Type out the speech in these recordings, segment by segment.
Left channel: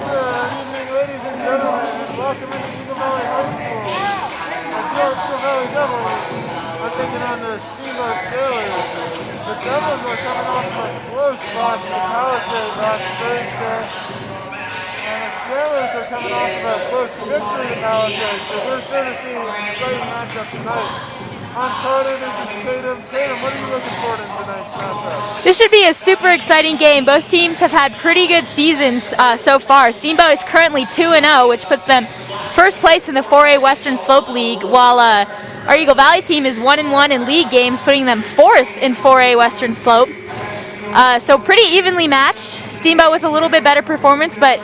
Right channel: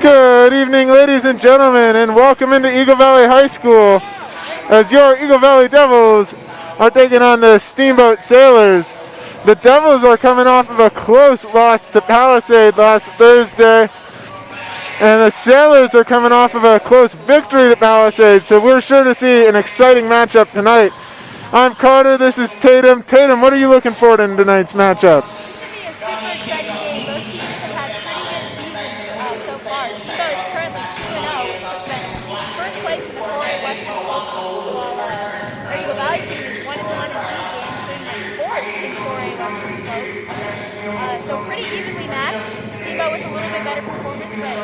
Good evening, ladies and gentlemen, and welcome into Eagle Valley High School as your Eagle Valley Devils are taking on the Steamboat Sailors. The Devils are coming off of a close loss to Palisade last Thursday, and the Sailors are coming off of a close victory to Palisade, so we're sure to see an exciting matchup tonight. I'm Carter, this is Tatum. Tatum, what are you looking forward in tonight's matchup? This should be a super exciting game. Both teams have had pretty good seasons so far. Steamboat is currently 2-0, which puts them first place in the 4A Western Slope League, while our Eagle Valley team is 1-1 in league games, putting them fourth in 4A Western Slope. So pretty evenly matched. Steamboat with a little bit better performance, but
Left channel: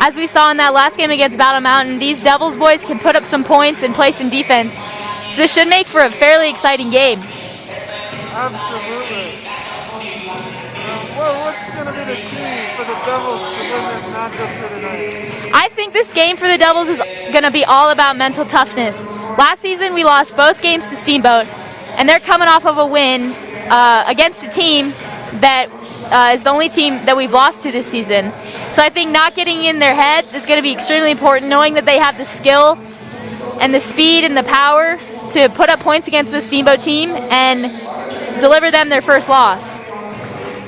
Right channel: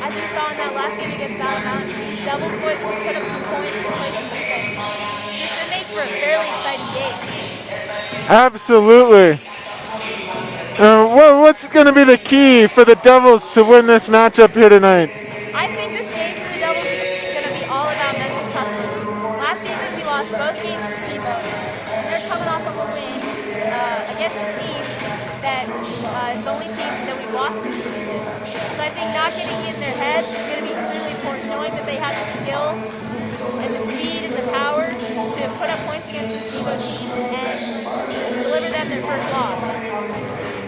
as we saw in that last game against Battle Mountain, these Devils boys can put up some points and play some defense. So this should make for a fairly exciting game. Absolutely. What's going to be the key for the Devils to win this matchup here tonight? I think this game for the Devils is going to be all about mental toughness. Last season we lost both games to Steamboat, and they're coming off of a win against a team that is the only team that we've lost to this season. So I think not getting in their heads is going to be extremely important, knowing that they have the skill and the speed and the power to put up points against the Steamboat team and deliver them their first loss.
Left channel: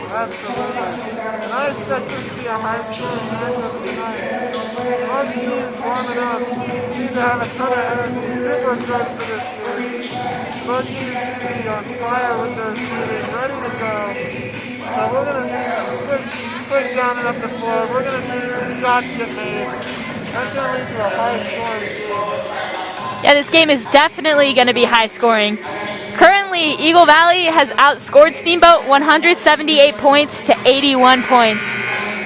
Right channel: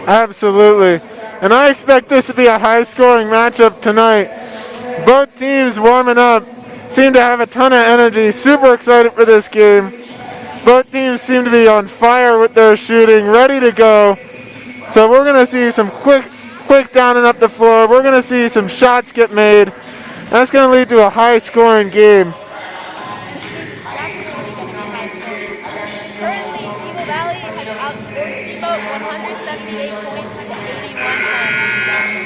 Absolutely. And I expect this to be a high-scoring matchup tonight. Both teams warming up seem to have a ton of energy, super excited for this game. Both teams seem to be on fire with their shooting, ready to go. So we're going to see some quick down and up the floor. We're going to see some shots get made. That's going to lead to a high-scoring game. Yeah, this game is definitely going to be high scoring. Currently, Eagle Valley has outscored Steamboat 178 points to 81 points.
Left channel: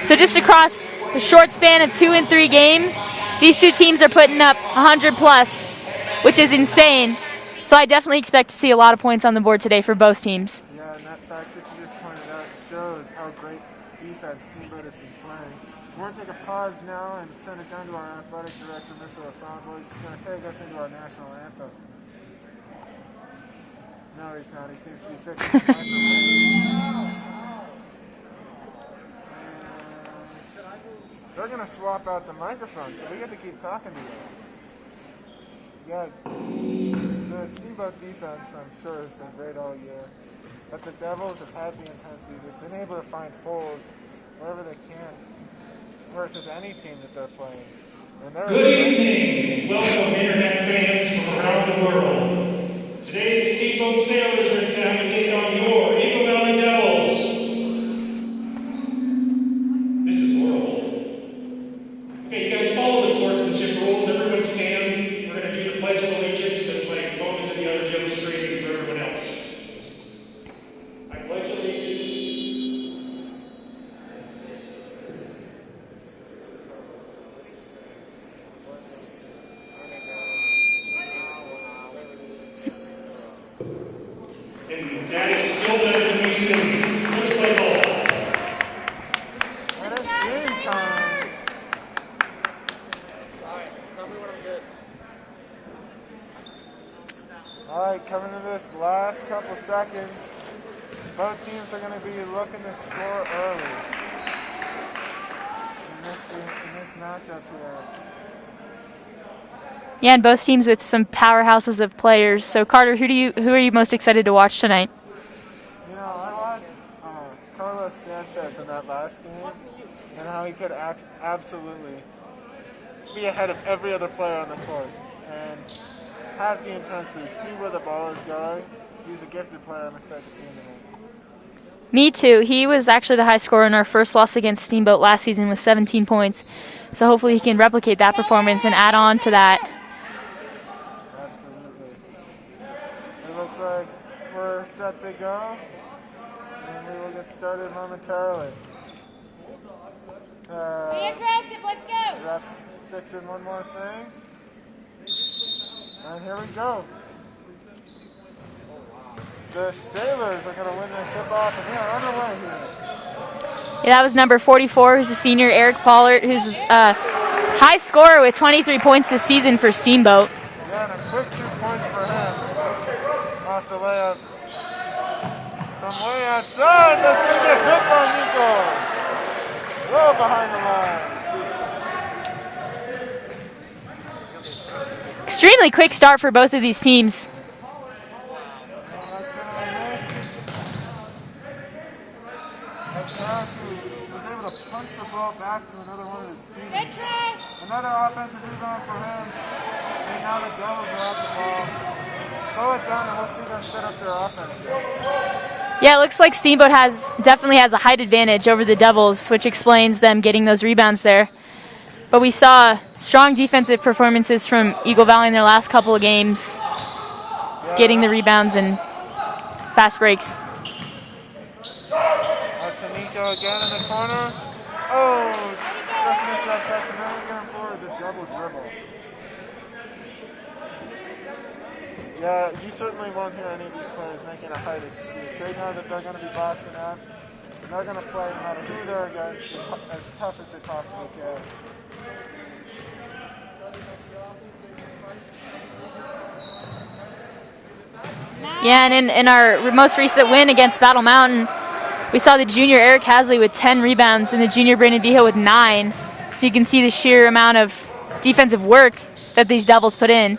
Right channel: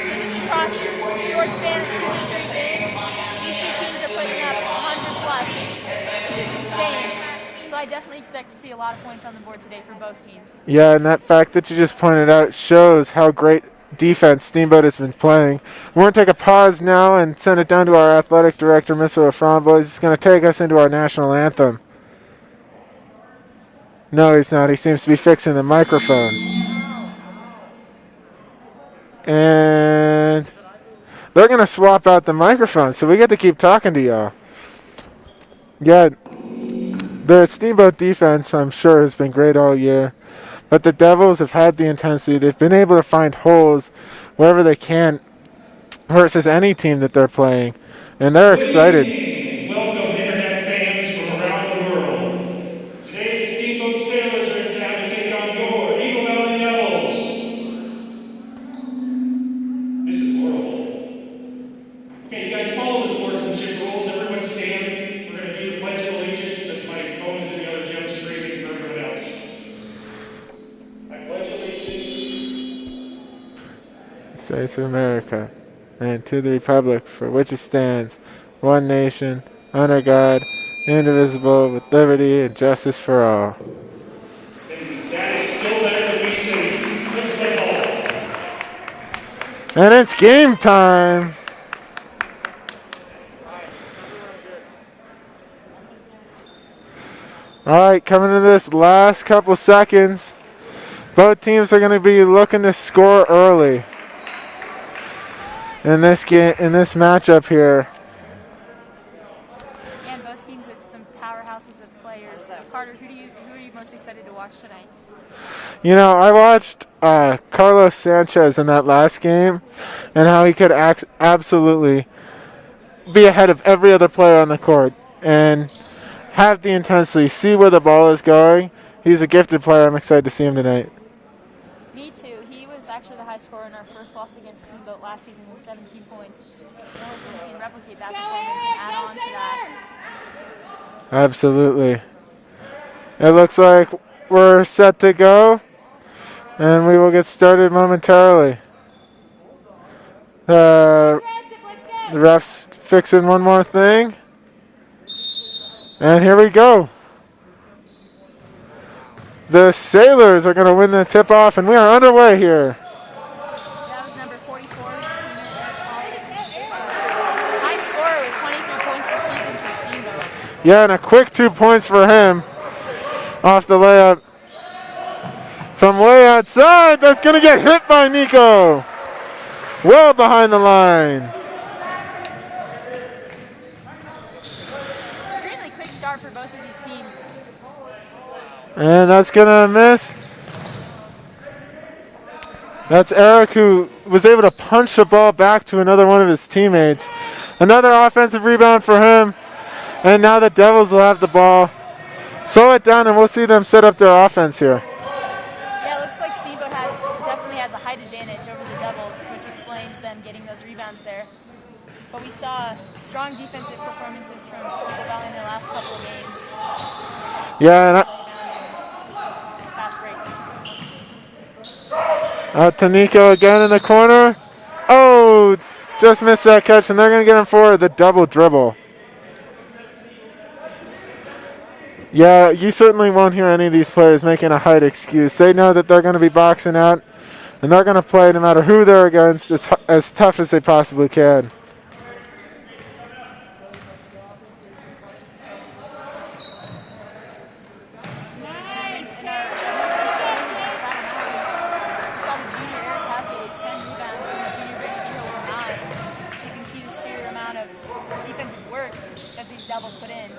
So just across a short span of 2 and 3 games, these two teams are putting up 100 plus, which is insane. So I definitely expect to see a lot of points on the board today for both teams. Yeah, and that fact that you just pointed out shows how great defense Steamboat has been playing. We're going to take a pause now and send it down to our athletic director, Mr. Laframboise. He's going to take us into our national anthem. No, he's not. He seems to be fixing the microphone. And they're going to swap out the microphone, so we get to keep talking to y'all. Yeah, the Steamboat defense, I'm sure, has been great all year. But the Devils have had the intensity. They've been able to find holes wherever they can versus any team that they're playing. And they're excited. Welcome, Internet fans from around the world. Today, the Steamboat Sailors are in town to take on your Eagle Valley Devils. This is world. Okay, you guys follow the sportsmanship rules. Everyone stand. We're going to do the Pledge of Allegiance because my phone is in the other gym screen for everyone else. States of America, and to the republic for which it stands, one nation, under God, indivisible, with liberty and justice for all. And that is still better than we sing. Let's play ball. And it's game time. All right, coming to this last couple seconds, both teams are going to be looking to score early. In this game, in this matchup here. Yeah, and both teams with some powerhouses of players. So Carter, who are you most excited to watch tonight? You know, I watched Carlos Sanchez in that last game, and how he could absolutely be ahead of every other player on the court and have the intensity, see where the ball is going. He's a gifted player. I'm excited to see him tonight. Me too. He was actually the high scorer in our first loss against Steamboat last season with 17 points. So hopefully he can replicate that performance and add on to that. Absolutely. It looks like we're set to go, and we will get started momentarily. The ref's fixing one more thing. And here we go. The Sailors are going to win the tip-off, and we are underway here. Yeah, that was number 44, who's a senior, Eric Pollard, who's a high scorer with 23 points this season for Steamboat. Yeah, and a quick 2 points for him off the layup. From way outside, that's going to get hit by Nico. well behind the line. Extremely quick start for both of these teams. And that's gonna miss. That's Eric, who was able to punch the ball back to another one of his teammates. Another offensive rebound for him. And now the Devils will have the ball. Slow it down and we'll see them set up their offense here. Yeah, it looks like Steamboat definitely has a height advantage over the Devils, which explains them getting those rebounds there. But we saw strong defensive performances from Eagle Valley in their last couple of games, getting the rebounds and fast breaks. Out to Nico again in the corner. Oh, just missed that catch, and they're going to get him for the double dribble. Yeah, you certainly won't hear any of these players making a height excuse. They know that they're going to be boxing out, and they're going to play no matter who they're against as tough as they possibly can. Yeah, and in our most recent win against Battle Mountain, we saw the junior Eric Hasley with 10 rebounds and the junior Brandon Vijo with 9. So you can see the sheer amount of defensive work that these Devils put in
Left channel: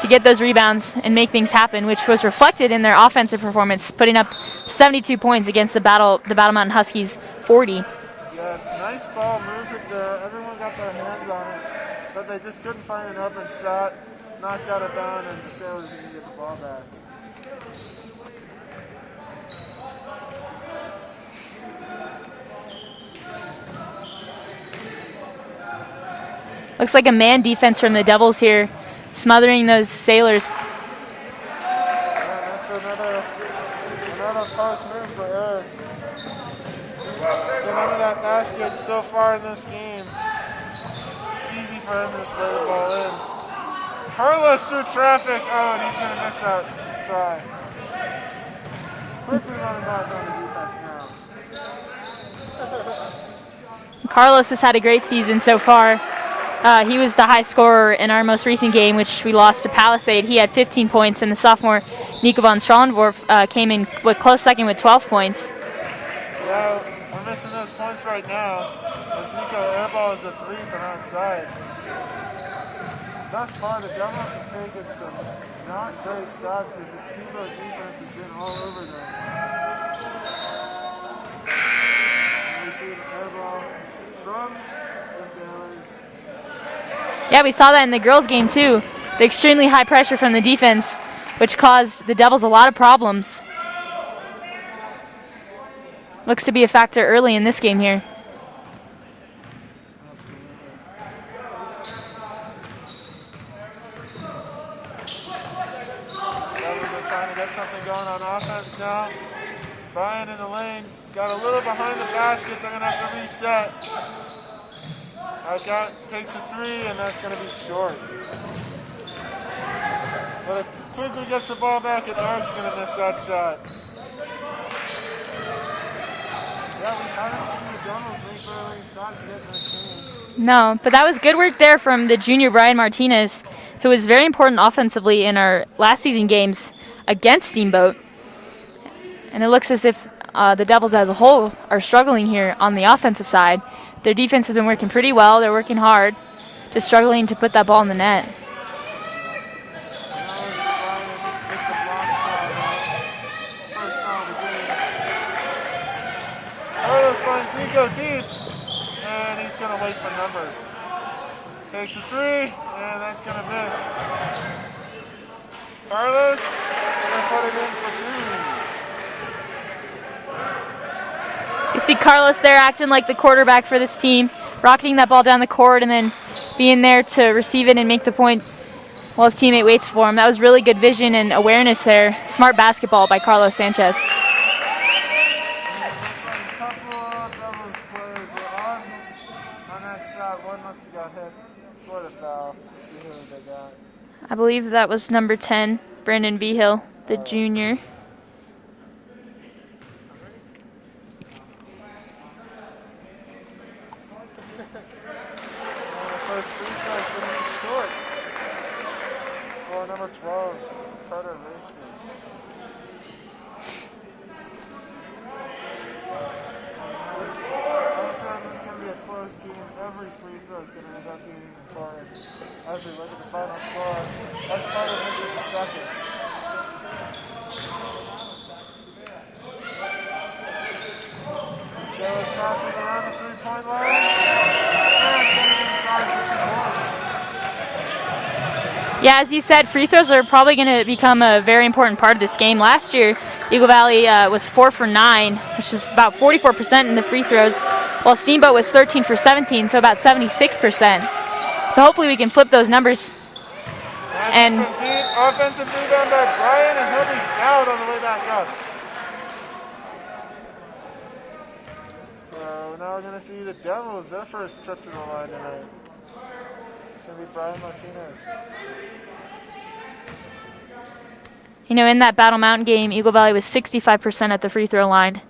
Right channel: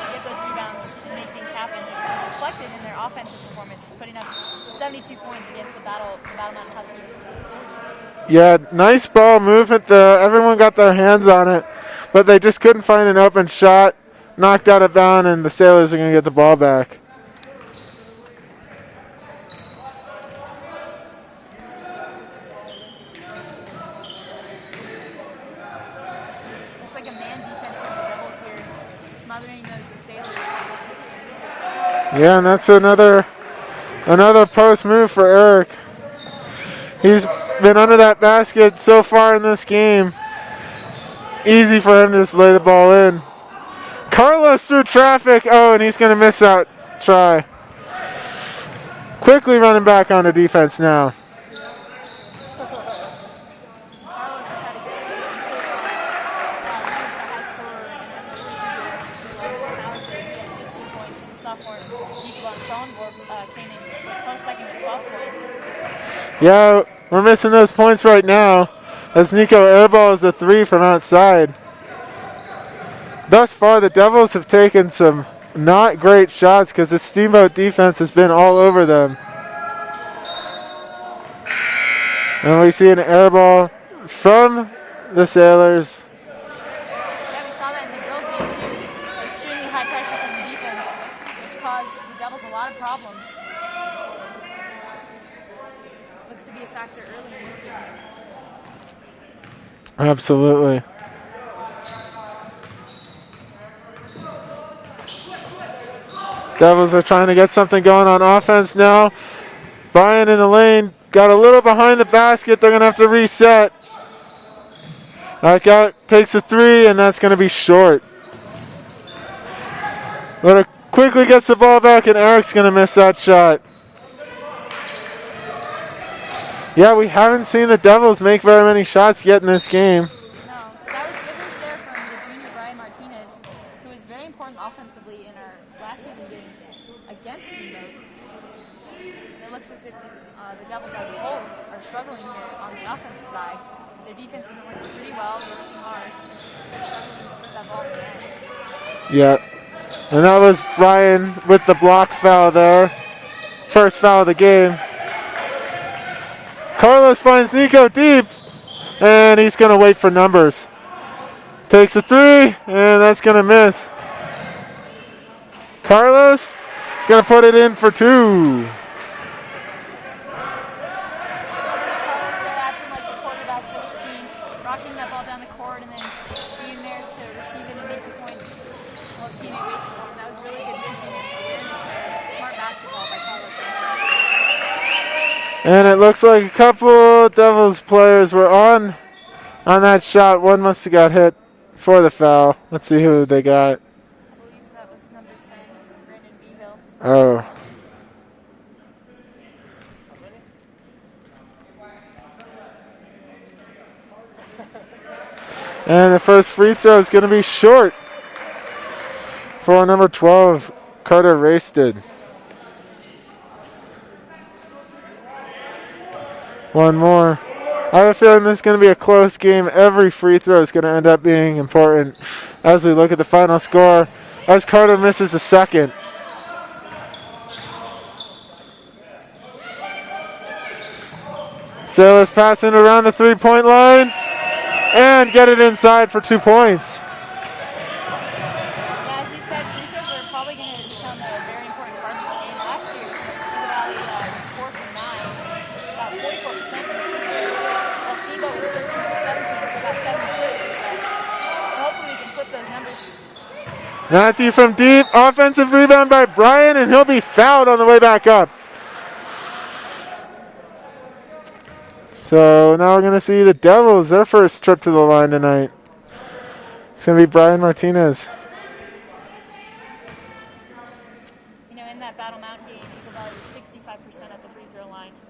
to get those rebounds and make things happen, which was reflected in their offensive performance, putting up 72 points against the Battle Mountain Huskies 40. Yeah, nice ball movement there. Everyone got their hands on it, but they just couldn't find an open shot. Knocked out of bounds, and the Sailors are going to get the ball back. Looks like a man defense from the Devils here, smothering those Sailors. Yeah, and that's another post move for Eric. He's been under that basket so far in this game. Easy for him to just lay the ball in. Carlos through traffic. Oh, and he's going to miss that try. Quickly running back onto defense now. Carlos has had a great season so far. He was the high scorer in our most recent game, which we lost to Palisade. He had 15 points, and the sophomore Nico von Strahlenborf came in with close second with 12 points. Yeah, we're missing those points right now as Nico airballs a 3 from outside. Thus far, the Devils have taken some not great shots because the Steamboat defense has been all over them. And we see an airball from the Sailors. Yeah, we saw that in the girls' game too. The extremely high pressure from the defense, which caused the Devils a lot of problems. Looks to be a factor early in this game here. Absolutely. Devils are trying to get something going on offense now. Brian in the lane got a little behind the basket. They're going to have to reset. Out takes a 3, and that's going to be short. But quickly gets the ball back, and Eric's going to miss that shot. Yeah, we haven't seen the Devils make very many shots yet in this game. No, but that was good work there from the junior Brian Martinez, who was very important offensively in our last season games against Steamboat. And it looks as if the Devils as a whole are struggling here on the offensive side. Their defense has been working pretty well. They're working hard, just struggling to put that ball in the net. Yeah, and that was Brian with the block foul there. First foul of the game. Carlos finds Nico deep, and he's going to wait for numbers. Takes a 3, and that's going to miss. Carlos going to put it in for 2. You see Carlos there acting like the quarterback for this team, rocketing that ball down the court and then being there to receive it and make the point while his teammate waits for him. That was really good vision and awareness there. Smart basketball by Carlos Sanchez. And it looks like a couple Devils players were on that shot. One must have got hit for the foul. Let's see who they got. I believe that was number 10, Brandon Behill, the junior. And the first free throw is going to be short for number 12, Carter Raisted. One more. I have a feeling this is going to be a close game. Every free throw is going to end up being important as we look at the final score, as Carter misses a second. Sailors passing around the three-point line and get it inside for 2 points. Yeah, as you said, free throws are probably going to become a very important part of this game. Last year, Eagle Valley was 4 for 9, which is about 44% in the free throws, while Steamboat was 13 for 17, so about 76%. So hopefully we can flip those numbers. Matthew from deep, offensive rebound by Brian, and he'll be fouled on the way back up. So now we're going to see the Devils, their first trip to the line tonight. It's going to be Brian Martinez. You know, in that Battle Mountain game, Eagle Valley was 65% at the free throw line.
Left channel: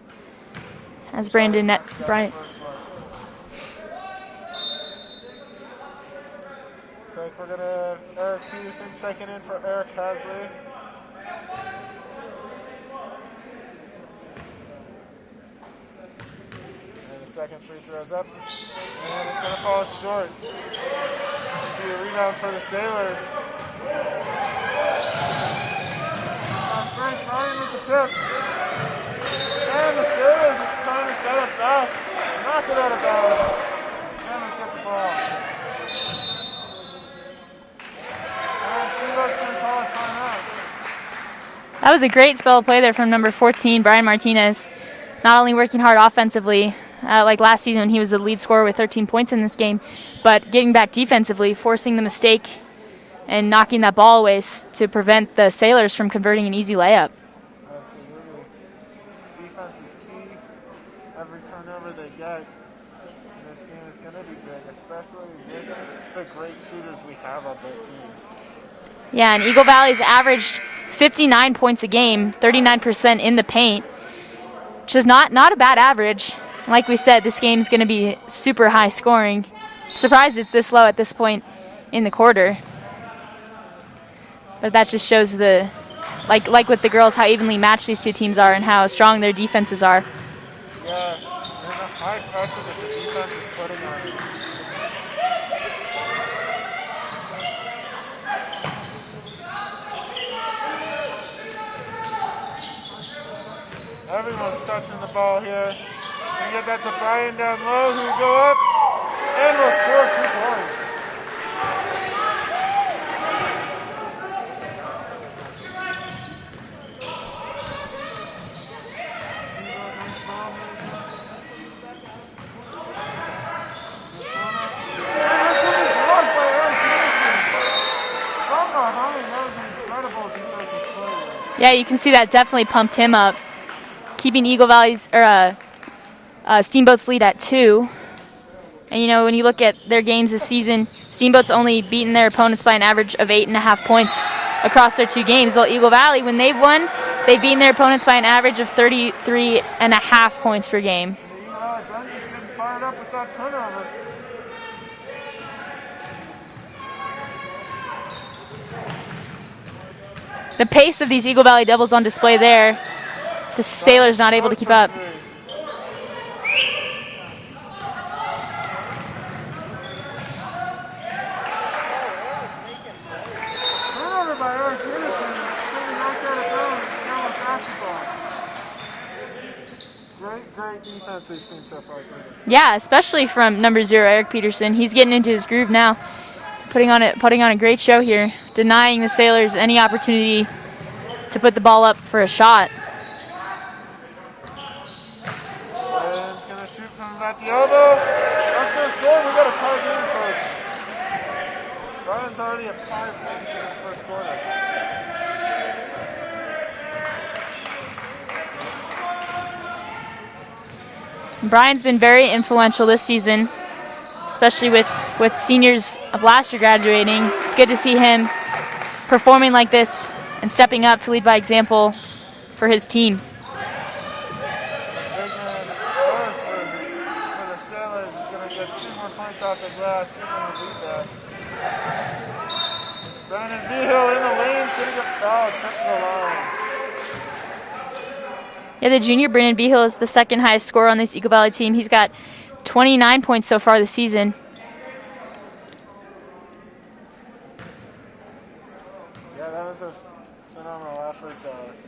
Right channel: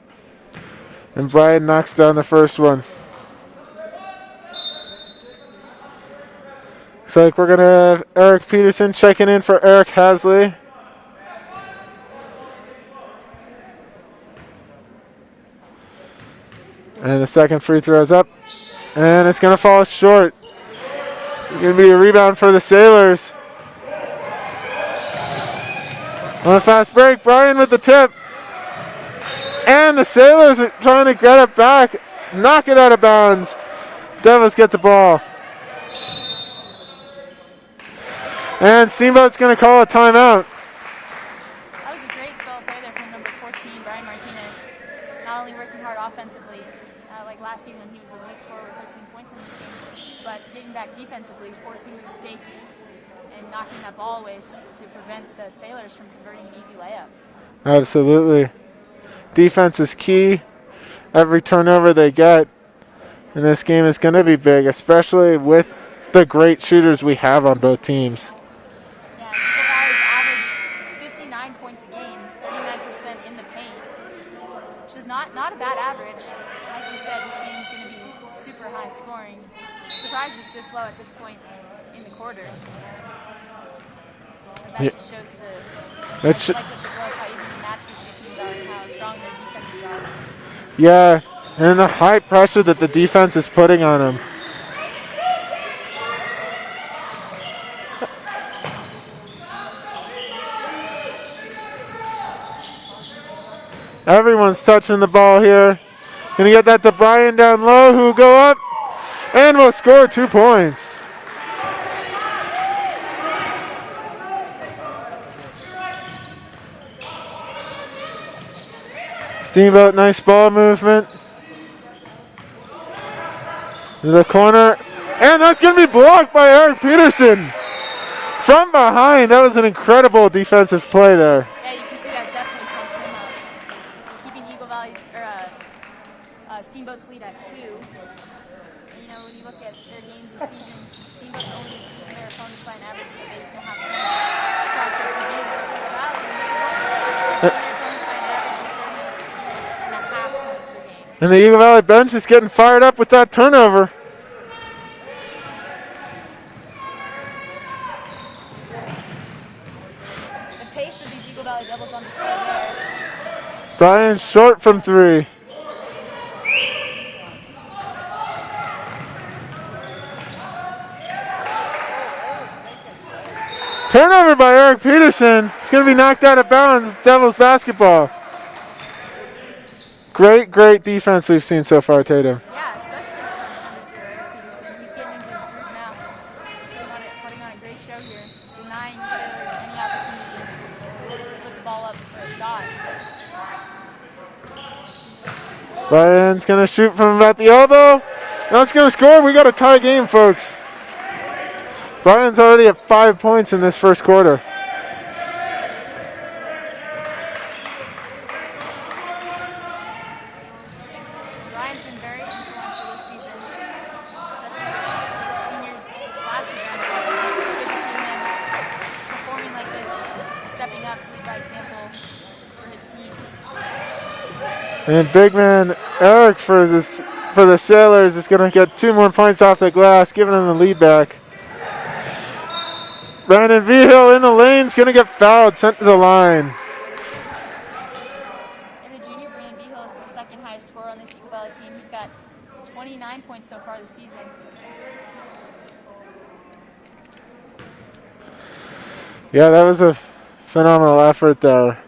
And Brian knocks down the first one. Looks like we're going to have Eric Peterson checking in for Eric Hasley. And the second free throw is up. And it's going to fall short. It's going to be a rebound for the Sailors. On a fast break, Brian with the tip. And the Sailors are trying to get it back. Knock it out of bounds. Devils get the ball. And Steamboat's going to call a timeout. That was a great spell of play there from number 14, Brian Martinez. Not only working hard offensively, like last season when he was the lead scorer with 13 points in this game, but getting back defensively, forcing the mistake and knocking that ball away to prevent the Sailors from converting an easy layup. Absolutely. Defense is key. Every turnover they get in this game is going to be big, especially with the great shooters we have on both teams. Yeah, and Eagle Valley's averaged 59 points a game, 39% in the paint, which is not a bad average. Like we said, this game's going to be super high scoring. Surprised it's this low at this point in the quarter. But that just shows like with the girls, how evenly matched these two teams are and how strong their defenses are. Yeah, and the high pressure that the defense is putting on them. Everyone's touching the ball here. Gonna get that to Brian down low, who will go up and will score 2 points. Steamboat, nice ball movement. To the corner, and that's gonna be blocked by Eric Peterson. From behind, that was an incredible defensive play there. Yeah, you can see that definitely pumped him up, keeping Eagle Valley's Steamboat's lead at 2. And you know, when you look at their games this season, Steamboat's only beaten their opponents by an average of 8.5 points across their 2 games. While Eagle Valley, when they've won, they've beaten their opponents by an average of 33.5 points per game. And the Eagle Valley bench is getting fired up with that turnover. The pace of these Eagle Valley Devils on display there. The Sailors not able to keep up. Brian short from 3. Turnover by Eric Peterson. It's going to be knocked out of bounds. Devils basketball. Great defense we've seen so far, Tatum. Yeah, especially from number 0, Eric Peterson. He's getting into his groove now, putting on a great show here, denying the Sailors any opportunity to put the ball up for a shot. Brian's going to shoot from about the elbow. That's going to score. We got a tie game, folks. Brian's already at 5 points in this first quarter. Brian's been very influential this season, especially with seniors of last year graduating. It's good to see him performing like this and stepping up to lead by example for his team. And big man Eric for the Sailors is going to get 2 more points off the glass, giving them the lead back. Brandon Vigil in the lane is going to get fouled, sent to the line. Yeah, the junior Brandon Vigil is the second highest scorer on this Eagle Valley team. He's got 29 points so far this season. Yeah, that was a phenomenal effort there.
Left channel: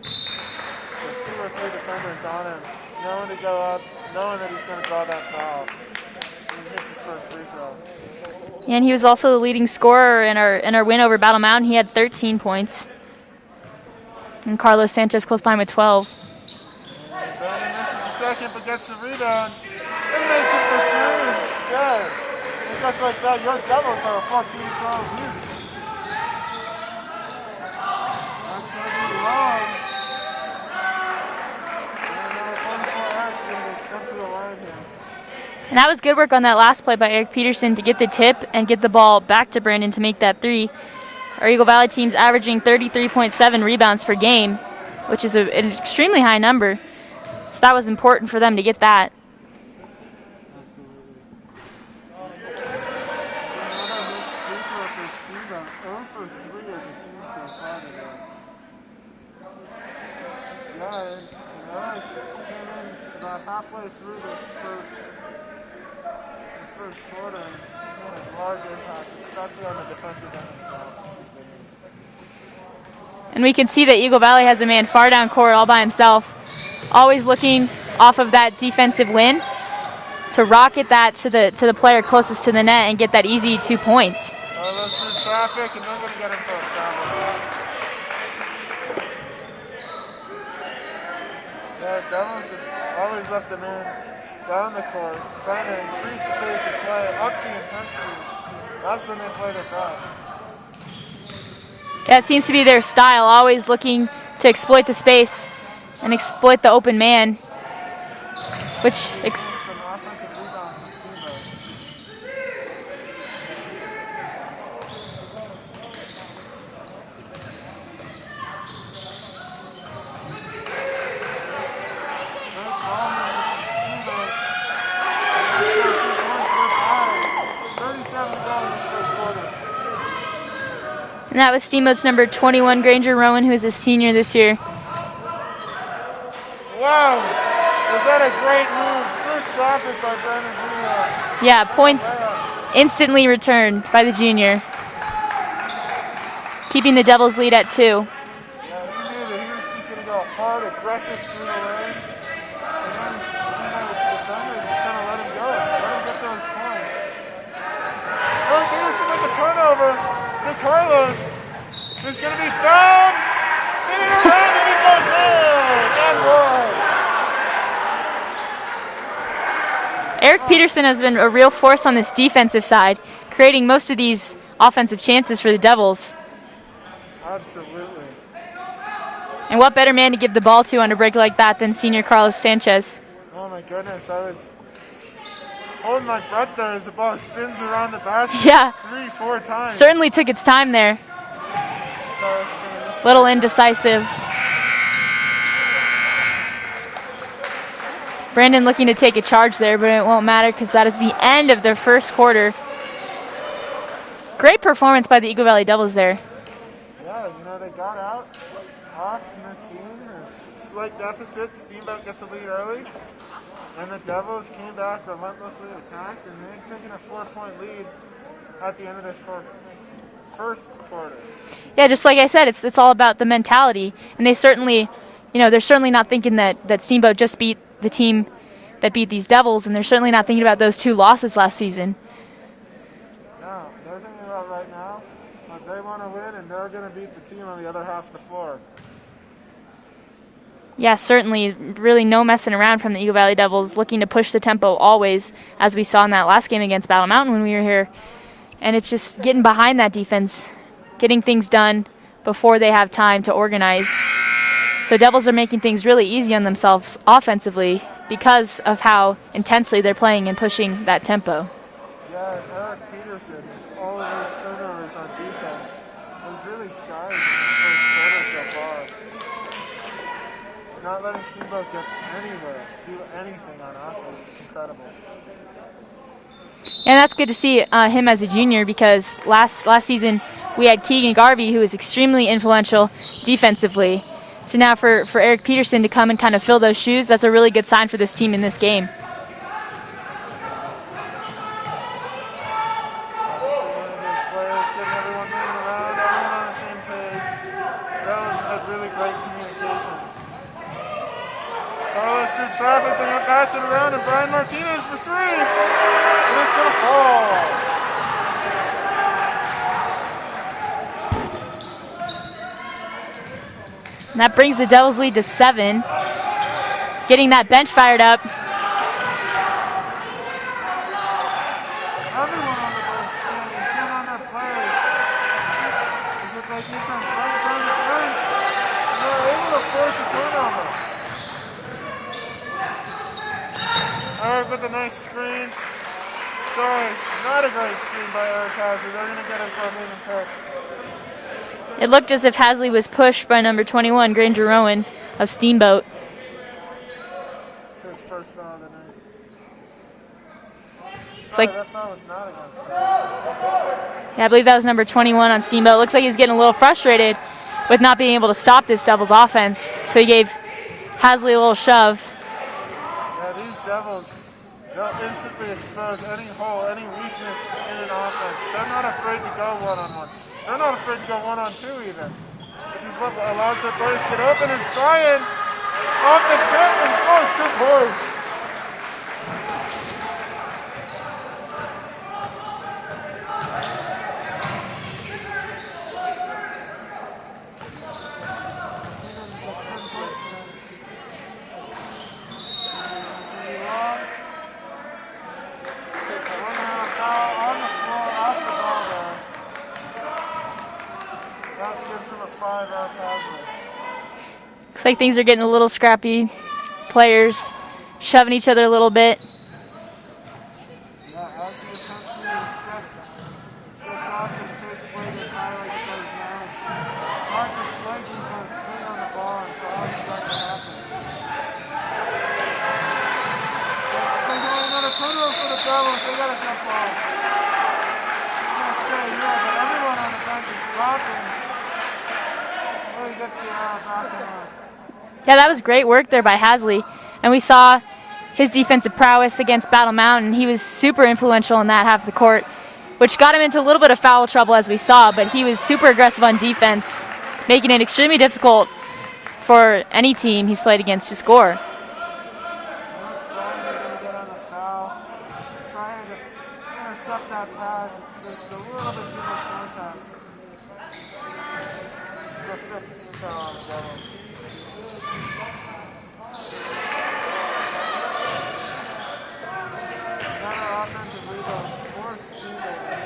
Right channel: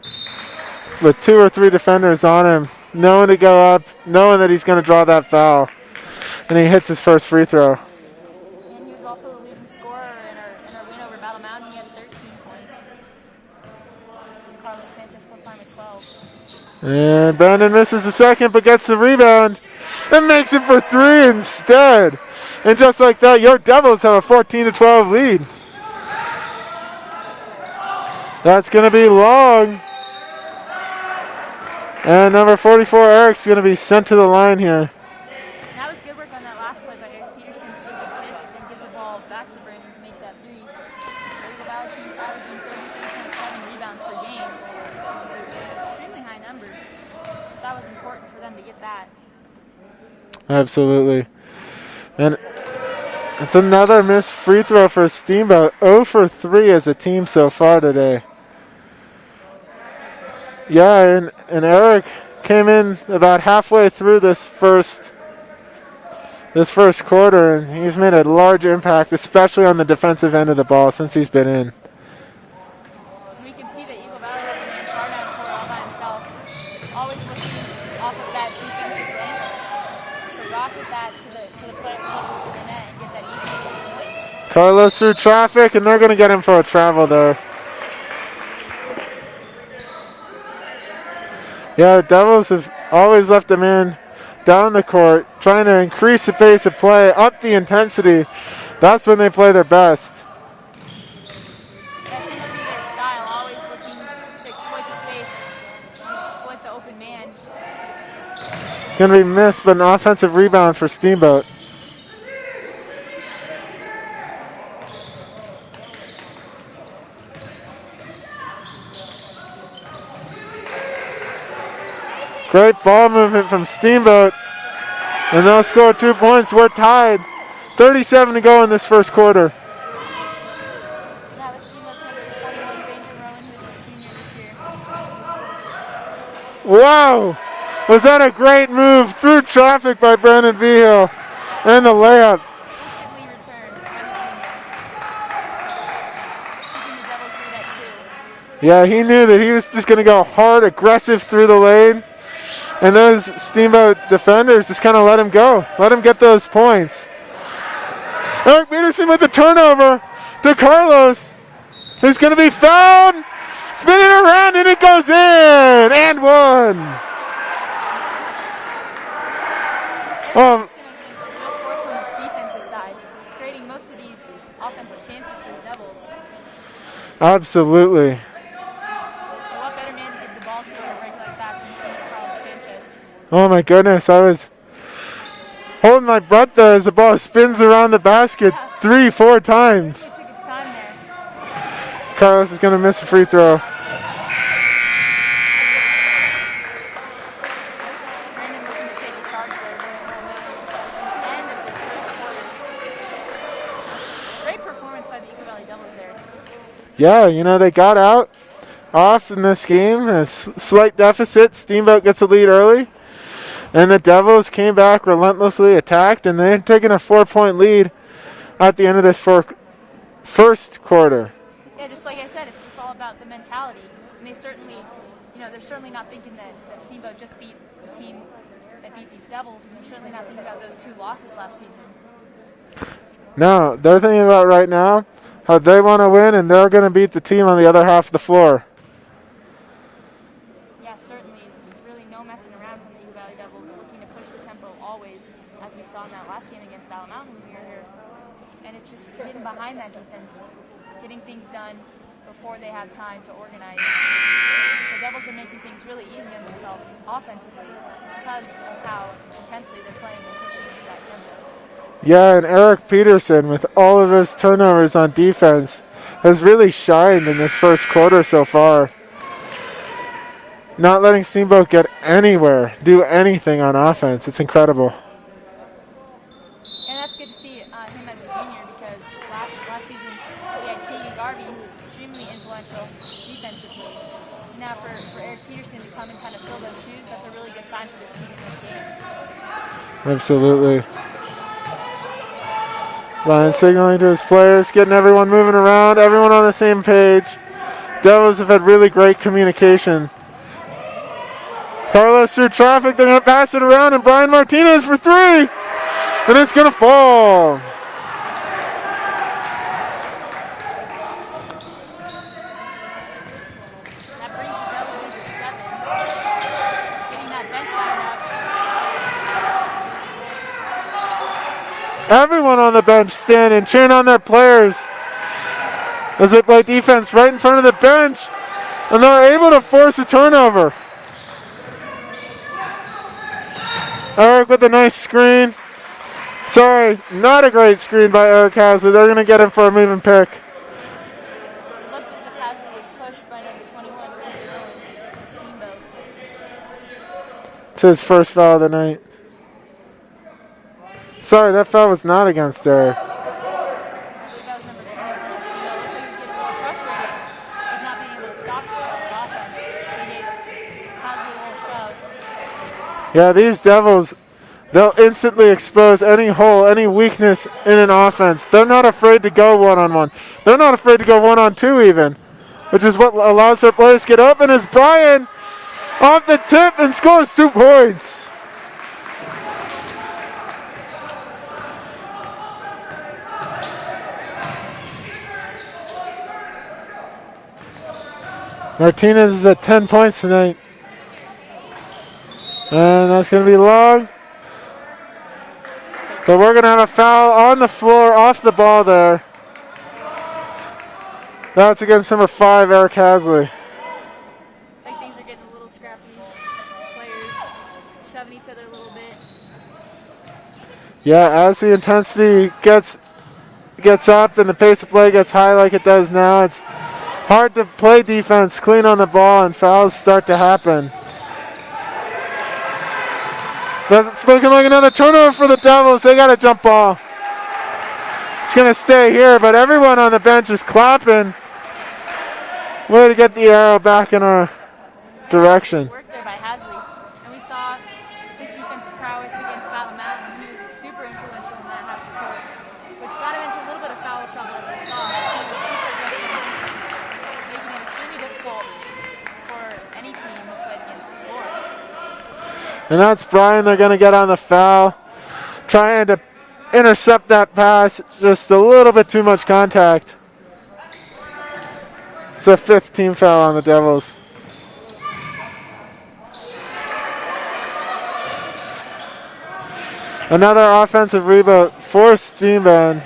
With 2 or 3 defenders on him, knowing to go up, knowing that he's going to draw that foul. And he hits his first free throw. And he was also the leading scorer in our win over Battle Mountain. He had 13 points. And Carlos Sanchez close behind with 12. And Brandon misses the second, but gets the rebound and makes it for 3 instead. And just like that, your Devils have a 14-12 lead. That's going to be long. And number 44, Eric's going to be sent to the line here. And that was good work on that last play by Eric Peterson to get the tip and get the ball back to Brandon to make that 3. Our Eagle Valley team's averaging 33.7 rebounds per game, which is an extremely high number. So that was important for them to get that. Absolutely. And it's another missed free throw for Steamboat. 0 for 3 as a team so far today. Yeah, and Eric came in about halfway through this first quarter, and he's made a large impact, especially on the defensive end of the ball since he's been in. And we can see that Eagle Valley has a man far down court all by himself, always looking off of that defensive win to rocket that to the player closest to the net and get that easy 2 points. Carlos through traffic, and they're going to get him for a travel though. Yeah, the Devils have always left a man down the court, trying to increase the pace of play, up the intensity. That's when they play their best. Yeah, it seems to be their style, always looking to exploit the space and exploit the open man. Which Going to be missed, but an offensive rebound for Steamboat. Great ball movement from Steamboat. And they'll score 2 points. We're tied. 37 to go in this first quarter. And that was Steamboat's number 21, Granger Rowan, who is a senior this year. Wow! Was that a great move through traffic by Brandon Vigil? Yeah, and points the layup. Instantly returned by the junior, keeping the Devils lead at 2. Yeah, he knew that he was just going to go hard, aggressive through the lane. And those Steamboat defenders just kind of let him go. Let him get those points. Eric Peterson with the turnover to Carlos, who's going to be fouled. Spinning around, and it goes in. And 1. Eric Peterson has been a real force on this defensive side, creating most of these offensive chances for the Devils. Absolutely. And what better man to give the ball to on a break like that than senior Carlos Sanchez? Oh my goodness, I was holding my breath there as the ball spins around the basket 3-4 times. Certainly took its time there. Carlos is going to miss a Little free throw. indecisive. Brandon looking to take a charge there, but it won't matter because that is the end of their first quarter. Great performance by the Eagle Valley Devils there. Yeah, you know, they got out off in this game. A slight deficit. Steamboat gets a lead early. And the Devils came back, relentlessly attacked, and they're taking a 4-point lead at the end of this first quarter. Yeah, just like I said, it's all about the mentality. And they certainly, they're certainly not thinking that Steamboat just beat the team that beat these Devils, and they're certainly not thinking about those 2 losses last season. No, they're thinking about right now how they want to win, and they're going to beat the team on the other half of the floor. Yeah, certainly. Really no messing around from the Eagle Valley Devils, looking to push the tempo always, as we saw in that last game against Battle Mountain when we were here. And it's just getting behind that defense, getting things done before they have time to organize. So Devils are making things really easy on themselves offensively because of how intensely they're playing and pushing that tempo. Yeah, and Eric Peterson, with all of those turnovers on defense, has really shined in this first quarter so far. Not letting Steamboat get anywhere, do anything on offense. It's incredible. And that's good to see him as a junior, because last season we had Keegan Garvey, who was extremely influential defensively. So now for Eric Peterson to come and kind of fill those shoes, that's a really good sign for this team in this game. Absolutely. Ryan signaling to his players, getting everyone moving around, everyone on the same page. Devils have had really great communication. Carlos through traffic, they're going to pass it around, and Brian Martinez for three. And it's going to fall. And that brings the Devils lead to 7. Getting that bench fired up. Everyone on the bench standing, cheering on their players as they play defense right in front of the bench, and they're able to force a turnover. Eric with a nice screen. Sorry, not a great screen by Eric Hasley. They're going to get him for a moving pick. It looked as if Hasley was pushed by number 21, Granger Rowan of Steamboat. It's his first foul of the night. Sorry, that foul was not against Eric. Yeah, I believe that was number 21 on Steamboat. Looks like he's getting a little frustrated with not being able to stop this Devils offense. So he gave Hasley a little shove. Yeah, these Devils, they'll instantly expose any hole, any weakness in an offense. They're not afraid to go one-on-one. They're not afraid to go one-on-two even, which is what allows their players to get open as Brian off the tip and scores 2 points. Martinez is at 10 points tonight. And that's going to be long. But we're going to have a foul on the floor, off the ball there. That's against number 5, Eric Hasley. Looks like things are getting a little scrappy. Players shoving each other a little bit. Yeah, as the intensity gets up and the pace of play gets high like it does now, it's hard to play defense clean on the ball and fouls start to happen. But it's looking like another turnover for the Devils. They got a jump ball. It's going to stay here, but everyone on the bench is clapping. Way to get the arrow back in our Yeah, direction. that was great work there by Hasley. And we saw his defensive prowess against Battle Mountain. He was super influential in that half of the court, which got him into a little bit of foul trouble as we saw, but he was super aggressive on defense, making it extremely difficult for any team he's played against to score. And that's Brian. They're going to get on the foul, trying to intercept that pass. Just a little bit too much contact. It's a 5th team foul on the Devils. Another offensive rebound for Steamboat.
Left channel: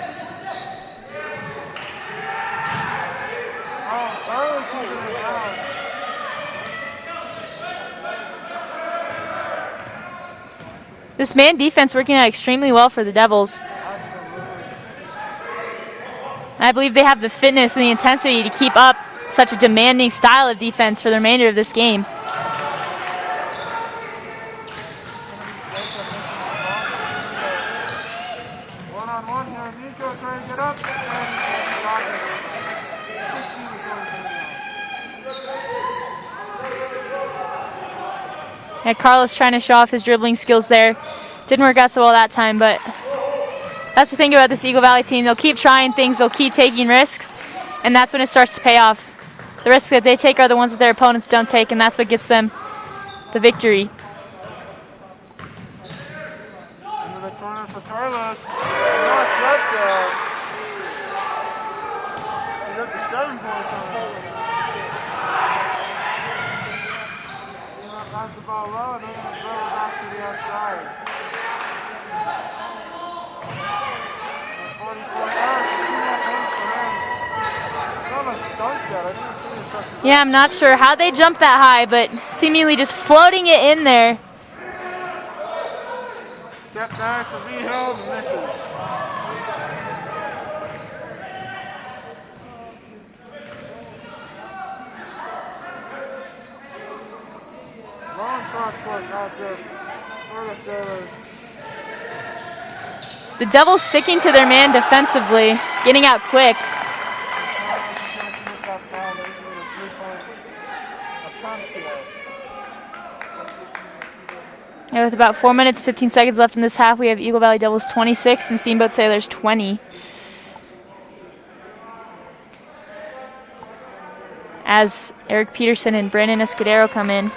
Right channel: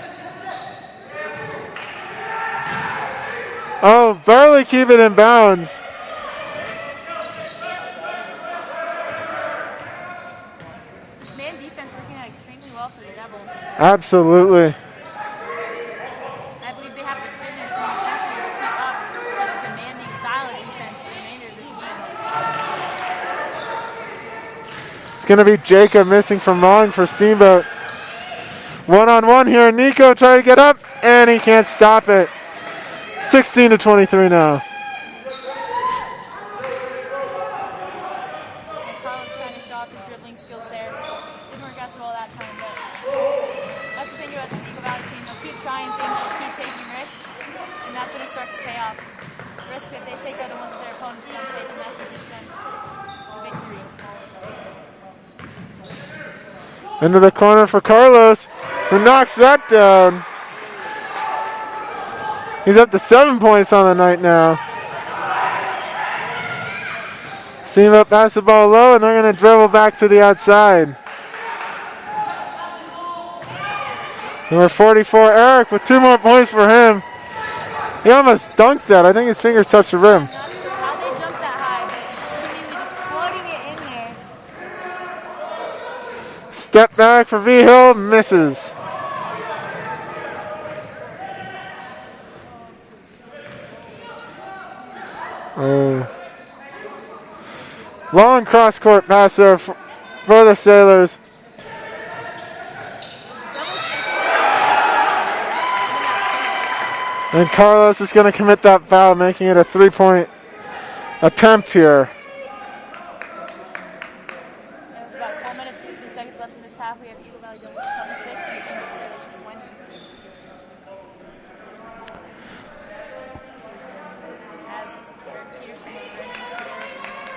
Oh, barely keep it in bounds. This man defense working out extremely well for the Devils. Absolutely. I believe they have the fitness and the intensity to keep up such a demanding style of defense for the remainder of this game. It's going to be Jacob missing from long for Steamboat. One-on-one here. Nico trying to get up, and he can't stop it. 16-23 now. Yeah, Carlos trying to show off his dribbling skills there. Didn't work out so well that time, but that's the thing about this Eagle Valley team. They'll keep trying things, they'll keep taking risks, and that's when it starts to pay off. The risks that they take are the ones that their opponents don't take, and that's what gets them the victory. Into the corner for Carlos, who knocks that down. He's up to 7 points on the night now. Steamboat pass the ball low, and they're going to dribble back to the outside. Number 44, Eric, with 2 more points for him. He almost dunked that. I think his fingers touched the rim. Yeah, I'm not sure how they jumped that high, but seemingly just floating it in there. Step back for V-Hill, misses. Oh. Long cross-court pass there for the Sailors. The Devils sticking to their man defensively, getting out quick. And Carlos is going to commit that foul, making it a 3-point attempt here. And with about 4 minutes, 15 seconds left in this half, we have Eagle Valley Devils 26 and Steamboat Sailors 20. As Eric Peterson and Brandon Escudero come in.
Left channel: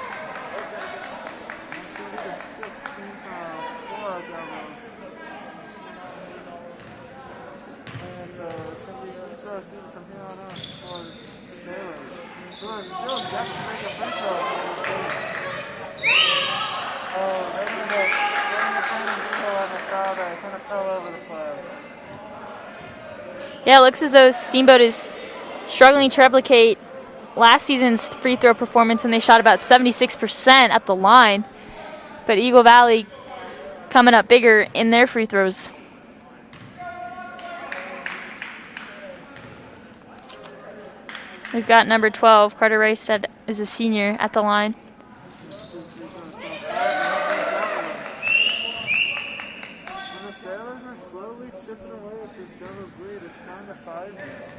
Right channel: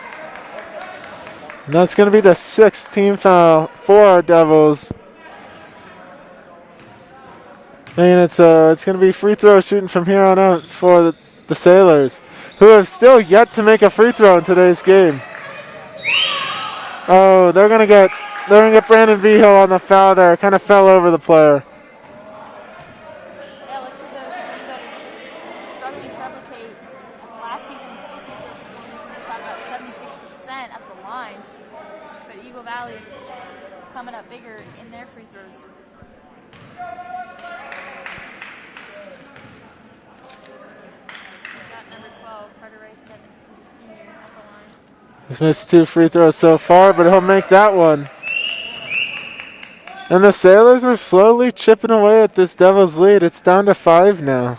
And that's going to be the 6th team foul for our Devils. And it's going to be free throw shooting from here on out for the Sailors, who have still yet to make a free throw in today's game. Oh, they're gonna get Brandon Vigil on the foul there. Kind of fell over the player. Yeah, it looks as though Steamboat is struggling to replicate last season's free throw performance when they shot about 76% at the line. But Eagle Valley coming up bigger in their free throws. We've got number 12, Carter Rice, is a senior at the line. He's missed 2 free throws so far, but he'll make that one. And the Sailors are slowly chipping away at this Devils lead. It's down to 5 now.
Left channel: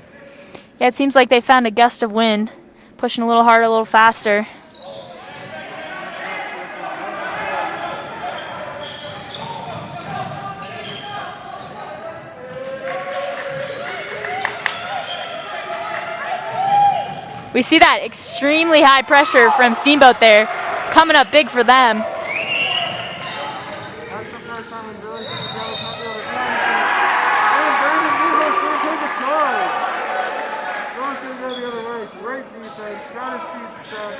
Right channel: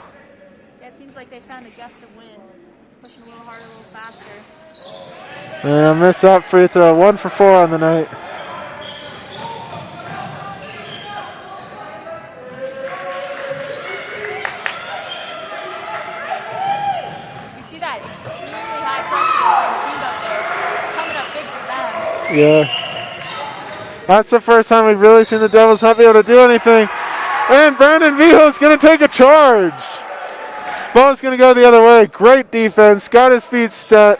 Yeah, it seems like they found a gust of wind, pushing a little harder, a little faster. And miss that free throw. 1 for 4 on the night. We see that extremely high pressure from Steamboat there, coming up big for them. Yeah. That's the first time we've really seen the Devils not be able to do anything. And Brandon Vigil is going to take a charge. Ball's going to go the other way. Great defense. Got his feet set.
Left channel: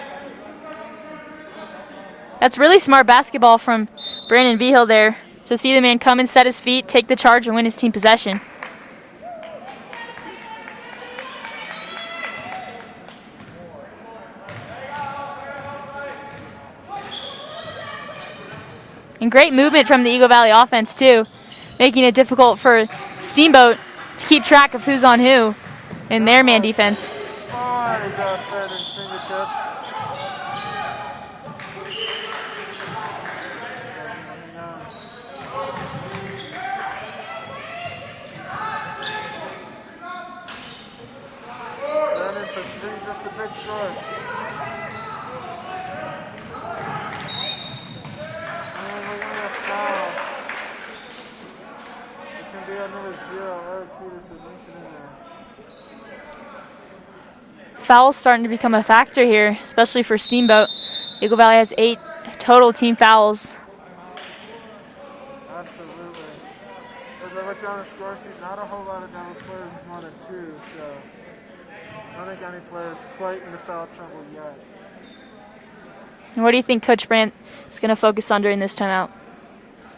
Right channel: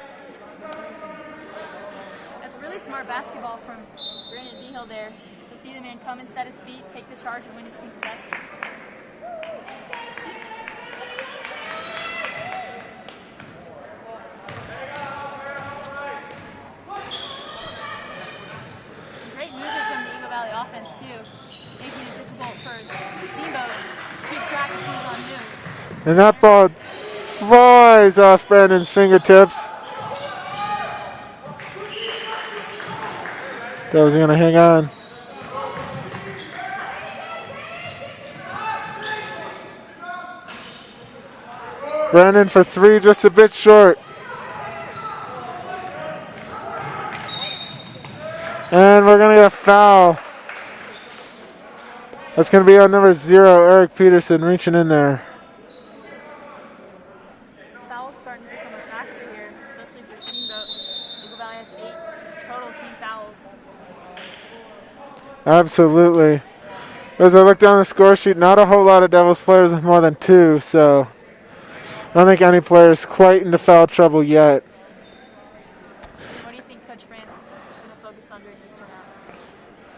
That's really smart basketball from Brandon Vigil there, to see the man come and set his feet, take the charge, and win his team possession. And great movement from the Eagle Valley offense, too, making it difficult for Steamboat to keep track of who's on who in their man defense. Flies off Brandon's fingertips. Devils are going to hang on. Brandon for 3, just a bit short. And we're going to get a foul. That's going to be on number 0, Eric Peterson, reaching in there. Fouls starting to become a factor here, especially for Steamboat. Eagle Valley has 8 total team fouls. Absolutely. As I look down the score sheet, not a whole lot of Devils players with more than 2, so I don't think any player is quite into foul trouble yet. And what do you think Coach Brandt is going to focus on during this timeout?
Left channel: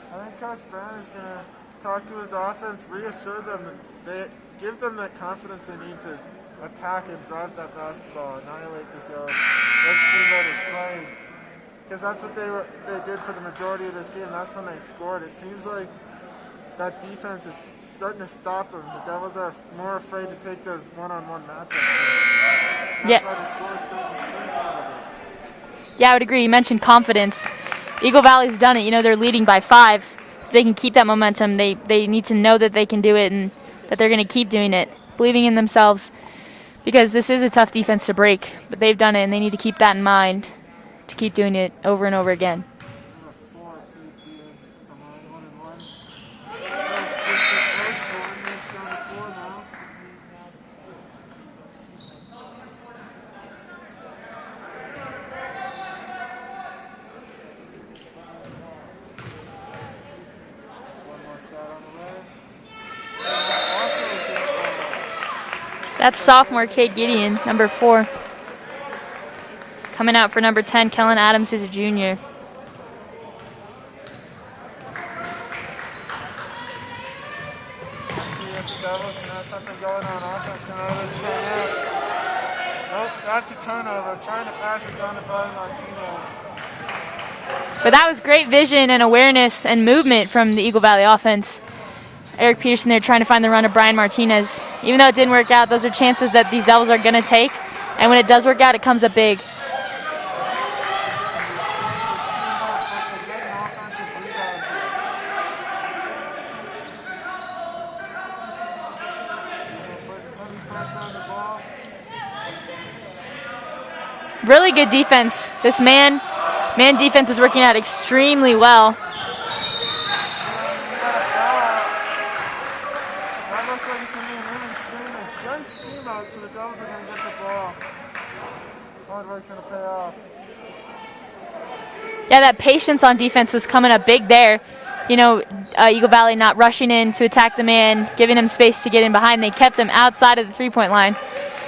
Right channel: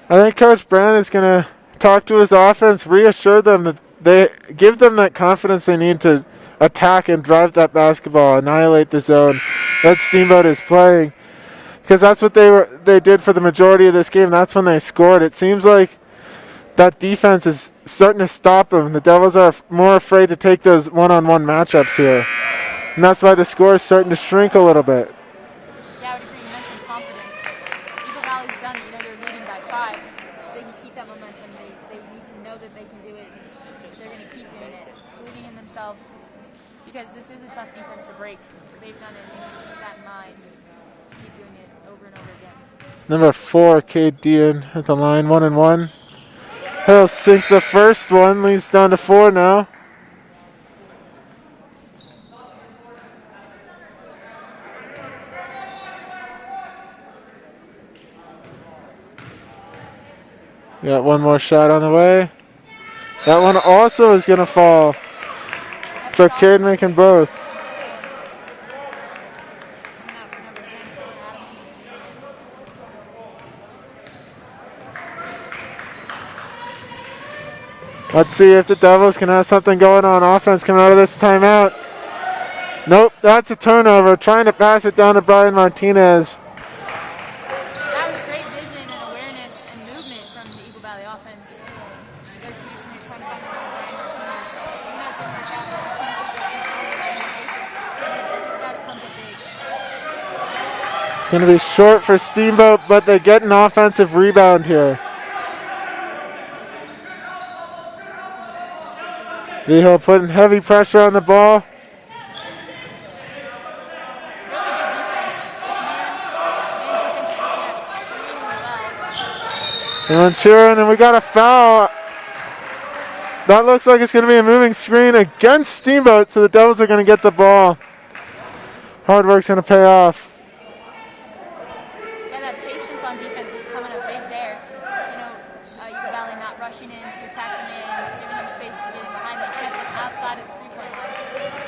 I think Coach Brandt is going to talk to his offense, reassure them that they give them that confidence they need to attack and drive that basketball, annihilate the zone that Steamboat is playing. Because that's what they did for the majority of this game. That's when they scored. It seems like that defense is starting to stop them. The Devils are more afraid to take those one-on-one matchups here. And that's why the score is starting to shrink a little bit. Yeah, I would agree. You mentioned confidence. Eagle Valley's done it. You know, they're leading by 5. If they can keep that momentum, they need to know that they can do it and that they're going to keep doing it, believing in themselves, because this is a tough defense to break. But they've done it, and they need to keep that in mind to keep doing it over and over again. Number 4, Cade Dean at the line, 1-1. He'll sink the first one, leads down to 4 now. Got one more shot on the way. That one also is going to fall. That's so sophomore Cade Gideon, number 4. Coming out for number 10, Kellen Adams, who's a junior. Let's see if the Devils can have something going on offense coming out of this timeout. Nope, that's a turnover. Trying to pass it down to Brian Martinez. But that was great vision and awareness and movement from the Eagle Valley offense. Eric Peterson there trying to find the run of Brian Martinez. Even though it didn't work out, those are chances that these Devils are going to take. And when it does work out, it comes up big. It's going to be short for Steamboat, but they get an offensive rebound here. Vigil putting heavy pressure on the ball. Really good defense. This man Man defense is working out extremely well. And cheering, and we got a foul. That looks like it's going to be a moving screen against Steamboat, so the Devils are going to get the ball. Hard work's going to pay off. Yeah, that patience on defense was coming up big there. You know, Eagle Valley not rushing in to attack the man, giving him space to get in behind. They kept him outside of the three-point line,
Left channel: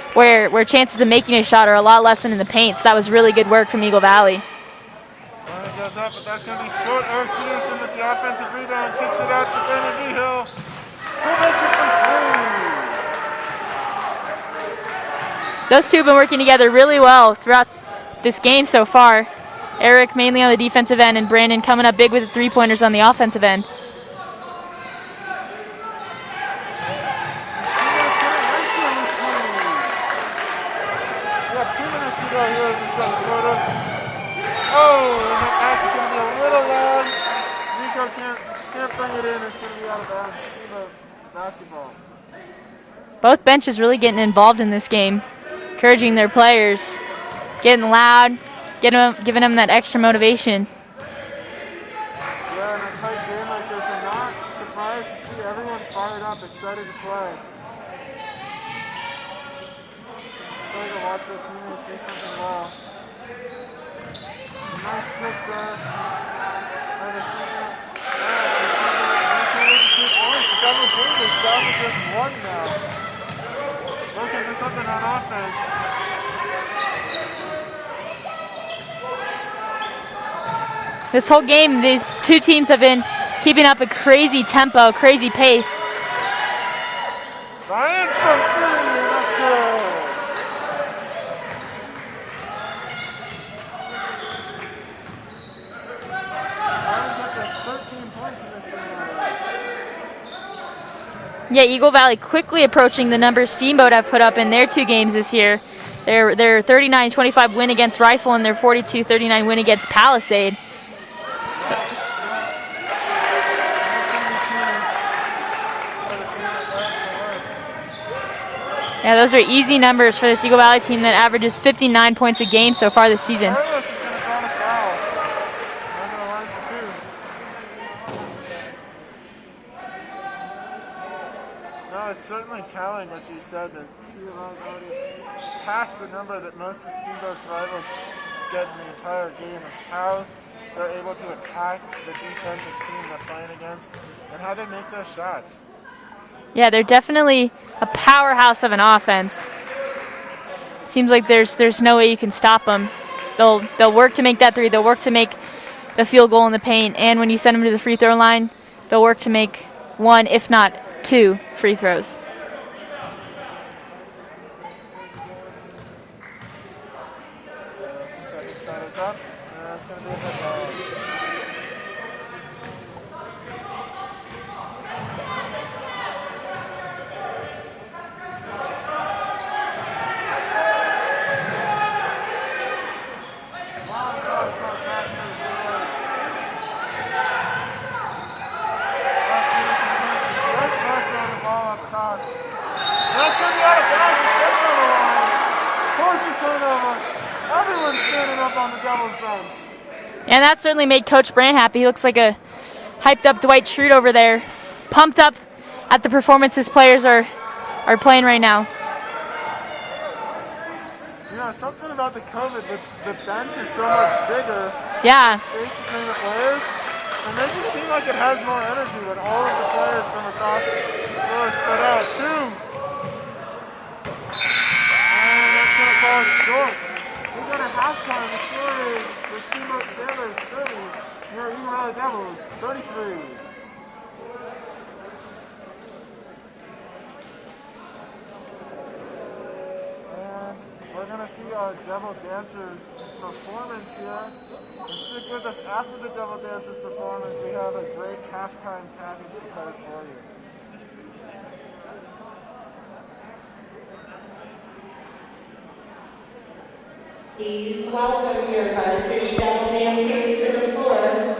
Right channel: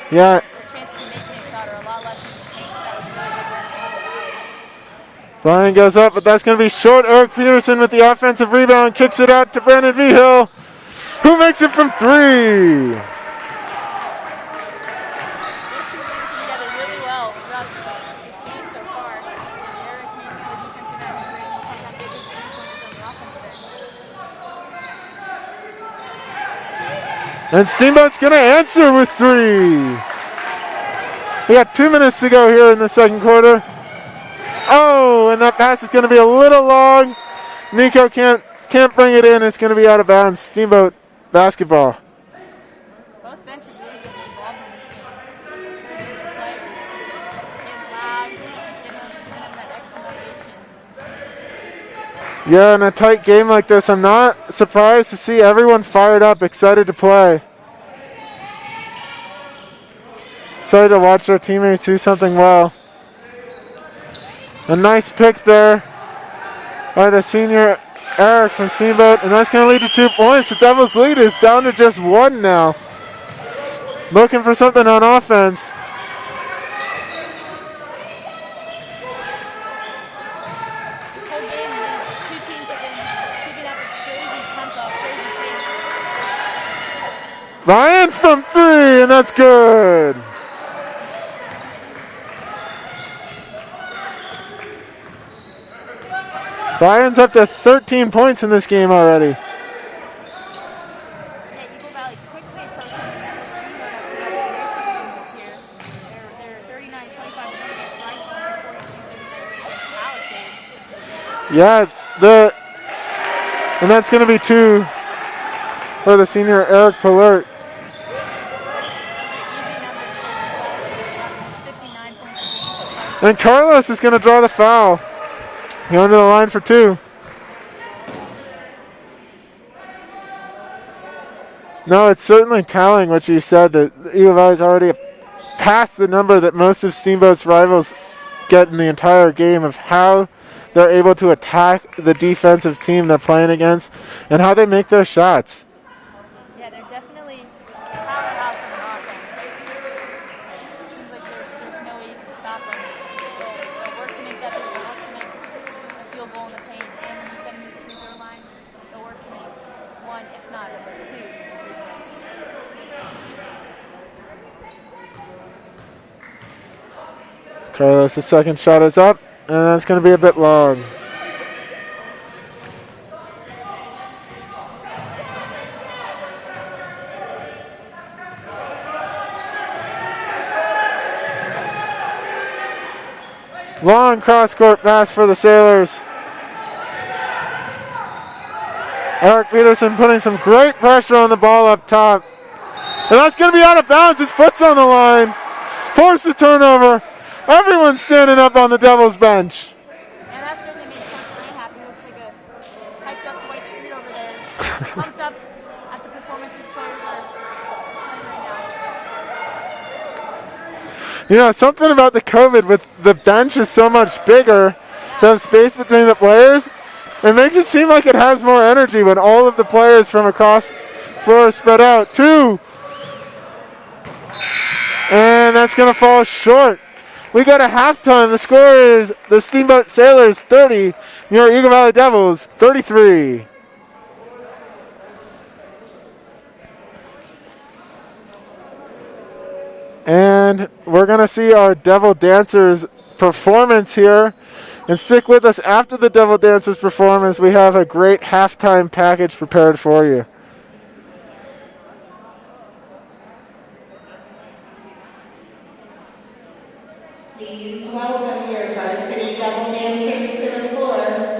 where chances of making a shot are a lot less than in the paint. So that was really good work from Eagle Valley. Ryan goes up, but that's going to be short. Eric Peterson with the offensive rebound, kicks it out to Brandon Vigil, who makes it from 3. Those two have been working together really well throughout this game so far. Eric mainly on the defensive end, and Brandon coming up big with the three-pointers on the offensive end. And Steamboat's going to answer with 3. We got 2 minutes to go here in the second quarter. Oh, and that pass is going to be a little long. Nico can't bring it in. It's going to be out of bounds. Steamboat basketball. Both benches really getting involved in this game, encouraging their players, getting loud, giving them that extra motivation. Yeah, in a tight game like this, I'm not surprised to see everyone fired up, excited to play. Excited to watch their teammates do something well. A nice pick there by the senior Eric from Steamboat, and that's going to lead to 2 points. The Devils' lead is down to just 1 now. Looking for something on offense. This whole game, these two teams have been keeping up a crazy tempo, crazy pace. Ryan from 3, and that's good. Ryan's up to 13 points in this game already. Yeah, Eagle Valley quickly approaching the numbers Steamboat have put up in their 2 games this year. Their 39-25 win against Rifle and their 42-39 win against Palisade. Yeah, and that's going to be 2 for the senior Eric Pallert. Yeah, those are easy numbers for this Eagle Valley team that averages 59 points a game so far this season. And Carlos is going to draw the foul. Going to the line for 2. No, it's certainly telling what you said, that Eagle Valley's already past the number that most of Steamboat's rivals get in the entire game, of how they're able to attack the defensive team they're playing against and how they make their shots. Yeah, they're definitely a powerhouse of an offense. Seems like there's no way you can stop them. They'll work to make that 3. They'll work to make the field goal in the paint, and when you send them to the free throw line, they'll work to make 1, if not 2, free throws. Carlos, the second shot is up, and that's going to be a bit long. Long cross-court pass for the Sailors. Eric Peterson putting some great pressure on the ball up top. And that's going to be out of bounds. His foot's on the line. Force the turnover. Everyone's standing up on the Devils bench. And that certainly made Coach Brand happy. He looks like a hyped-up Dwight Schrute over there, pumped up at the performance his players are playing right now. You know, something about the COVID with the bench is so much bigger. Yeah. There's space between the players. It makes it seem like it has more energy when all of the players from across the floor are spread out. 2. And that's going to fall short. We got a halftime. The score is the Steamboat Sailors 30, your Eagle Valley Devils 33. And we're going to see our Devil Dancers performance here. And stick with us after the Devil Dancers performance. We have a great halftime package prepared for you. Please welcome your varsity Devil Dancers to the floor.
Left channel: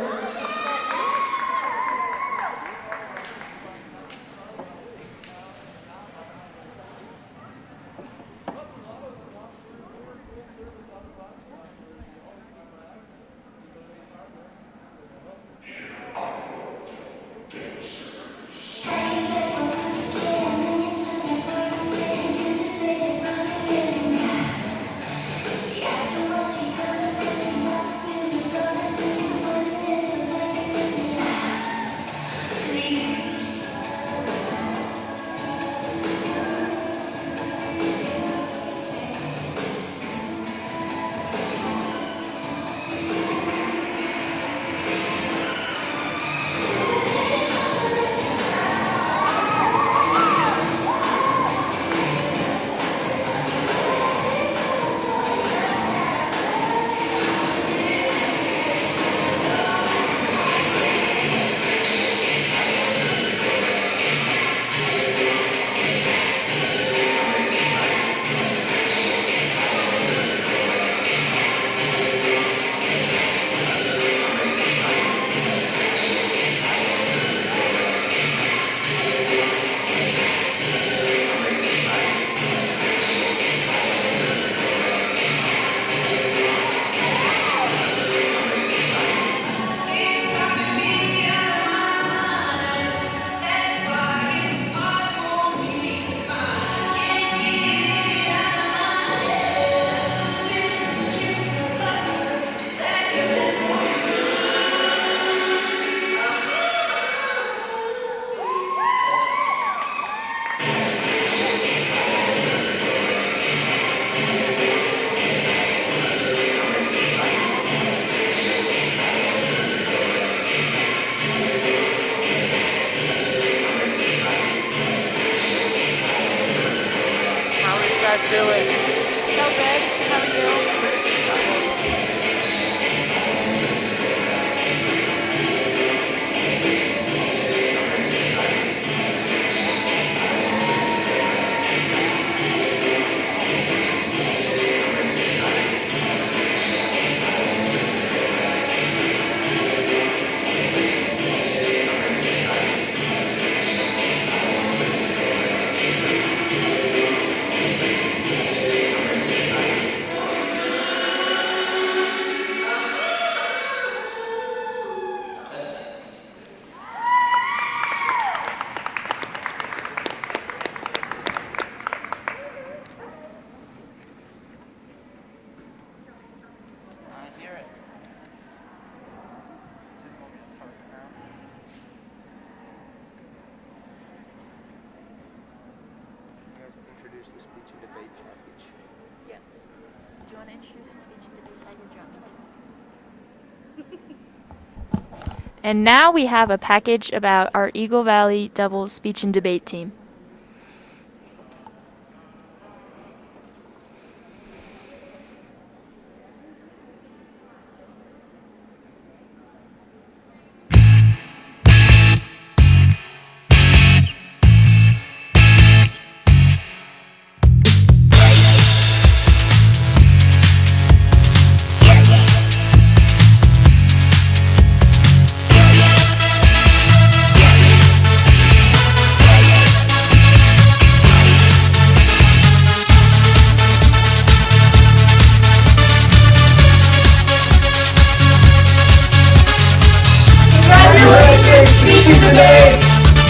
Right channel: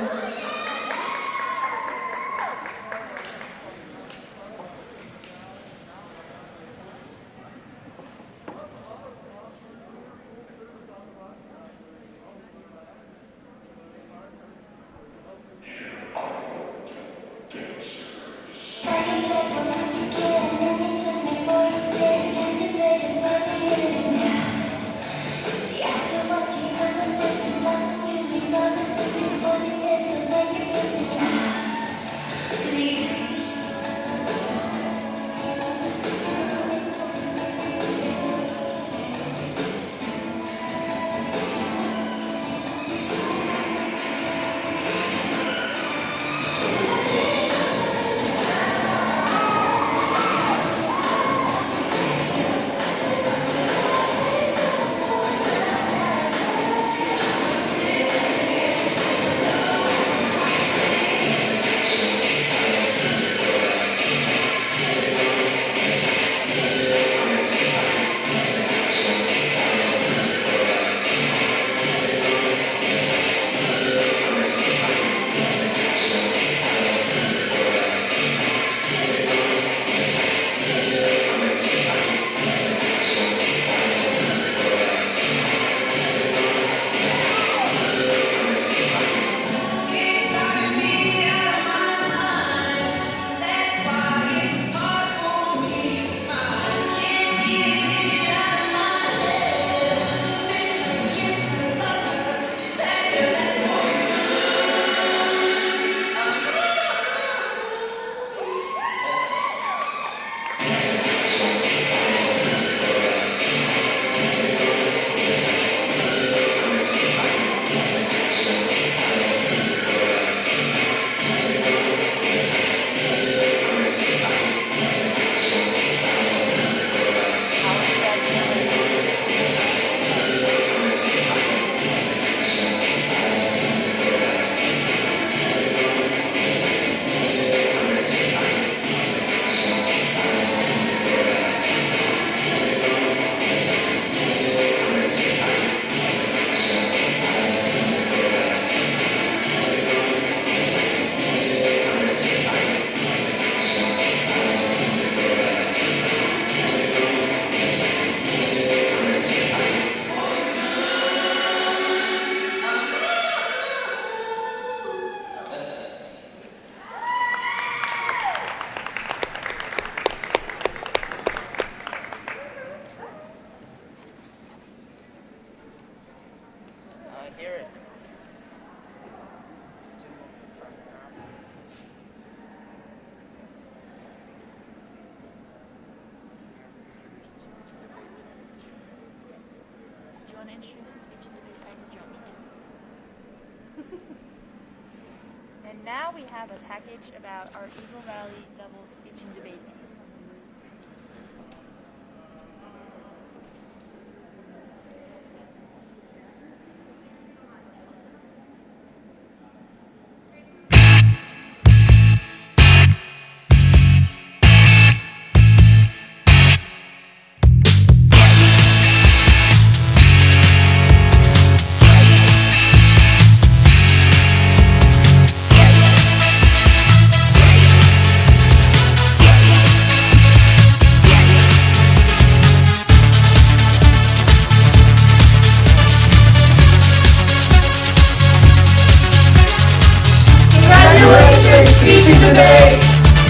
And now we have a package about our Eagle Valley Devils speech and debate team.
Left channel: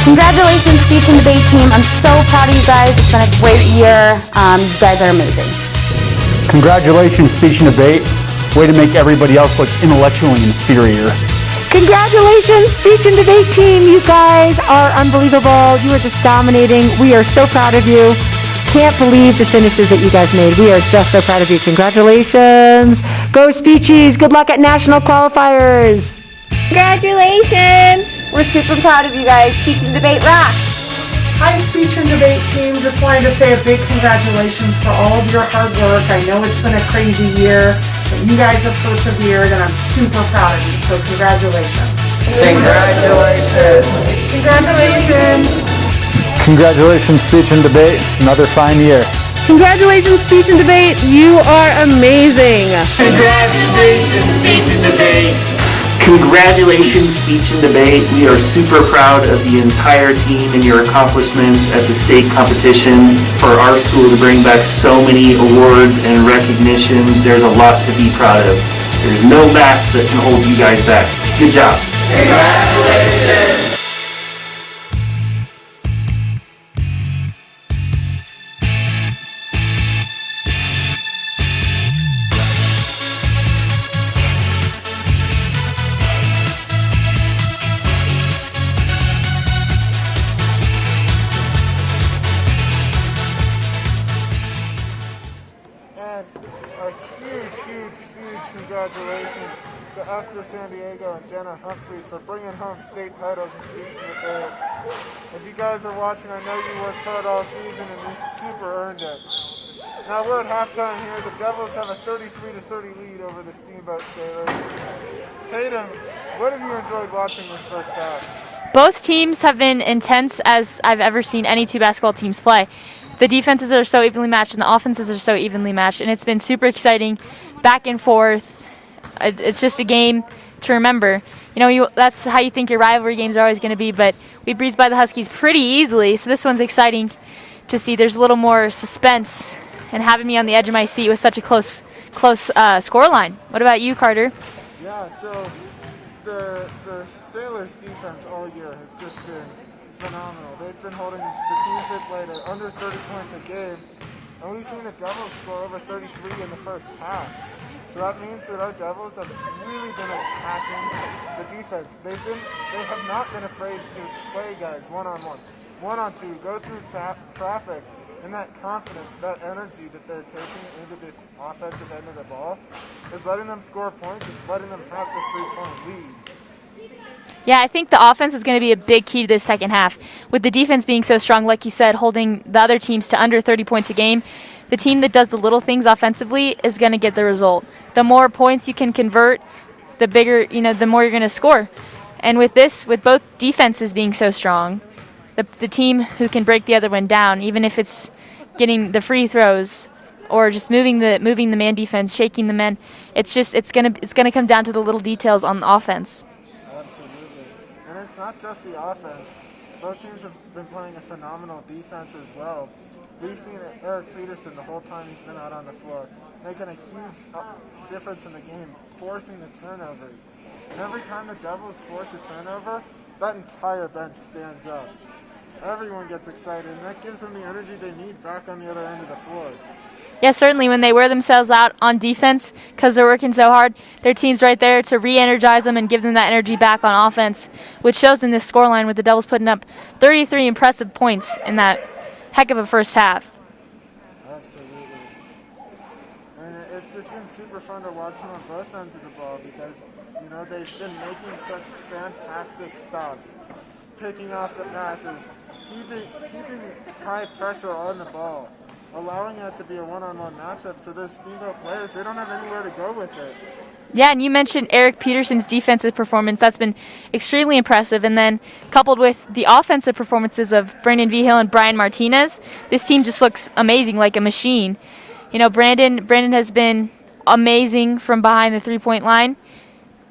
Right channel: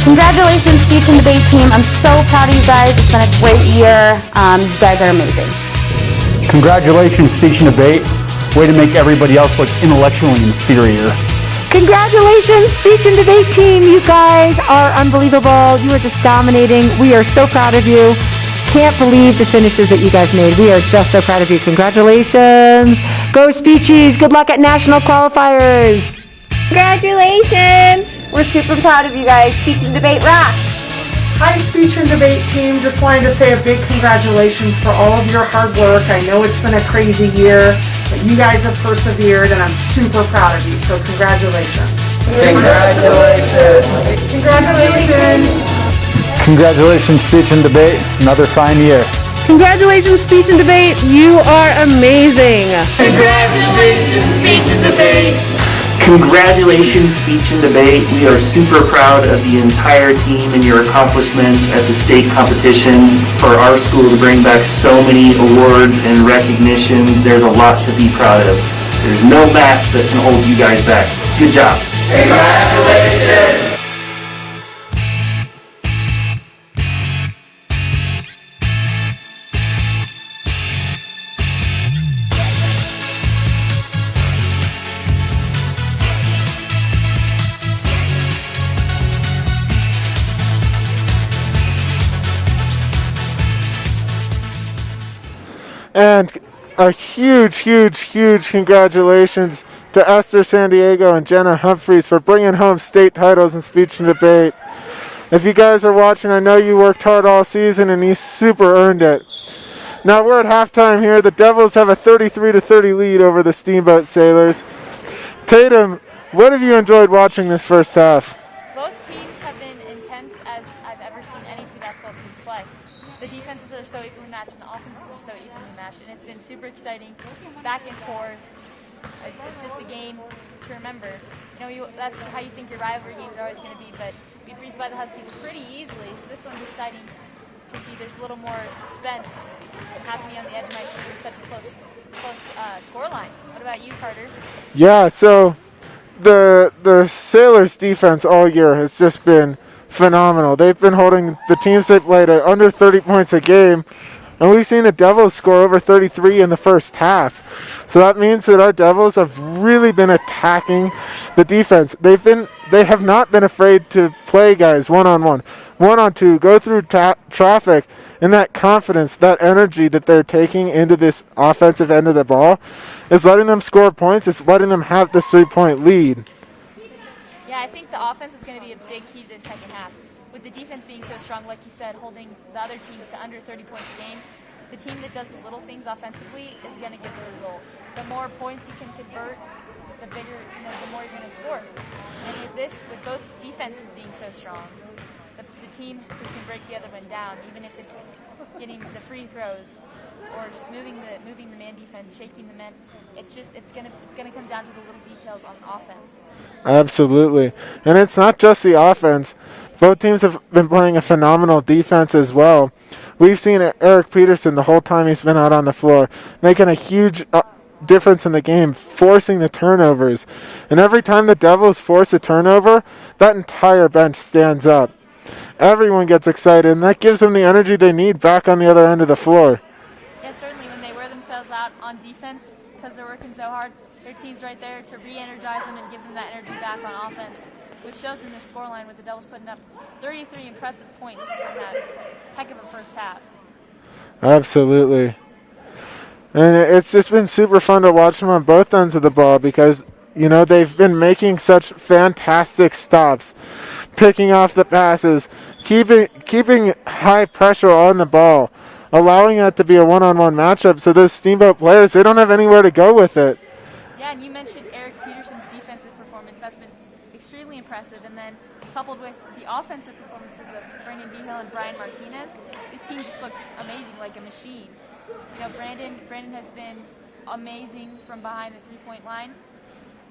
Congratulations, speech and debate team. I'm so proud of you guys. It's been a great year. You guys are amazing. Congratulations, speech and debate. Way to make everybody else look intellectually inferior. Congratulations, speech and debate team. You guys are unbelievable. You are just dominating. We are so proud of you. Can't believe the finishes that you guys made. We are just so proud of you. Congratulations. Go Speechies. Good luck at national qualifiers. Congratulations. We're super proud of you guys. Speech and debate rocks. Hi, speech and debate team. Just wanted to say a big congratulations for all of your hard work. I know it's been a crazy year, but you guys have persevered, and I'm super proud of you. So congratulations. Congratulations. Congratulations. Congratulations, speech and debate. Another fine year. Congratulations, speech and debate. You are amazing. Congratulations, speech and debate. Congratulations, speech and debate. We are super proud of the entire team and your accomplishments at the state competition. For our school to bring back so many awards and recognition, there's a lot to be proud of. There's no mask that can hold you guys back. Good job. Congratulations. And a huge, huge, huge congratulations to Esther San Diego and Jenna Humphreys for bringing home state titles in speech and debate. If you guys are watching, I know you worked hard all season and you super earned it. Now we're at halftime here. The Devils have a 33-30 lead over the Steamboat Sailors. Tatum, what have you enjoyed watching this first half? Both teams have been intense as I've ever seen any two basketball teams play. The defenses are so evenly matched and the offenses are so evenly matched, and it's been super exciting, back and forth. It's just a game to remember. You know, that's how you think your rivalry games are always going to be, but we breezed by the Huskies pretty easily, so this one's exciting to see. There's a little more suspense and having me on the edge of my seat with such a close score line. What about you, Carter? Yeah, so the Sailors defense all year has just been phenomenal. They've been holding the teams they played at under 30 points a game, and we've seen the Devils score over 33 in the first half. So that means that our Devils have really been attacking the defense. They have not been afraid to play guys one-on-one, one-on-two, go through traffic, and that confidence, that energy that they're taking into this offensive end of the ball is letting them score points. It's letting them have this 3-point lead. Yeah, I think the offense is going to be a big key to this second half. With the defense being so strong, like you said, holding the other teams to under 30 points a game, the team that does the little things offensively is going to get the result. The more points you can convert, the bigger, the more you're going to score. And with both defenses being so strong, the team who can break the other one down, even if it's getting the free throws or just moving the man defense, shaking the men, it's going to come down to the little details on the offense. Absolutely. And it's not just the offense. Both teams have been playing a phenomenal defense as well. We've seen Eric Peterson the whole time he's been out on the floor, making a huge difference in the game, forcing the turnovers. And every time the Devils force a turnover, that entire bench stands up. Everyone gets excited, and that gives them the energy they need back on the other end of the floor. Yeah, certainly when they wear themselves out on defense because they're working so hard, their team's right there to re-energize them and give them that energy back on offense, which shows in this scoreline with the Devils putting up 33 impressive points in that heck of a first half. Absolutely. And it's just been super fun to watch them on both ends of the ball because, they've been making such fantastic stops, picking off the passes, keeping high pressure on the ball, allowing that to be a one-on-one matchup so those Steamboat players, they don't have anywhere to go with it. Yeah, and you mentioned Eric Peterson's defensive performance. That's been extremely impressive. And then coupled with the offensive performances of Brandon Vigil and Brian Martinez, this team just looks amazing, like a machine. Brandon has been amazing from behind the three-point line,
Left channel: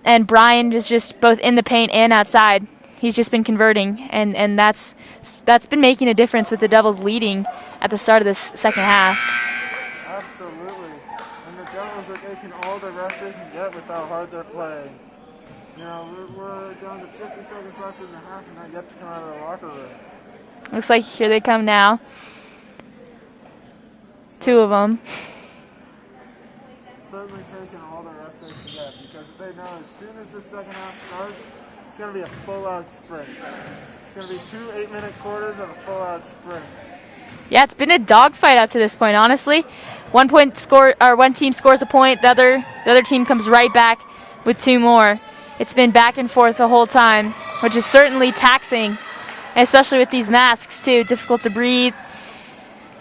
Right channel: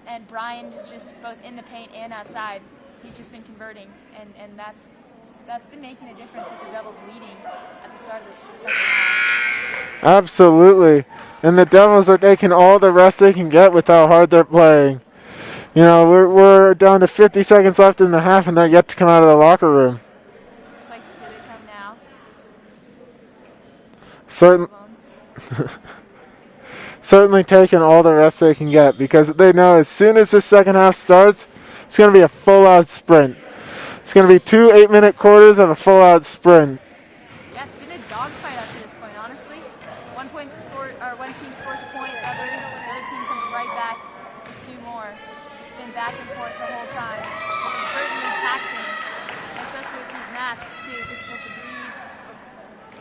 and Brian is just both in the paint and outside. He's just been converting, and that's been making a difference with the Devils leading at the start of this second half. Absolutely. And the Devils are taking all the rest they can get with how hard they're playing. We're down to 50 seconds left in the half, and they're yet to come out of the locker room. Looks like here they come now. Two of them. Certainly taking all the rest they can get because they know as soon as the second half starts, it's going to be a full-out sprint. It's going to be 2 8-minute quarters of a full-out sprint. Yeah, it's been a dogfight up to this point, honestly. One team scores a point, the other team comes right back with 2 more. It's been back and forth the whole time, which is certainly taxing, especially with these masks too, difficult to breathe.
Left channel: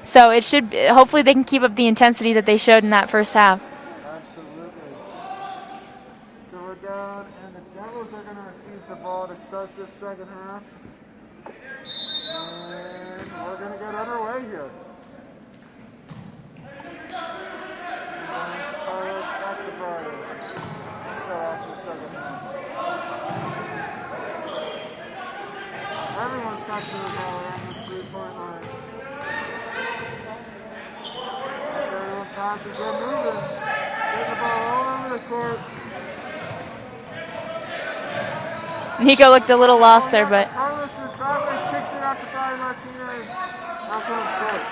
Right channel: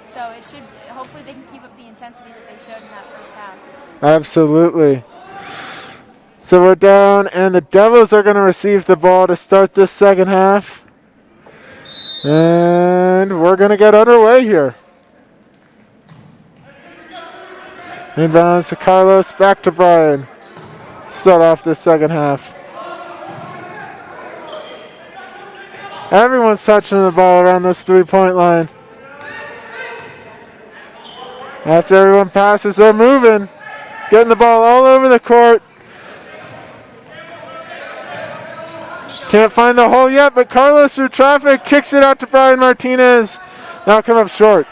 So hopefully they can keep up the intensity that they showed in that first half. Absolutely. So we're down, and the Devils are going to receive the ball to start this second half. And we're going to get underway here. Inbounds to Carlos, back to Brian. Start off this second half. Everyone's touching the ball around this 3-point line. After everyone passes, they're moving. Getting the ball all over the court. Nico Can't looked a find little the hole lost yet, there, but Carlos through traffic kicks it out to Brian Martinez. Now come up short.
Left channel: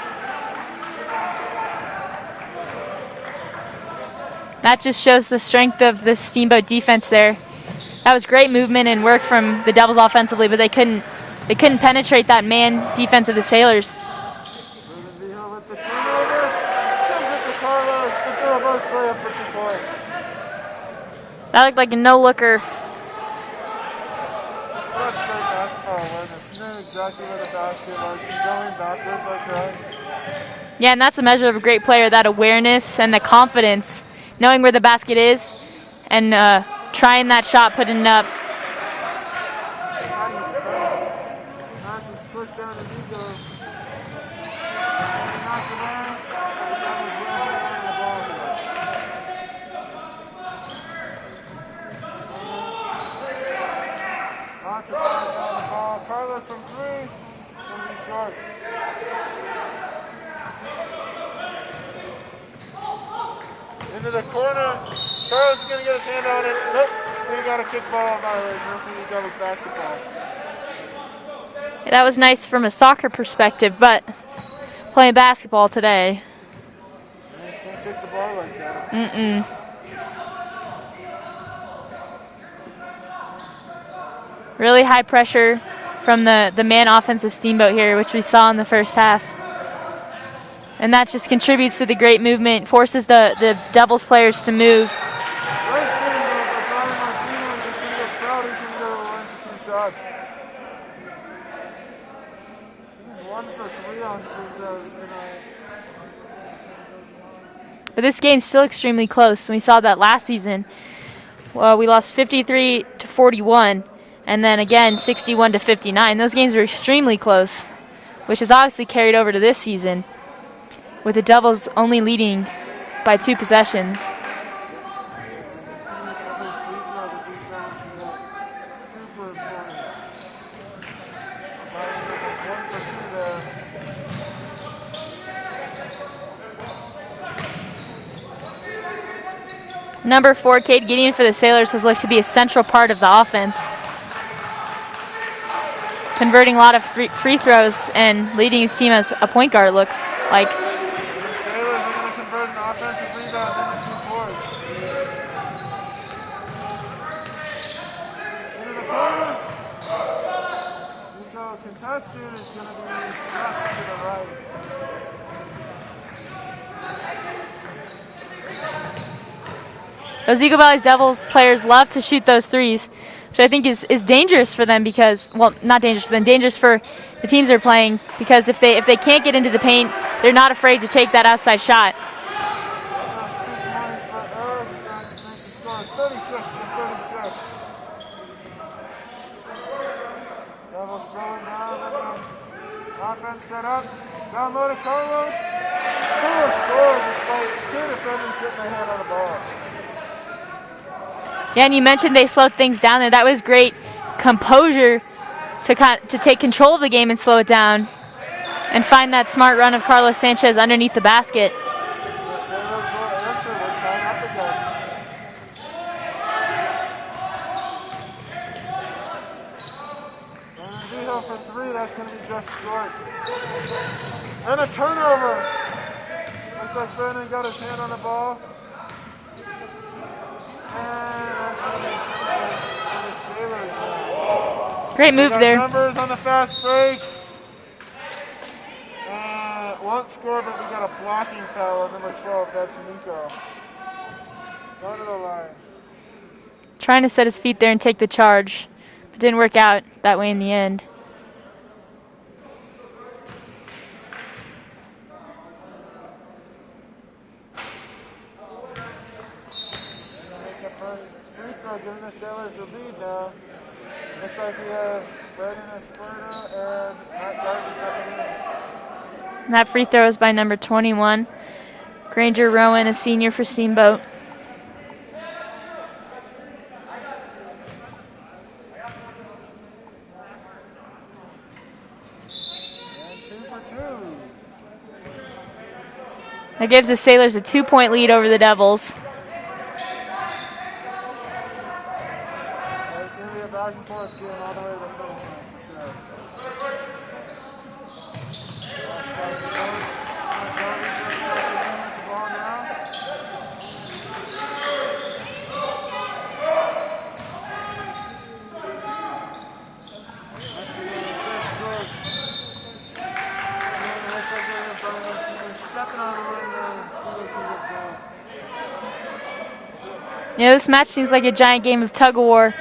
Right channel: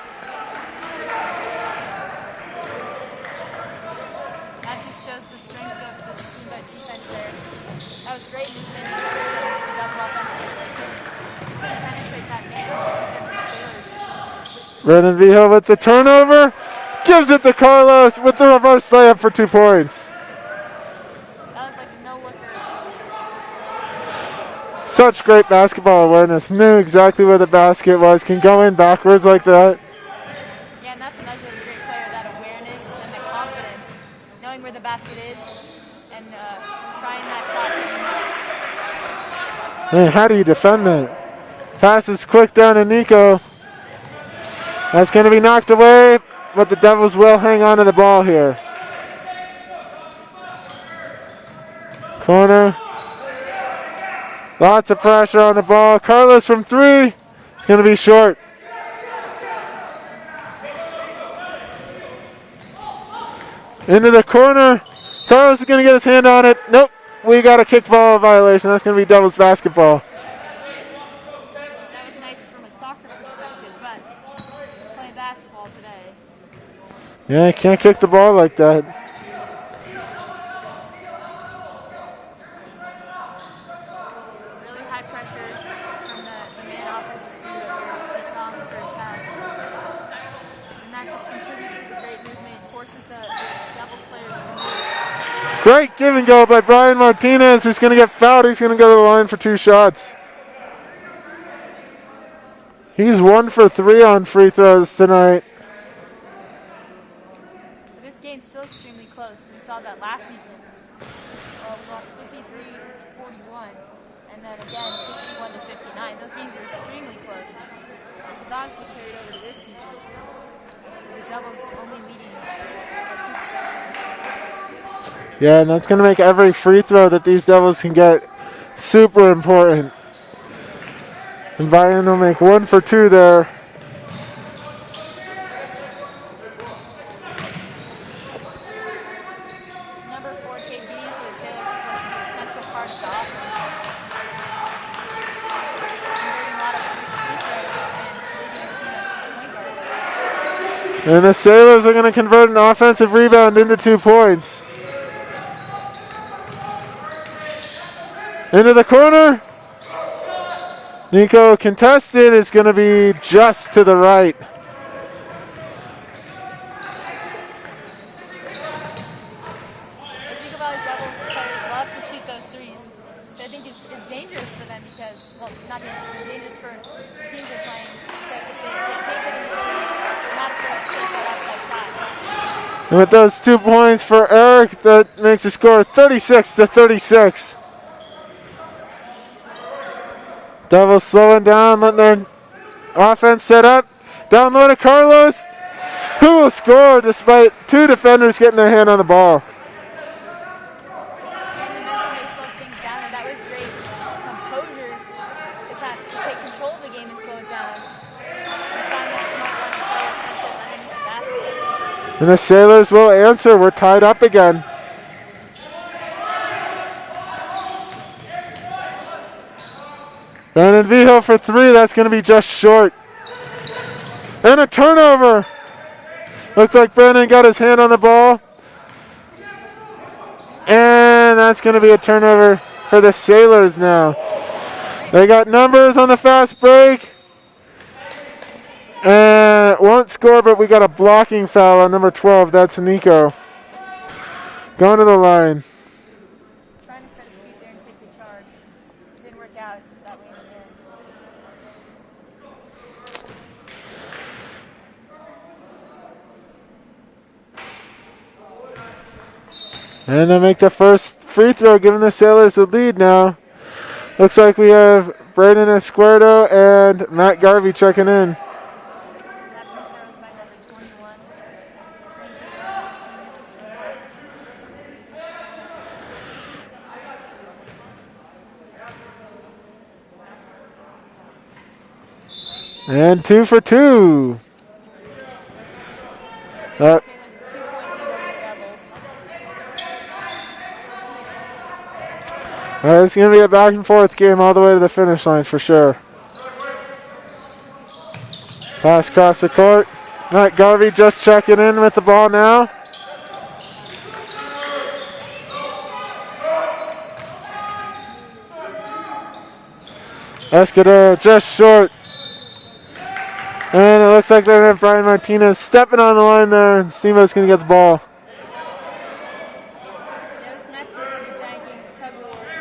That just shows the strength of the Steamboat defense there. That was great movement and work from the Devils offensively, but they couldn't penetrate that man defense of the Sailors. Brandon Vigil with the turnover. gives it to Carlos with the reverse layup for 2 points. That looked like a no-looker. Such great basketball awareness. Knew exactly where the basket was. Can go in backwards like that. Yeah, and that's a measure of a great player, that awareness and the confidence, knowing where the basket is and trying that shot, putting it up. Man, how do you defend that? Pass is quick down to Nico. That's going to be knocked away, but the Devils will hang on to the ball here. Corner. Lots of pressure on the ball. Carlos from 3. It's going to be short. Into the corner. Carlos is going to get his hand on it. Nope. We got a kick ball violation. That's going to be Devils basketball. Yeah, that was nice from a soccer perspective, but playing basketball today. Yeah, you can't kick the ball like that. Really high pressure from the man offensive Steamboat here, which we saw in the first half. And that just contributes to the great movement, forces the Devils players to move. Great give and go by Brian Martinez, who's going to get fouled. He's going to go to the line for 2 shots. He's 1 for 3 on free throws tonight. But this game's still extremely close. We saw that last season. Well, we lost 53-41, and then again 61-59. Those games were extremely close, which is obviously carried over to this season, with the Devils only leading by 2 possessions. Yeah, and that's going to make every free throw that these Devils can get super important. And Brian will make 1 for 2 there. Number 4, Cade Gideon for the Sailors, has looked to be a central part of the offense, converting a lot of free throws and leading his team as a point guard, looks like. And the Sailors are going to convert an offensive rebound into 2 points. Into the corner. Nico contested. Is going to be just to the right. Those Eagle Valley Devils players love to shoot those threes, which I think is dangerous for them because, well, not dangerous for them, dangerous for the teams they're playing, because if they can't get into the paint, they're not afraid to take that outside shot. And with those 2 points for Eric, that makes the score 36-36. Devils slowing down, letting their offense set up. Down low to Carlos, who will score despite 2 defenders getting their hand on the ball. Yeah, and you mentioned they slowed things down there. That was great composure to take control of the game and slow it down and find that smart run of Carlos Sanchez underneath the basket. And the Sailors will answer. We're tied up again. Brandon Vigil for 3. That's going to be just short. And a turnover. Looked like Brandon got his hand on the ball. And that's going to be a turnover for the Sailors now. Great They move got there. numbers on the fast break. And won't score, but we got a blocking foul on number 12. That's Nico. Going to the line. Trying to set his feet there and take the charge. It didn't work out that way in the end. And they'll make the first free throw, giving the Sailors the lead now. Looks like we have Braden Escuerdo and Matt Garvey checking in. And that free throw is by number 21, Granger Rowan, a senior for Steamboat. And 2 for 2. That gives the Sailors a 2-point lead over the Devils. It's going to be a back and forth game all the way to the finish line for sure. Pass across the court. Matt Garvey just checking in with the ball now. Escalante just short. And it looks like they're going to have Brian Martinez stepping on the line there, and Steamboat's going to get the ball. Yeah, this match seems like a giant game of tug-of-war.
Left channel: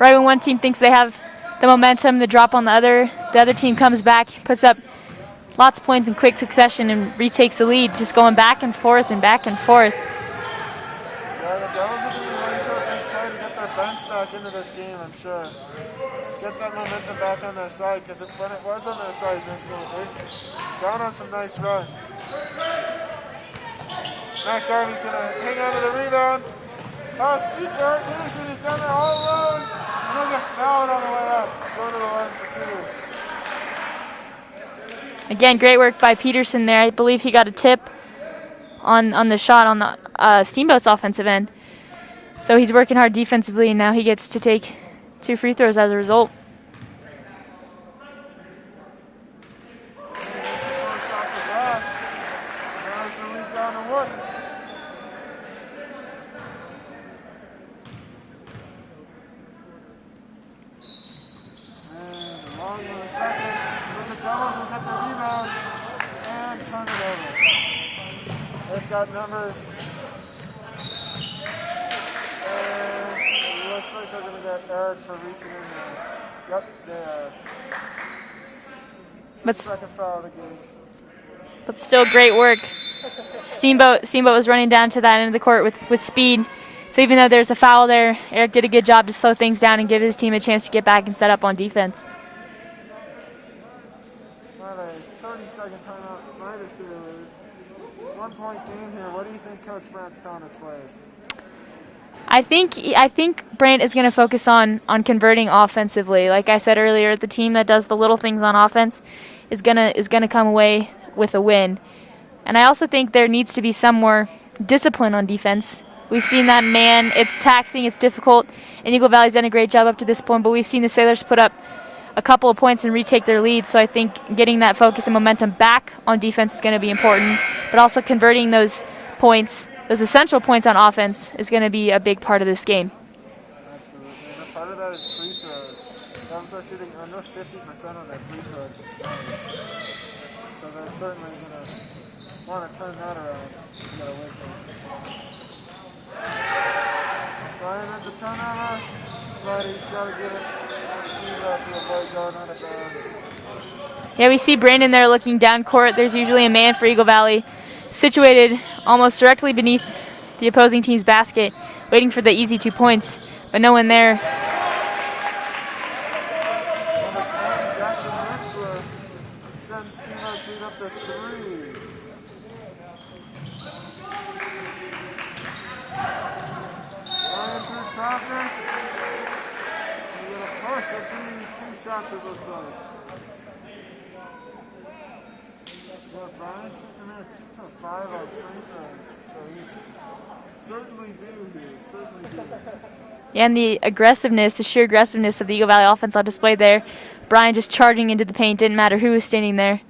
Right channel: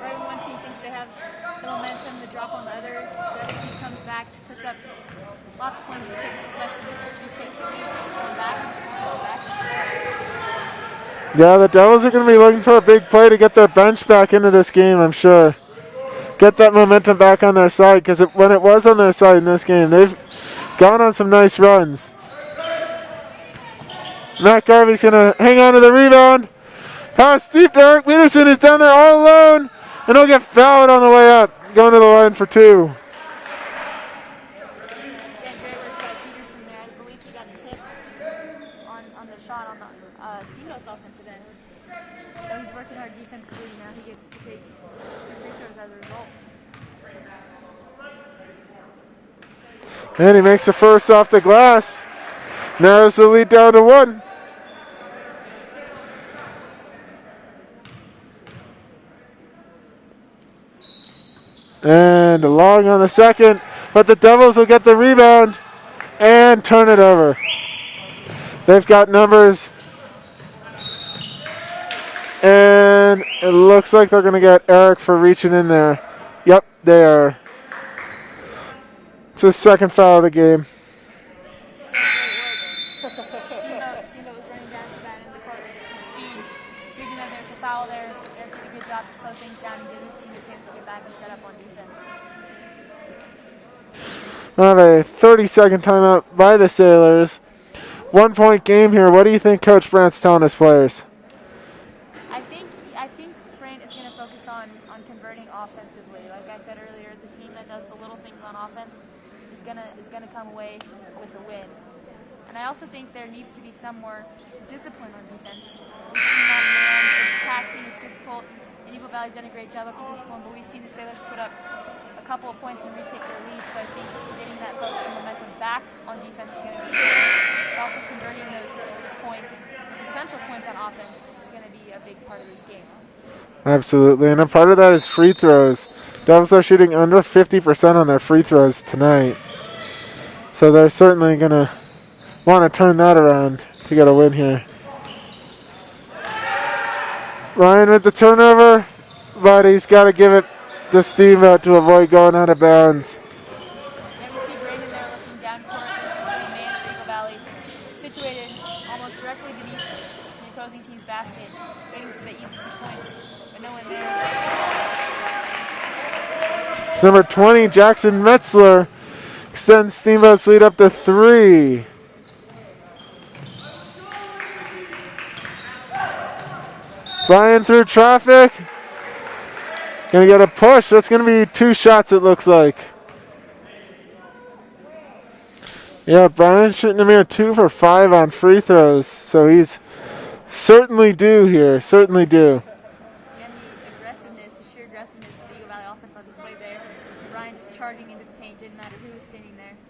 Right when one team thinks they have the momentum, the drop on the other team comes back, puts up lots of points in quick succession and retakes the lead, just going back and forth and back and forth. Yeah, the Devils are going to be looking for a big play to get their bench back into this game, I'm sure. Get that momentum back on their side, because when it was on their side in this game, they've gone on some nice runs. Matt Garvey's going to hang on to the rebound. Pass deep to Eric Peterson, who's down there all alone, and he'll get fouled on the way up, going to the line for 2. Again, great work by Peterson there. I believe he got a tip on the shot on the Steamboat's offensive end. So he's working hard defensively, and now he gets to take 2 free throws as a result. And he makes the first off the glass. Narrows the lead down to 1. And long on the second, but the Devils will get the rebound and turn it over. They've got numbers, and it looks like they're going to get Eric for reaching in there. Yep, they are. It's his second foul of the game. But still great work. Steamboat was running down to that end of the court with speed. So even though there's a foul there, Eric did a good job to slow things down and give his team a chance to get back and set up on defense. We'll have a 30-second timeout by the Sailors. 1-point game here. What do you think Coach Brandt's telling his players? I think Brandt is going to focus on converting offensively. Like I said earlier, the team that does the little things on offense is gonna come away with a win. And I also think there needs to be some more discipline on defense. We've seen that, man. It's taxing, it's difficult, and Eagle Valley's done a great job up to this point, but we've seen the Sailors put up a couple of points and retake their lead, so I think getting that focus and momentum back on defense is going to be important, but also converting those points, those essential points on offense, is going to be a big part of this game. Absolutely, and a part of that is free throws. Devils are shooting under 50% on their free throws tonight, so they're certainly going to want to turn that around to get a win here. Ryan with the turnover, but he's got to give it to Steamboat to avoid going out of bounds. Yeah, we see Brandon there looking down court. There's usually a man for Eagle Valley situated almost directly beneath the opposing team's basket, waiting for the easy 2 points, but no one there. It's number 20, Jackson Metzler, extends Steamboat's lead up to 3. Flying through traffic. Gonna get a push. That's gonna be 2 shots, it looks like. Yeah, Brian shooting a mere 2 for 5 on free throws. So he's certainly due here, certainly due. And the aggressiveness, the sheer aggressiveness of the Eagle Valley offense on display there. Brian just charging into the paint, didn't matter who was standing there.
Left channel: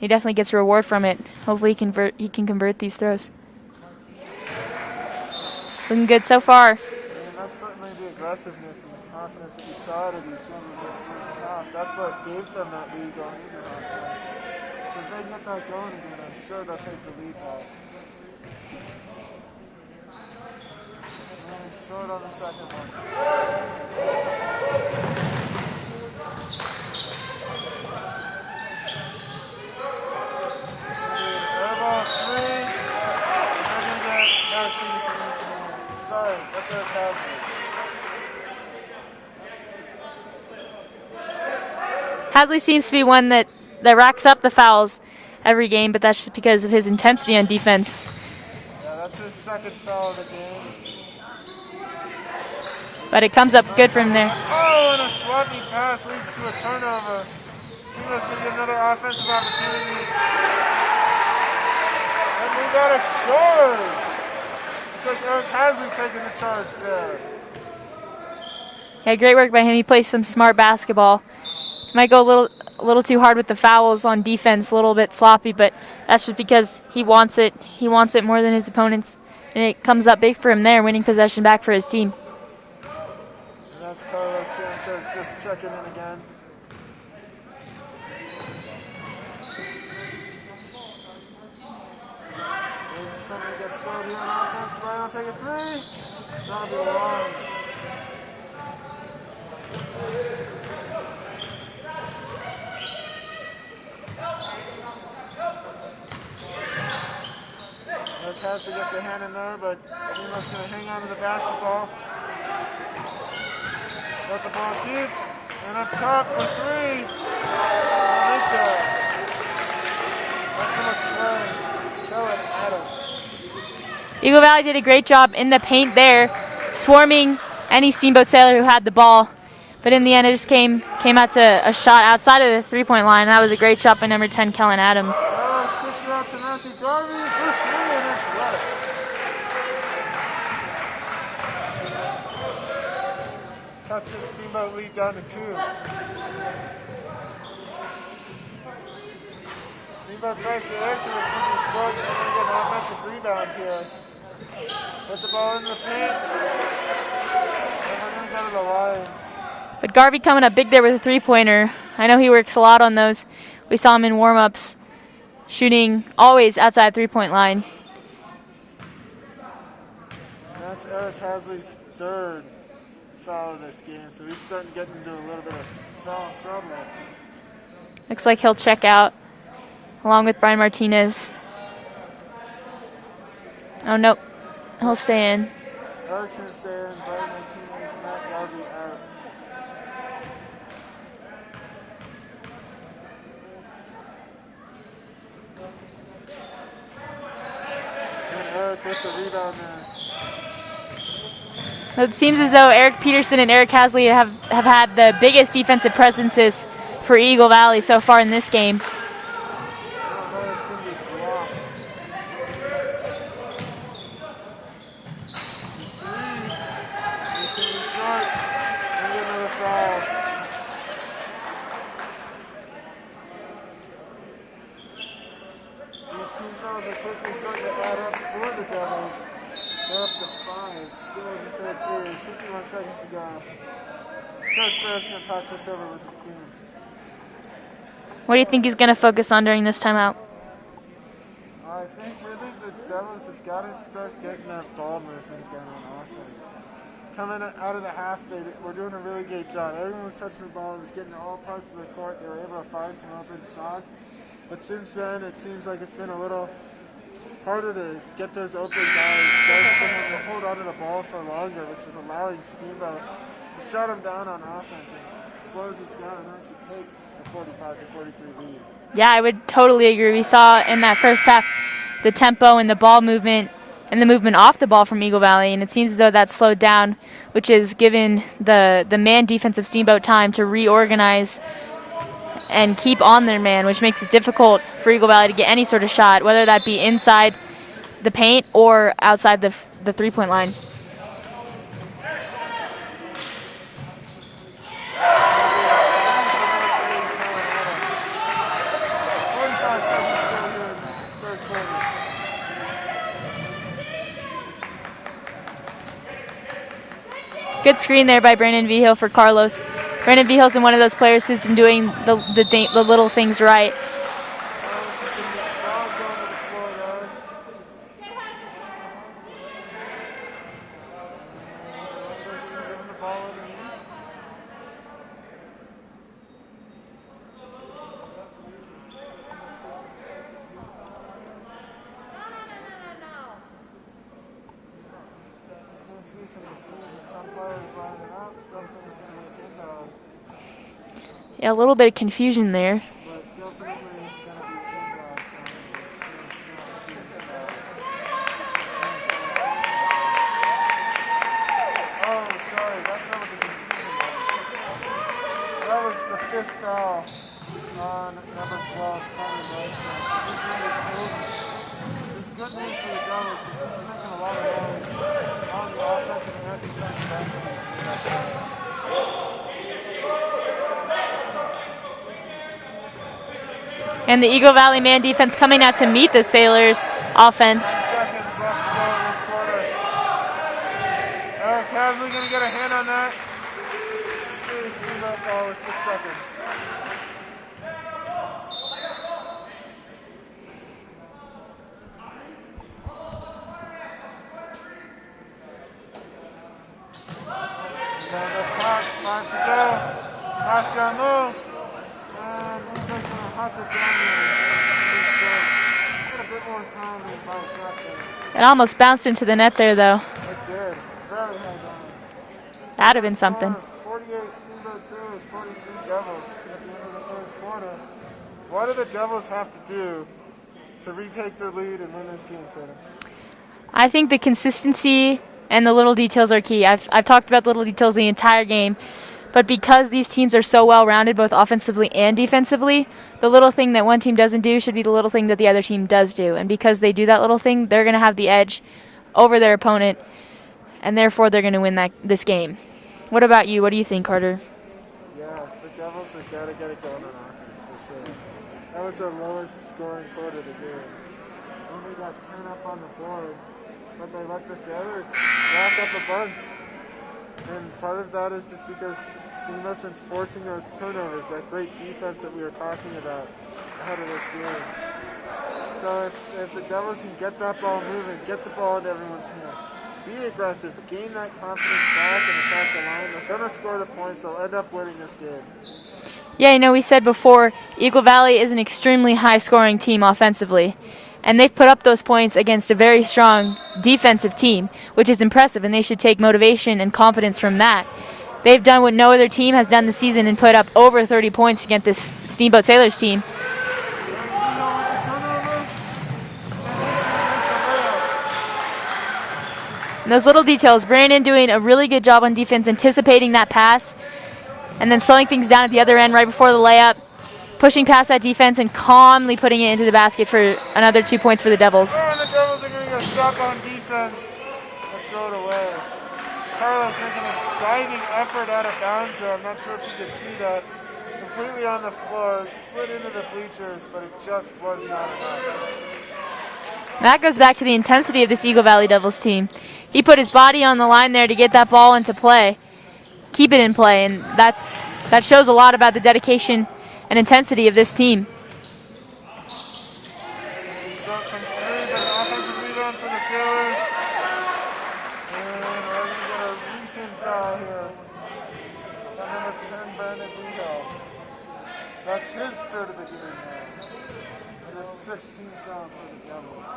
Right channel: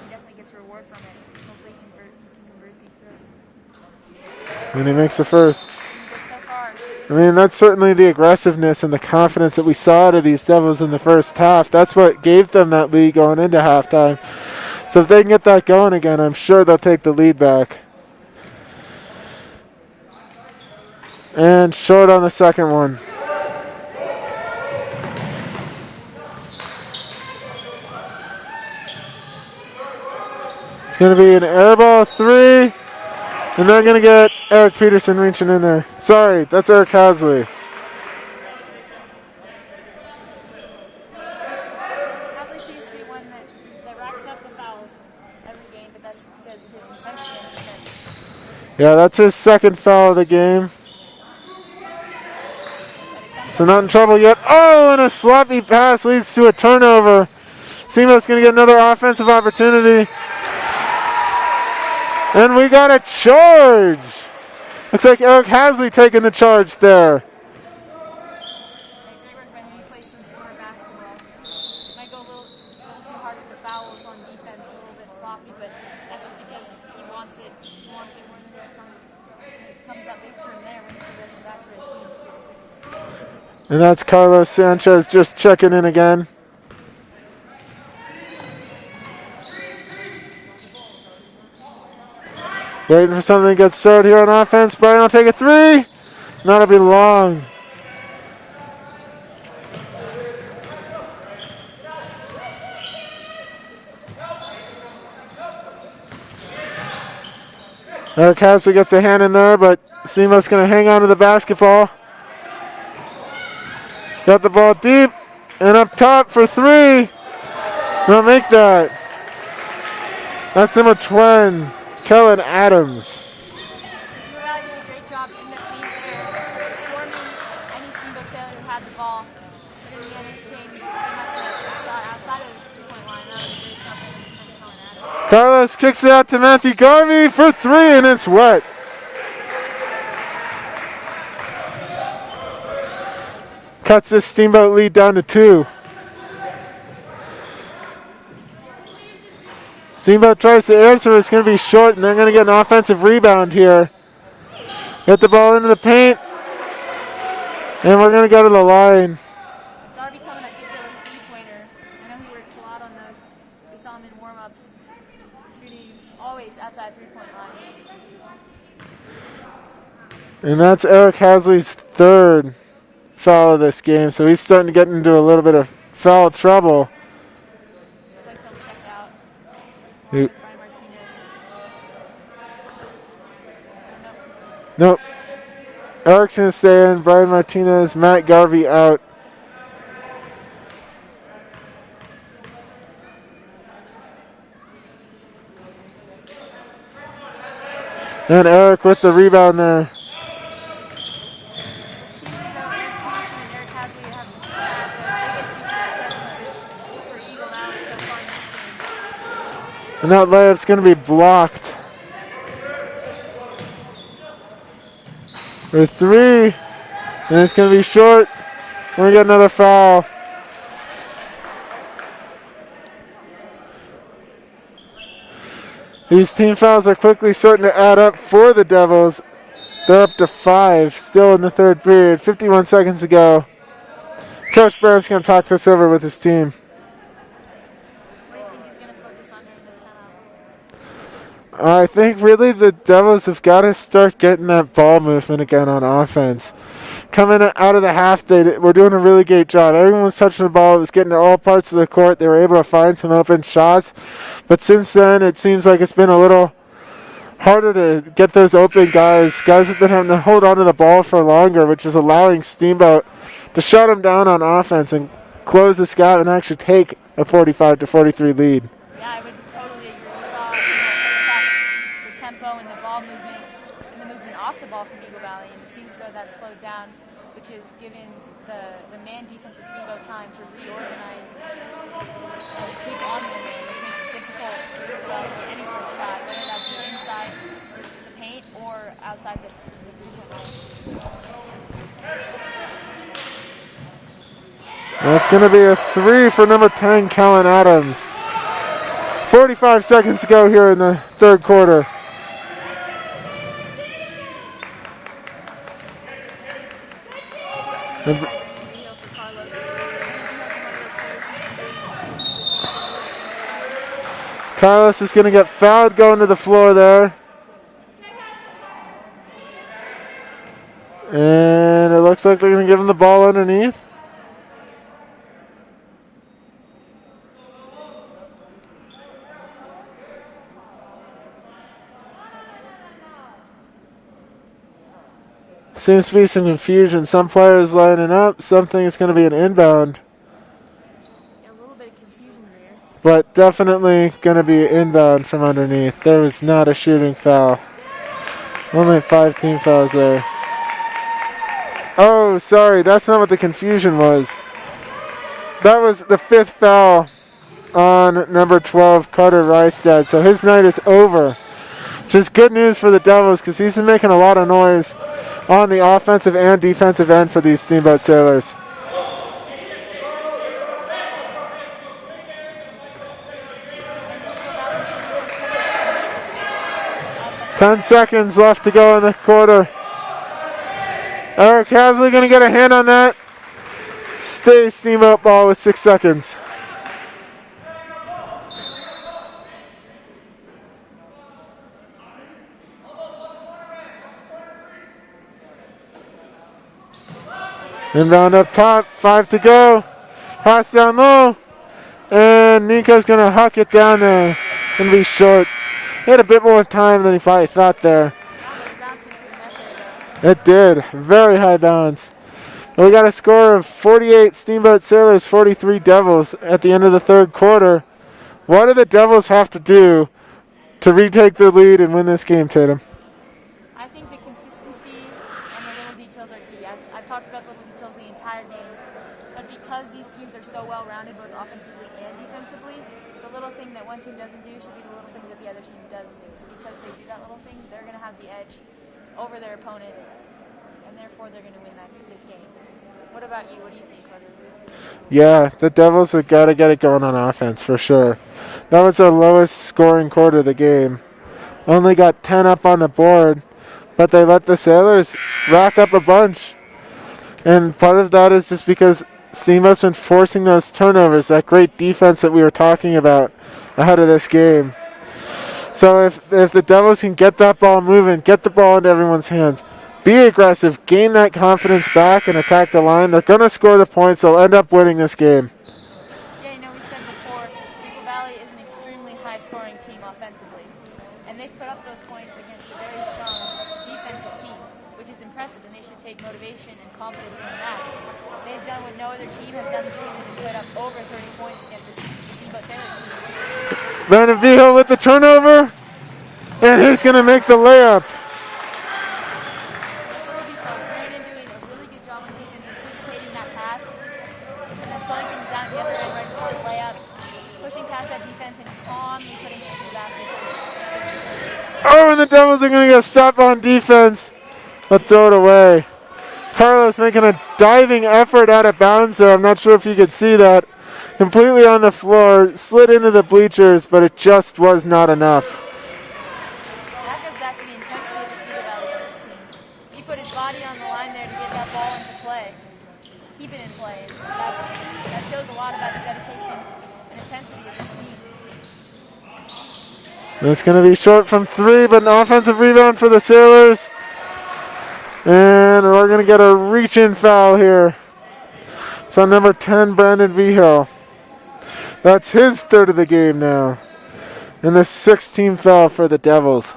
He definitely gets a reward from it. Hopefully he can convert these throws. And he makes the first. Looking good so far. I mean, that's certainly the aggressiveness and the confidence that we saw out of these Devils in the first half. That's what gave them that lead going into halftime. So if they can get that going again, I'm sure they'll take the lead back. And short on the second one. It's going to be an air ball 3. And they're going to get Eric Peterson reaching in there. Sorry, that's Eric Hasley. Hasley seems to be one that racks up the fouls every game, but that's just because of his intensity on defense. Yeah, that's his second foul of the game. But it comes up not in good from trouble there. yet. Oh, and a sloppy pass leads to a turnover. Steamboat's going to get another offensive opportunity. And we got a charge. Looks like Eric Hasley taking the charge there. Yeah, great work by him. He plays some smart basketball. Might go a little too hard with the fouls on defense, a little bit sloppy, but that's just because he wants it. He wants it more than his opponents, and it comes up big for him there, winning possession back for his team. And that's Carlos Sanchez just checking in again. Waiting for something to get started here on offense. Brian will take a three. That'll be long. Eric Hasley gets a hand in there, but Steamboat's going to hang on to the basketball. Got the ball deep and up top for three. They'll make that. That's number 20, Kellen Adams. Eagle Valley did a great job in the paint there, swarming any Steamboat Sailor who had the ball. But in the end, it just came out to a shot outside of the three-point line. That was a great shot by number 10, Kellen Adams. Carlos kicks it out to Matthew Garvey for three, and it's wet. Cuts this Steamboat lead down to 2. Steamboat tries to answer. It's going to be short, and they're going to get an offensive rebound here. Get the ball into the paint, and we're going to go to the line. But Garvey coming up big there with a three-pointer. I know he works a lot on those. We saw him in warm-ups, shooting always outside three-point line. And that's Eric Hasley's third foul of this game, so he's starting to get into a little bit of foul trouble. Looks like he'll check out along with Brian Martinez. Oh, nope. He'll stay in. Eric's going to stay in. Brian Martinez, Matt Garvey out. And Eric with the rebound there. It seems as though Eric Peterson and Eric Hasley have had the biggest defensive presences for Eagle Valley so far in this game. And that layup's going to be blocked. For three. And it's going to be short. We're going to get another foul. These team fouls are quickly starting to add up for the Devils. They're up to 5, still in the third period. 51 seconds to go. Coach Barrett's going to talk this over with his team. What do you think he's going to focus on during this timeout? I think really the Devils have got to start getting that ball movement again on offense. Coming out of the half, they were doing a really great job. Everyone was touching the ball. It was getting to all parts of the court. They were able to find some open shots. But since then, it seems like it's been a little harder to get those open guys. Guys have been having to hold on to the ball for longer, which is allowing Steamboat to shut them down on offense and close this gap and actually take a 45-43 lead. Yeah, I would totally agree. We saw in that first half the tempo and the ball movement and the movement off the ball from Eagle Valley, and it seems as though that slowed down, which has given the man defense of Steamboat time to reorganize and keep on their man, which makes it difficult for Eagle Valley to get any sort of shot, whether that be inside the paint or outside the three-point line. That's going to be a 3 for number 10, Kellen Adams. 45 seconds to go here in the third quarter. Good screen there by Brandon Vigil for Carlos. Brandon Vigil's been one of those players who's been doing the little things right. Carlos is going to get fouled going to the floor there. And it looks like they're going to give him the ball underneath. Seems to be some confusion. Some players lining up. Something is going to be an inbound. Yeah, a little bit of confusion there. But definitely going to be inbound from underneath. There was not a shooting foul. Only 5 team fouls there. Oh, sorry. That's not what the confusion was. That was the 5th foul on number 12, Carter Rystad. So his night is over. Which is good news for the Devils because he's been making a lot of noise on the offensive and defensive end for these Steamboat Sailors. And the Eagle Valley man defense coming out to meet the Sailors offense. 10 seconds left to go in the quarter. Eric Hasley going to get a hand on that. Stay Steamboat ball with 6 seconds. Inbound up top, 5 to go. Pass down low. And Nico's going to huck it down there. Going to be short. He had a bit more time than he probably thought there. It almost bounced into the net there, though. It did. Very high bounce. We got a score of 48 Steamboat Sailors, 43 Devils at the end of the third quarter. What do the Devils have to do to retake the lead and win this game, Tatum? I think the consistency and the little details are key. I've talked about the little details the entire game, but because these teams are so well-rounded, both offensively and defensively, the little thing that one team doesn't do should be the little thing that the other team does do. And because they do that little thing, they're going to have the edge over their opponent, and therefore they're going to win this game. What about you? What do you think, Carter? Yeah, the Devils have got to get it going on offense for sure. That was the lowest scoring quarter of the game. Only got 10 up on the board, but they let the Sailors rack up a bunch. And part of that is just because Steamboat's been forcing those turnovers, that great defense that we were talking about ahead of this game. So if the Devils can get that ball moving, get the ball into everyone's hands, be aggressive, gain that confidence back and attack the line, they're going to score the points. They'll end up winning this game. Yeah, we said before, Eagle Valley is an extremely high-scoring team offensively. And they've put up those points against a very strong defensive team, which is impressive, and they should take motivation and confidence from that. They've done what no other team has done this season and put up over 30 points against this Steamboat Sailors team. Brandon Vigil with the turnover, and he's going to make the layup. And those little details, Brandon doing a really good job on defense, anticipating that pass, and then slowing things down at the other end right before the layup, pushing past that defense and calmly putting it into the basket for another 2 points for the Devils. Oh, and the Devils are going to get stopped on defense, but throw it away. Carlos making a diving effort out of bounds there. I'm not sure if you could see that. Completely on the floor, slid into the bleachers, but it just was not enough. That goes back to the intensity of this Eagle Valley Devils team. He put his body on the line there to get that ball into play, keep it in play, and that shows a lot about the dedication and intensity of this team. It's going to be short from 3, but an offensive rebound for the Sailors. And we're going to get a reach-in foul here. So number 10, Brandon Vigil. That's his third of the game now. And the 6th-team foul for the Devils.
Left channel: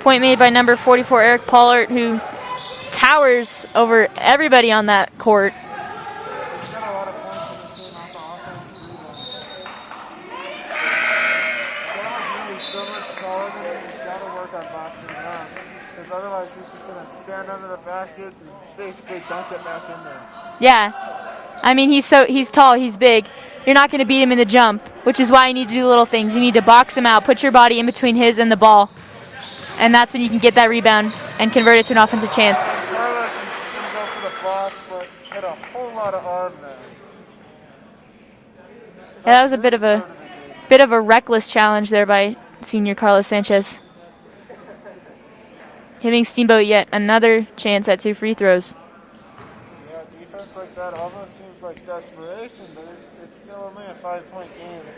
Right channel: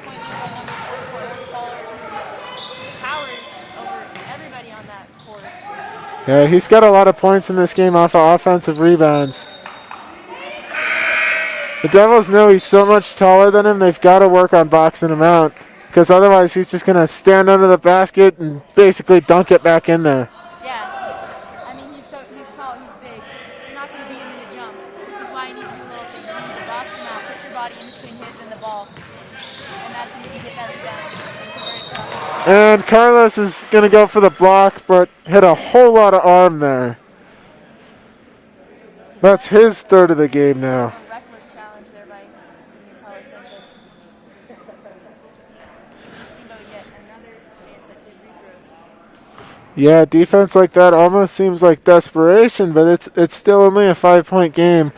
Point made by number 44, Eric Pollard, who towers over everybody on that court. Yeah, he's got a lot of points in this game off of offensive rebounds. The Devils know he's so much taller than him, they've got to work on boxing him out, because otherwise he's just going to stand under the basket and basically dunk it back in there. Yeah, I mean, he's tall, he's big. You're not going to beat him in the jump, which is why you need to do little things. You need to box him out, put your body in between his and the ball, and that's when you can get that rebound and convert it to an offensive chance. And Carlos is going to go for the block, but hit a whole lot of arm there. That's his third of the game now. Bit of a reckless challenge there by senior Carlos Sanchez. Giving Steamboat yet another chance at 2 free throws. Yeah, defense like that almost seems like desperation, but it's still only a 5-point game.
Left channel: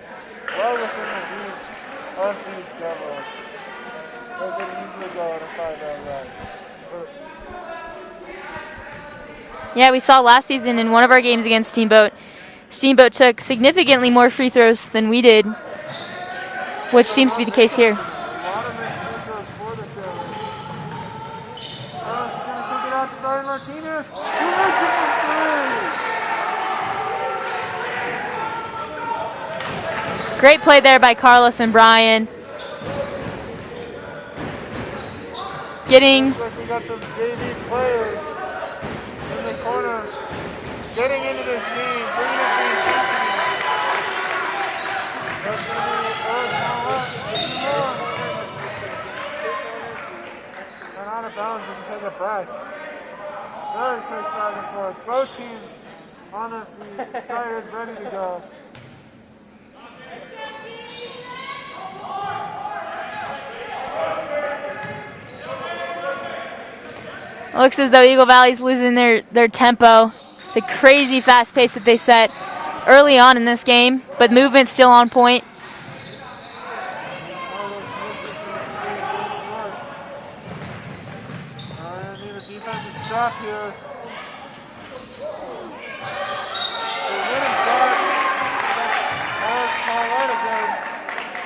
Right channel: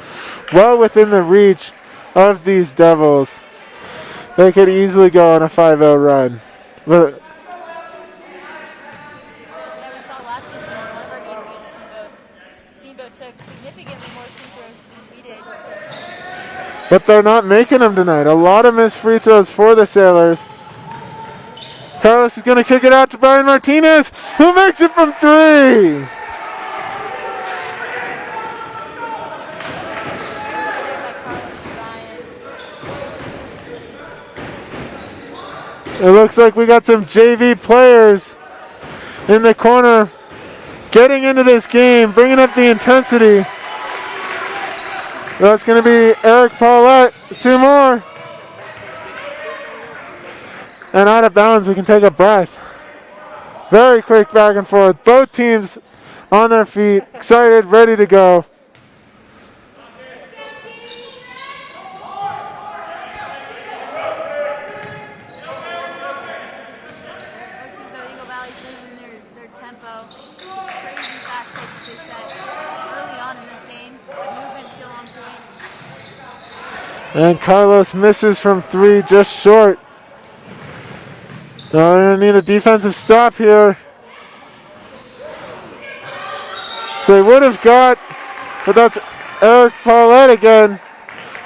Well within the reach of these Devils. They could easily go on a 5-0 run. But yeah, we saw last season in one of our games against Steamboat, Steamboat took significantly more free throws than we did. But they're not making them tonight. A lot of missed free throws for the Sailors. Carlos is going to kick it out to Brian Martinez, who makes it from 3. Great play there by Carlos and Brian. It looks like we got some JV players in the corner getting into this game, bringing up the intensity. That's going to be Eric Paulette, 2 more. And out of bounds, we can take a breath. Very quick back and forth. Both teams on their feet, excited, ready to go. Looks as though Eagle Valley's losing their tempo, the crazy fast pace that they set early on in this game, but movement's still on point. And Carlos misses from 3, just short. Now they're going to need a defensive stop here. So they would have got, but that's Eric Paulette again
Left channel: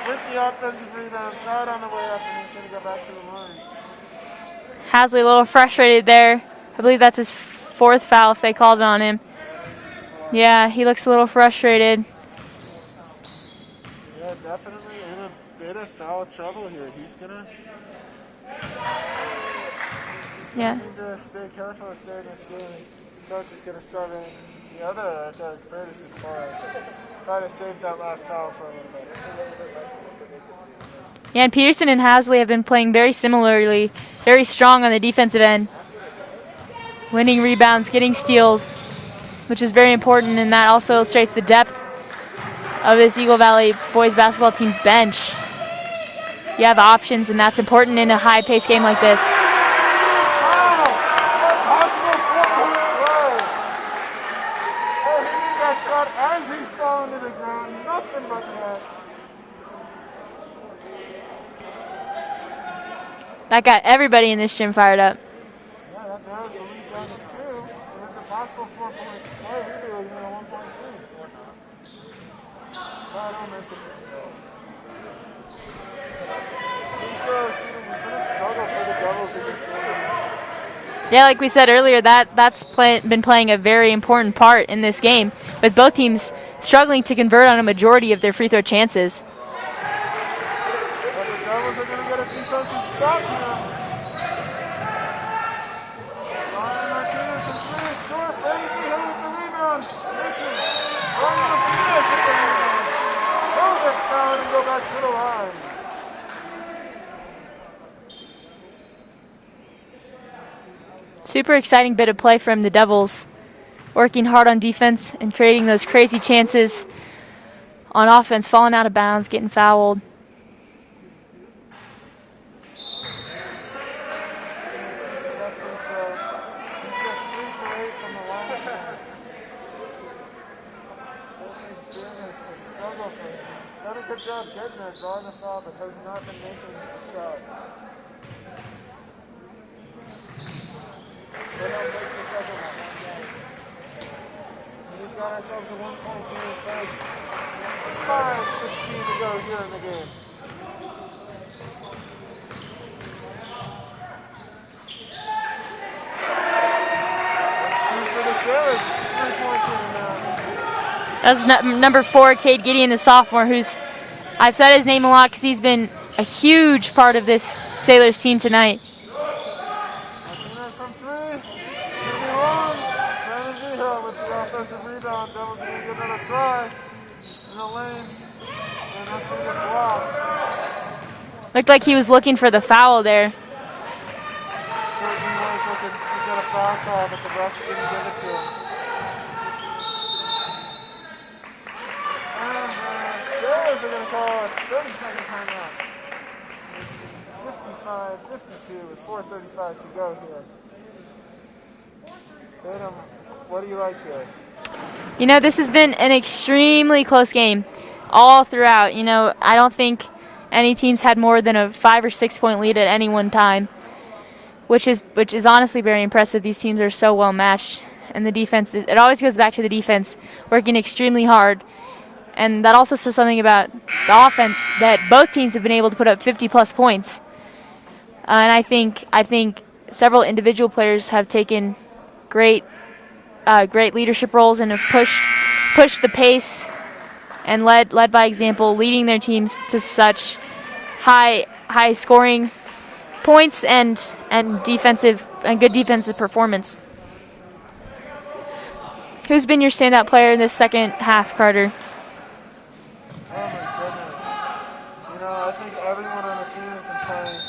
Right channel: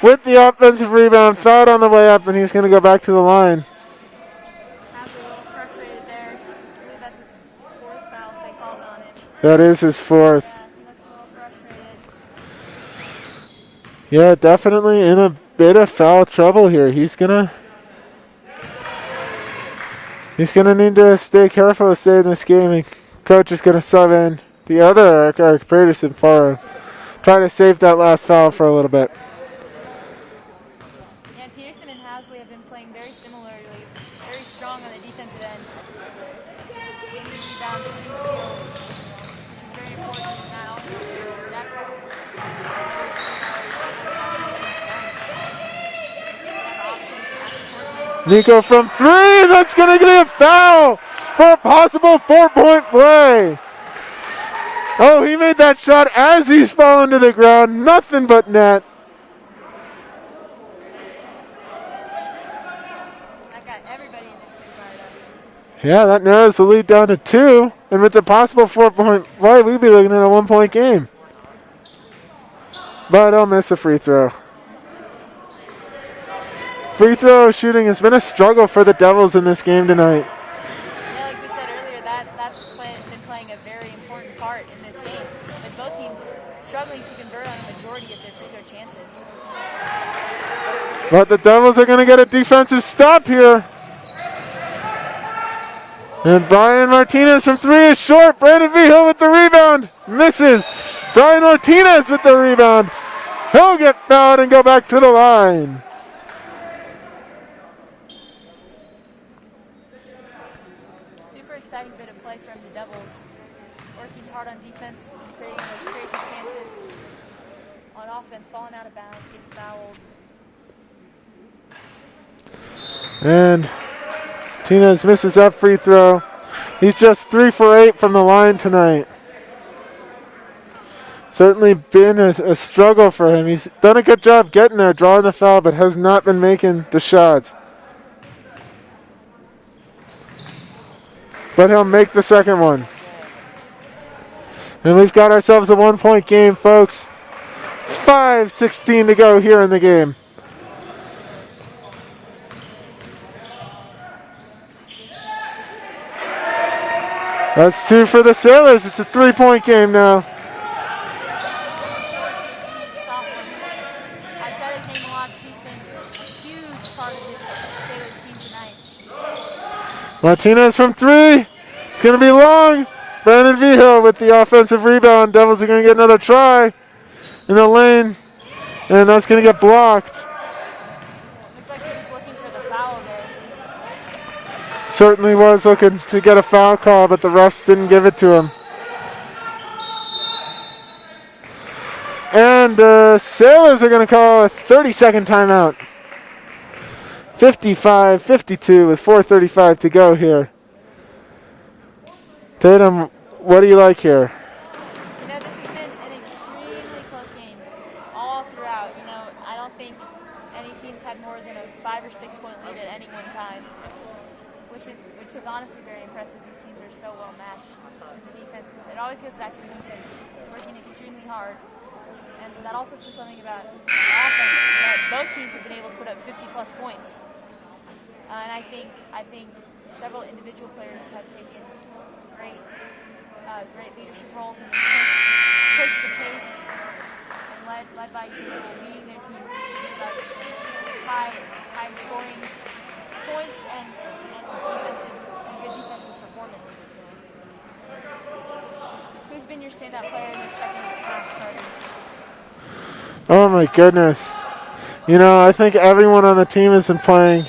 with the offensive rebound. Fouled on the way up, and he's going to go back to the line. Hasley a little frustrated there. I believe that's his 4th foul if they called it on him. That is his 4th. Yeah, he looks a little frustrated. Yeah, definitely in a bit of foul trouble here. He's gonna need to stay careful to stay in this game. And coach is gonna sub in the other Eric Peterson for him. Trying to save that last foul for a little bit. Yeah, and Peterson and Hasley have been playing very similarly, very strong on the defensive end. Winning rebounds, getting steals, which is very important, and that also illustrates the depth of this Eagle Valley boys basketball team's bench. You have options, and that's important in a high-paced game like this. That's going to be a foul for a possible 4-point play. Oh, he made that shot as he's falling to the ground. Nothing but net. That got everybody in this gym fired up. Yeah, that narrows the lead down to 2. And with the possible 4-point play, we'd be looking at a 1-point game. But I'll miss a free throw. Free throw shooting has been a struggle for the Devils in this game tonight. Yeah, like we said earlier, that's been playing a very important part in this game, with both teams struggling to convert on a majority of their free throw chances. But the Devils are going to get a defensive stop here. And Brian Martinez from 3 is short. Brandon Vigil with the rebound. Misses. Brian Martinez with the rebound. He'll get fouled and go back to the line. Super exciting bit of play from the Devils, working hard on defense and creating those crazy chances on offense, falling out of bounds, getting fouled. And Martinez misses that free throw. He's just 3 for 8 from the line tonight. Certainly been a struggle for him. He's done a good job getting there, drawing the foul, but has not been making the shots. But he'll make the second one. And we've got ourselves a 1-point game, folks. 5:16 to go here in the game. That's 2 for the Sailors. It's a 3-point game now. That's number 4, Cade Gideon, the sophomore, I've said his name a lot because he's been a huge part of this Sailors team tonight. Martinez from 3. It's going to be long. Brandon Vigil with the offensive rebound. Devils are going to get another try in the lane, and that's going to get blocked. Looked like he was looking for the foul there. Certainly was looking to get a foul call, but the refs didn't give it to him. And the Sailors are going to call a 30-second timeout. 55-52 with 4:35 to go here. Tatum, what do you like here? You know, this has been an extremely close game all throughout. You know, I don't think any teams had more than a 5 or 6 point lead at any one time, which is honestly very impressive. These teams are so well matched, and the defense, it always goes back to the defense working extremely hard. And that also says something about the offense, that both teams have been able to put up 50-plus points. And I think several individual players have taken great leadership roles and have pushed the pace and led by example, leading their teams to such high scoring points and good defensive performance. Who's been your standout player in this second half, Carter? Oh my goodness. You know, I think everyone on the team has been playing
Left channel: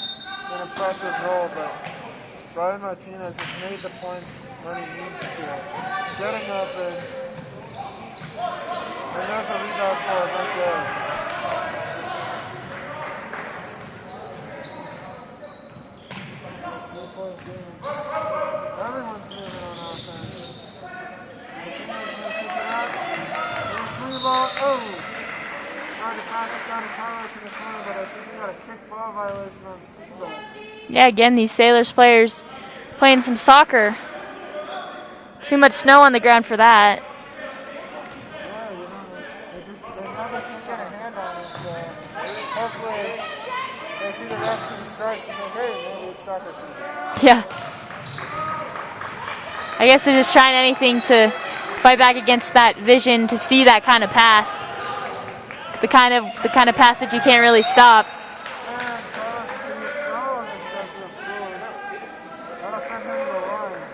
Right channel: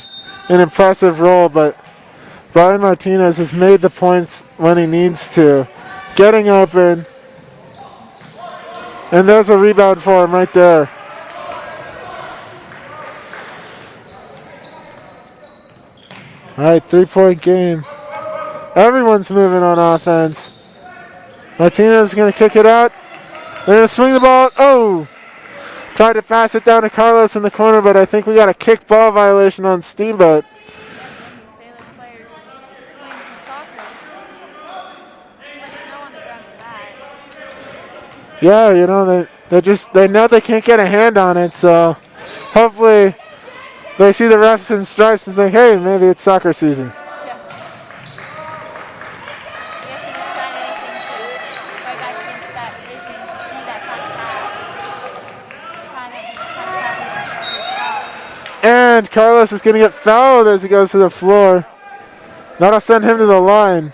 an impressive role, but Brian Martinez has made the points when he needs to, getting open, and there's a rebound for him right there. All right, 3-point game. Everyone's moving on offense. Martinez is going to kick it out. They're going to swing the ball. Oh! Tried to pass it down to Carlos in the corner, but I think we got a kick ball violation on Steamboat. Yeah, again, these Sailors players playing some soccer. Too much snow on the ground for that. Yeah, you know, they know they can't get a hand on it, so hopefully they see the refs and stripes and think, hey, maybe it's soccer season. Yeah. I guess they're just trying anything to fight back against that vision to see that kind of pass. The kind of pass that you can't really stop. And Carlos is going to get fouled as he goes to the floor. That'll send him to the line.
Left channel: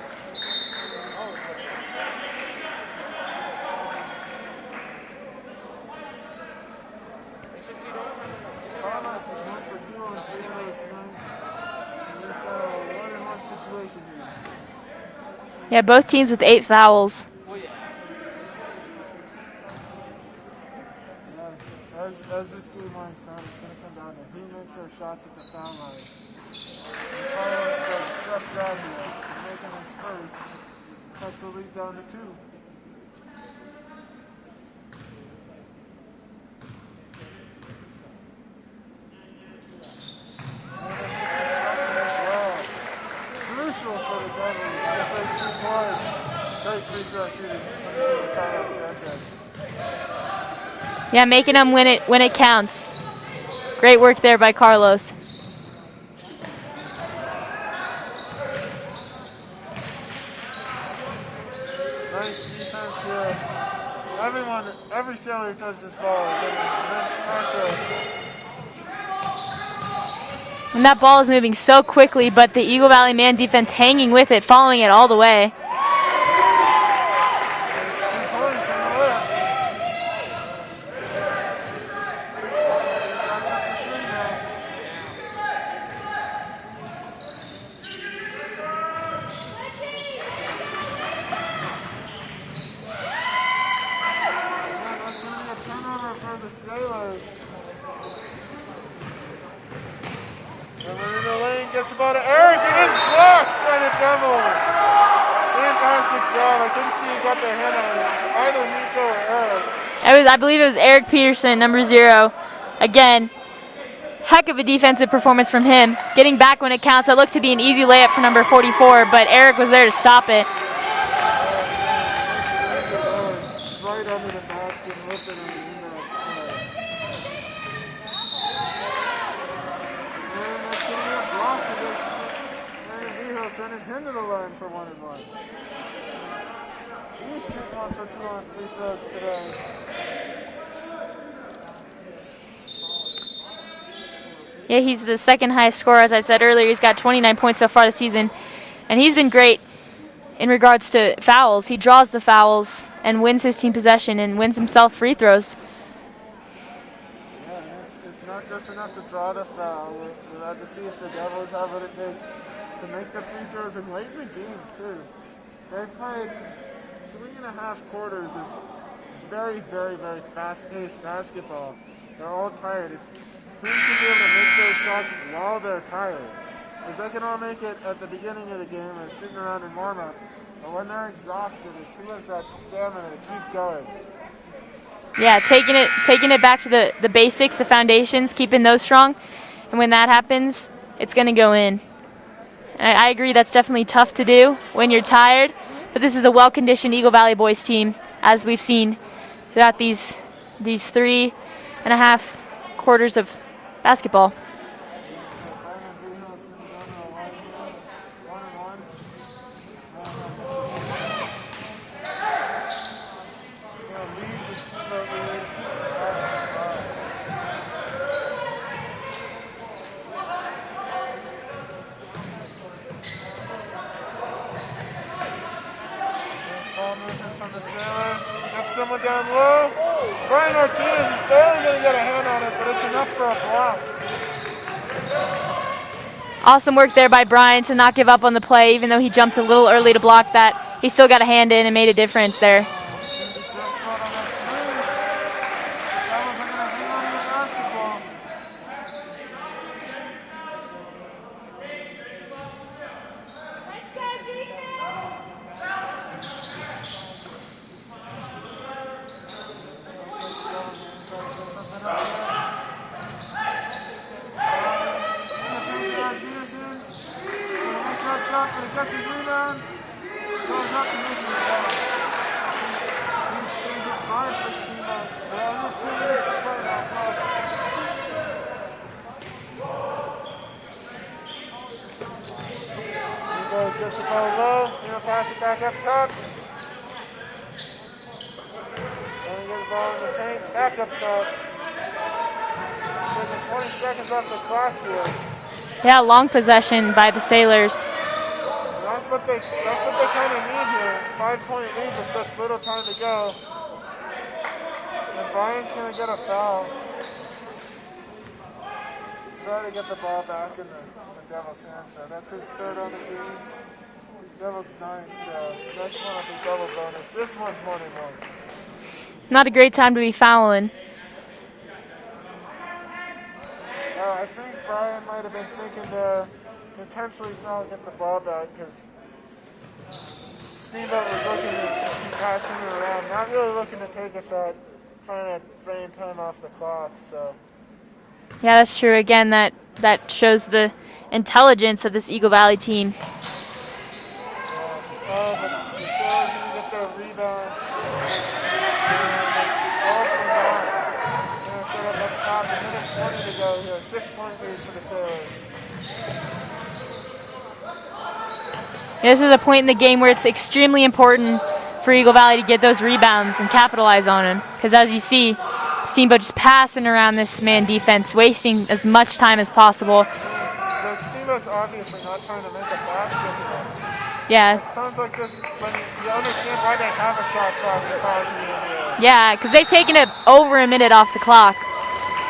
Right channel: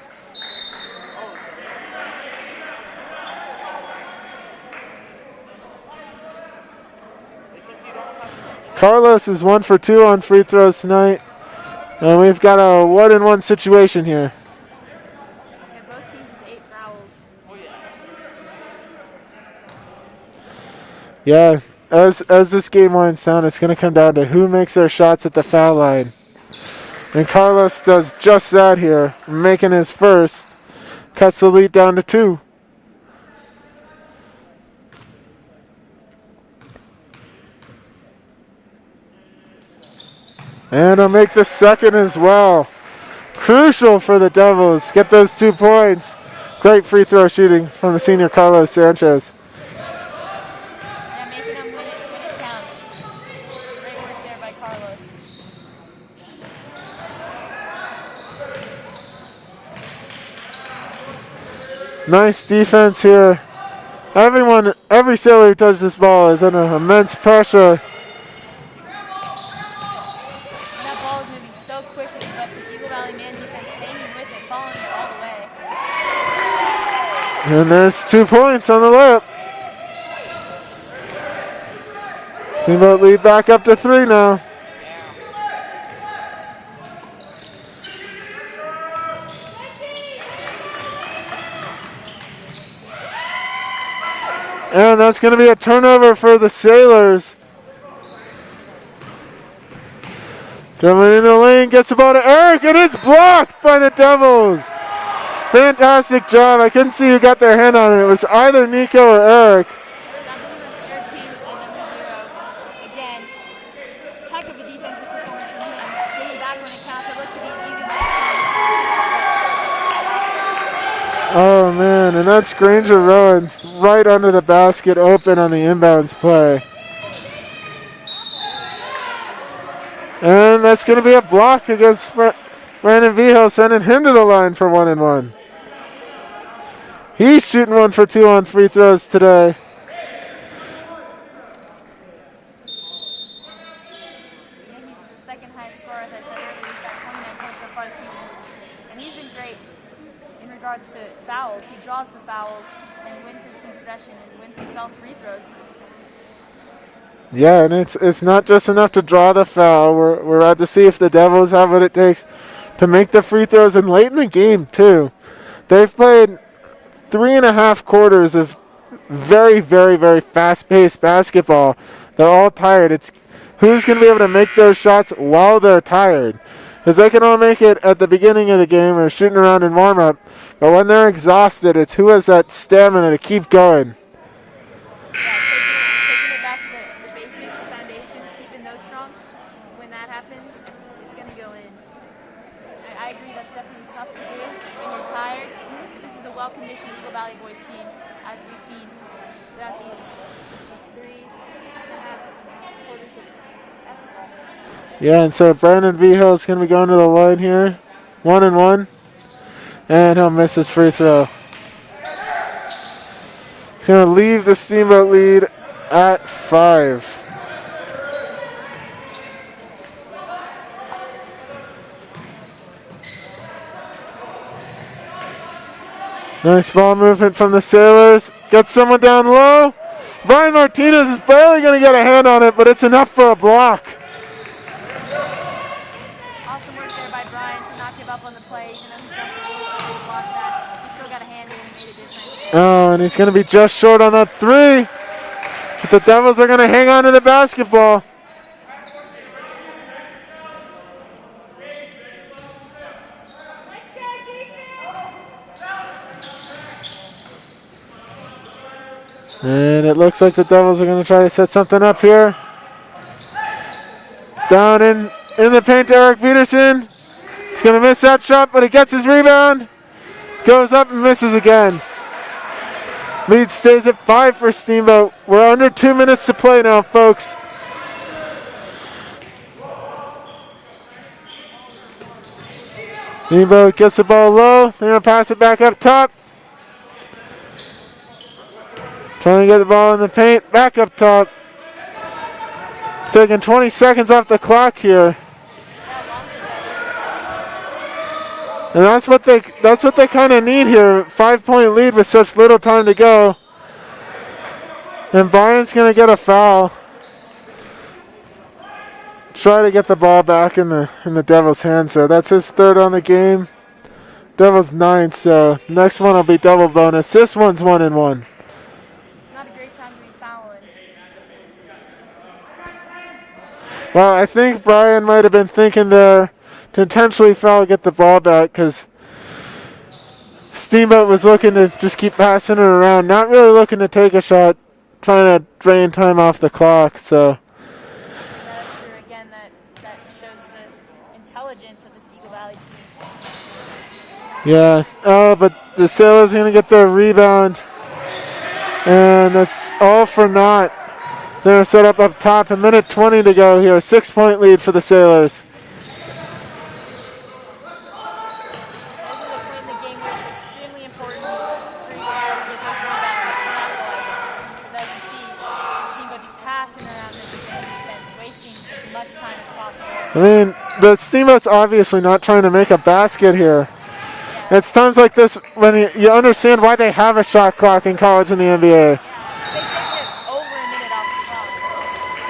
Carlos is 1 for 2 on free throws tonight. And we've got a 1-and-1 situation here. Yeah, both teams with 8 fouls. Yeah, as this game winds down, it's going to come down to who makes their shots at the foul line. And Carlos does just that here, making his first. Cuts the lead down to 2. And he'll make the second as well. Crucial for the Devils. Get those 2 points. Great free throw shooting from the senior Carlos Sanchez. Yeah, making them when it counts. Great work there by Carlos. Nice defense here. Every Sailor who touches this ball is under immense pressure. And that ball is moving so quickly, but the Eagle Valley man defense hanging with it, following it all the way. And there's 2 points on the layup. Steamboat lead back up to 3 now. And that's going to be a turnover for the Sailors. Coming in the lane, gets the ball to Eric, and it's blocked by the Devils. Fantastic job. I couldn't see who got their hand on it. It was either Nico or Eric. I believe it was Eric Peterson, number 0. Again, heck of a defensive performance from him. Getting back when it counts. It looked to be an easy layup for number 44, but Eric was there to stop it. Oh, man, and that's Granger Rowan right under the basket, open on the inbounds play. And that's going to be a block against Brandon Vijo, sending him to the line for 1-and-1. He's shooting 1 for 2 on free throws today. Yeah, he's the second highest scorer, as I said earlier. He's got 29 points so far this season, and he's been great in regards to fouls. He draws the fouls and wins his team possession and wins himself free throws. Yeah, and it's not just enough to draw the foul. We're out to see if the Devils have what it takes to make the free throws, and late in the game too. They've played 3.5 quarters of very, very, very fast-paced basketball. They're all tired. It's who's going to be able to make those shots while they're tired, because they can all make it at the beginning of the game or shooting around in warm-up, but when they're exhausted, it's who has that stamina to keep going. Yeah, taking it back to the basics, the foundations, keeping those strong. And when that happens, it's going to go in. And I agree that's definitely tough to do when you're tired. But this is a well-conditioned Eagle Valley boys team, as we've seen throughout these 3.5 quarters of basketball. Yeah, and so Brandon Vijo is going to be going to the line here. 1-and-1. And he'll miss his free throw. He's going to leave the Steamboat lead at 5. Nice ball movement from the Sailors. Gets someone down low. Brian Martinez is barely going to get a hand on it, but it's enough for a block. Awesome work there by Brian to not give up on the play, even though he jumped a little early to block that. He still got a hand in and made a difference there. Oh, and he's going to be just short on that 3. But the Devils are going to hang on to the basketball. And it looks like the Devils are going to try to set something up here. Down in the paint, Eric Peterson. He's going to miss that shot, but he gets his rebound. Goes up and misses again. Lead stays at 5 for Steamboat. We're under 2 minutes to play now, folks. Steamboat gets the ball low. They're going to pass it back up top. Trying to get the ball in the paint, back up top. Taking 20 seconds off the clock here. Yeah, long possession by the Sailors. And that's what they kind of need here. 5-point lead with such little time to go. And Brian's going to get a foul. Try to get the ball back in the Devils' hands. So that's his third on the game. Devils 9. So next one will be double bonus. This one's 1-1. Not a great time to be fouling. Well, I think Brian might have been thinking there to intentionally foul, get the ball back, because Steamboat was looking to just keep passing it around, not really looking to take a shot, trying to drain time off the clock. So yeah, that's true. Again, that shows the intelligence of this Eagle Valley team. Yeah. Oh, but the Sailors are going to get the rebound, and it's all for naught. So they're going to set up top. A minute 20 to go here. 6-point lead for the Sailors. This is a point in the game where it's extremely important for Eagle Valley to get those rebounds and capitalize on them. Because as you see, Steamboat just passing around this man defense, wasting as much time as possible. I mean, the Steamboat's obviously not trying to make a basket here. Yeah. It's times like this when you understand why they have a shot clock in college and the NBA. Yeah, because they've taken it over a minute off the clock.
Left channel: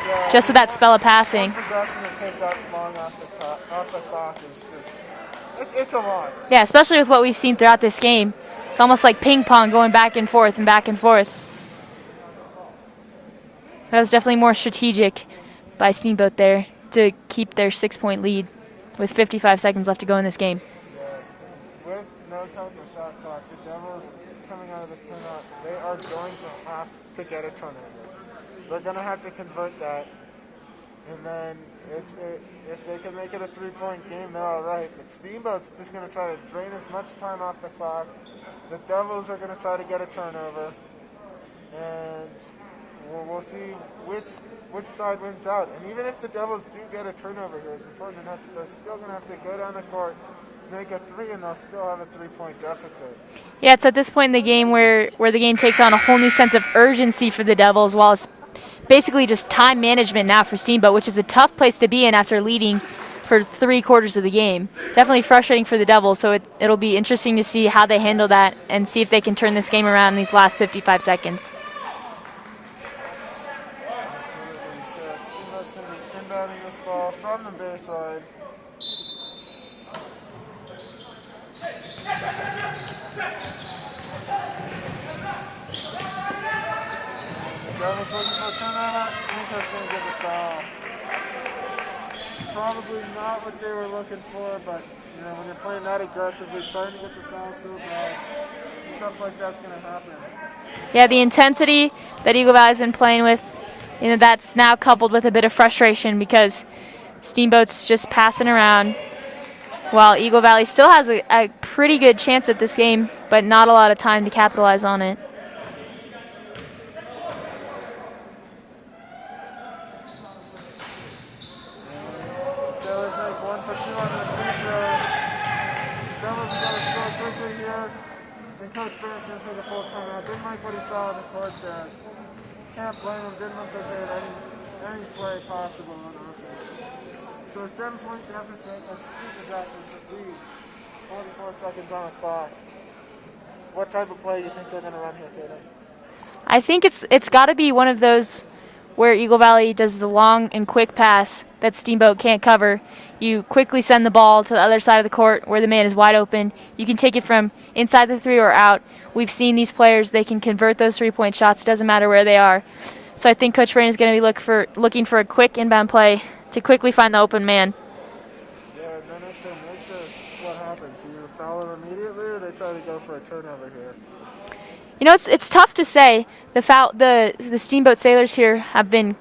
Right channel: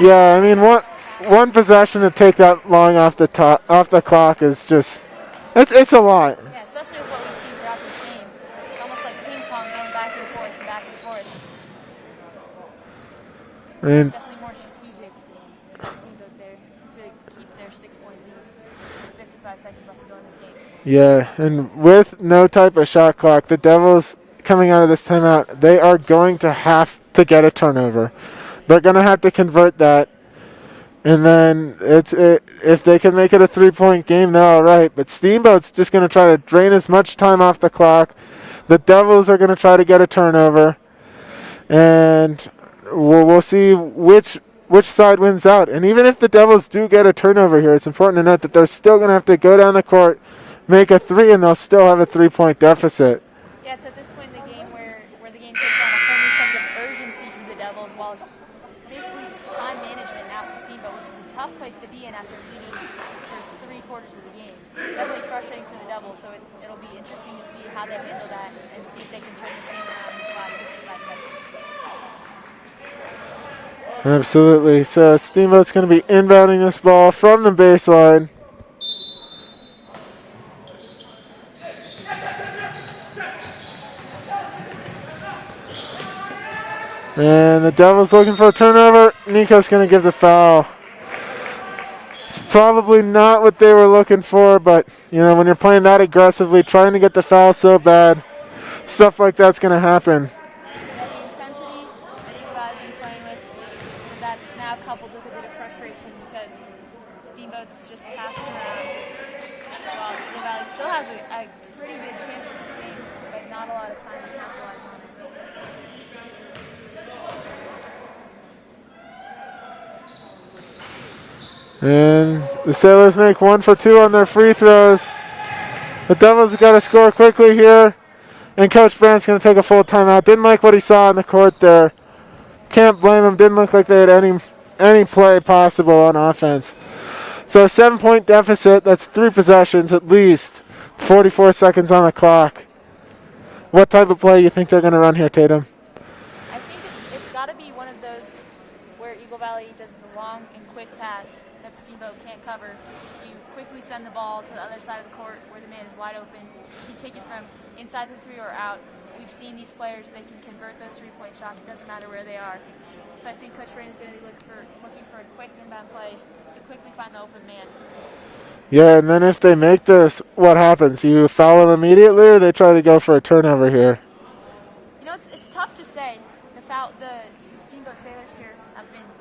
Yeah, just I mean, that spell of passing. One possession to take that long off the clock is just, it's a lot. Yeah, especially with what we've seen throughout this game. It's almost like ping pong going back and forth and back and forth. That was definitely more strategic by Steamboat there to keep their 6-point lead with 55 seconds left to go in this game. Yeah, and with no type of shot clock, the Devils coming out of this timeout, they are going to have to get a turnover. They're going to have to convert that. And then if they can make it a 3-point game, they're all right. But Steamboat's just going to try to drain as much time off the clock. The Devils are going to try to get a turnover. And we'll see which side wins out. And even if the Devils do get a turnover here, it's important to note that they're still going to have to go down the court, make a 3, and they'll still have a 3-point deficit. Yeah, it's at this point in the game where the game takes on a whole new sense of urgency for the Devils, while it's basically just time management now for Steamboat, which is a tough place to be in after leading for 3/4 of the game. Definitely frustrating for the Devils, so it'll be interesting to see how they handle that and see if they can turn this game around in these last 55 seconds. Absolutely. So Steamboat's going to be inbounding this ball from the baseline. And the Devils looking for a turnover. Nico's going to give the foul. It's probably not what they were looking for, but when you're playing that aggressively, trying to get the foul so bad, stuff like that's going to happen. Yeah, the intensity that Eagle Valley's been playing with, that's now coupled with a bit of frustration because Steamboat's just passing around while Eagle Valley still has a pretty good chance at this game, but not a lot of time to capitalize on it. And the Sailors make 1 for 2 on their free throws. The Devils have got to score quickly here. And Coach Brandt's going to take a full timeout. Didn't like what he saw on the court there. Can't blame him. Didn't look like they had any play possible on offense. So a 7-point deficit. That's 3 possessions at least. 44 seconds on the clock. What type of play you think they're going to run here, Tatum? I think it's got to be one of those where Eagle Valley does the long and quick pass that Steamboat can't cover. You quickly send the ball to the other side of the court where the man is wide open. You can take it from inside the 3 or out. We've seen these players, they can convert those 3-point shots. It doesn't matter where they are. So I think Coach Brand is going to be looking for a quick inbound play to quickly find the open man. Yeah, and then if they make this, what happens? You foul them immediately or they try to go for a turnover here? It's tough to say. The Steamboat Sailors here have been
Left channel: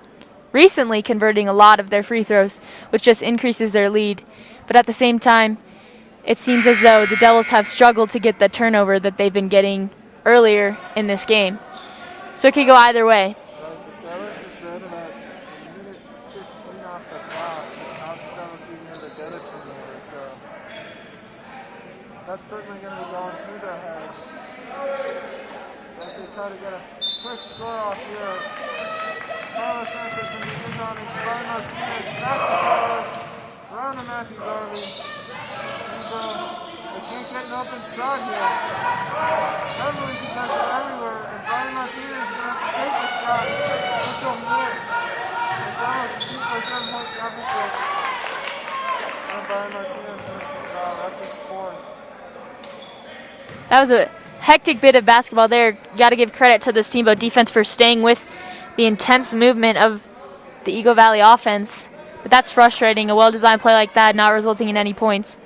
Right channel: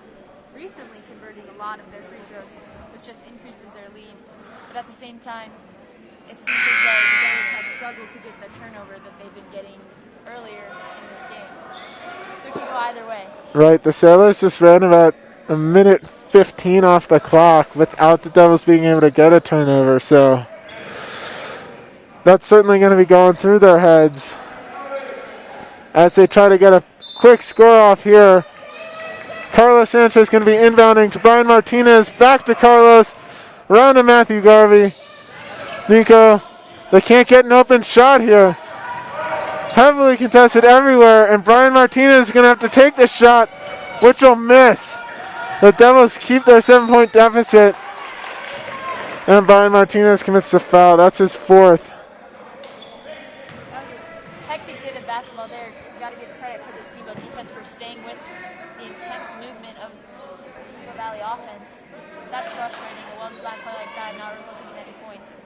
recently converting a lot of their free throws, which just increases their lead. But at the same time, it seems as though the Devils have struggled to get the turnover that they've been getting earlier in this game. So it could go either way. Right, the Sailors just ran about a minute 15 off the clock without the Devils being able to get a turnover, so that's certainly going to be going through their heads as they try to get a quick score off here. Carlos Sanchez going to be inbounding to Brian Martinez, back to Carlos, around to Matthew Garvey. Nico, they can't get an open shot here. Heavily contested everywhere, and Brian Martinez is going to have to take the shot, which will miss. The Devils keep their 7-point deficit, and Brian Martinez commits the foul. That's his fourth. That was a hectic bit of basketball there. Got to give credit to the Steamboat defense for staying with the intense movement of the Eagle Valley offense. But that's frustrating, a well-designed play like that not resulting in any points,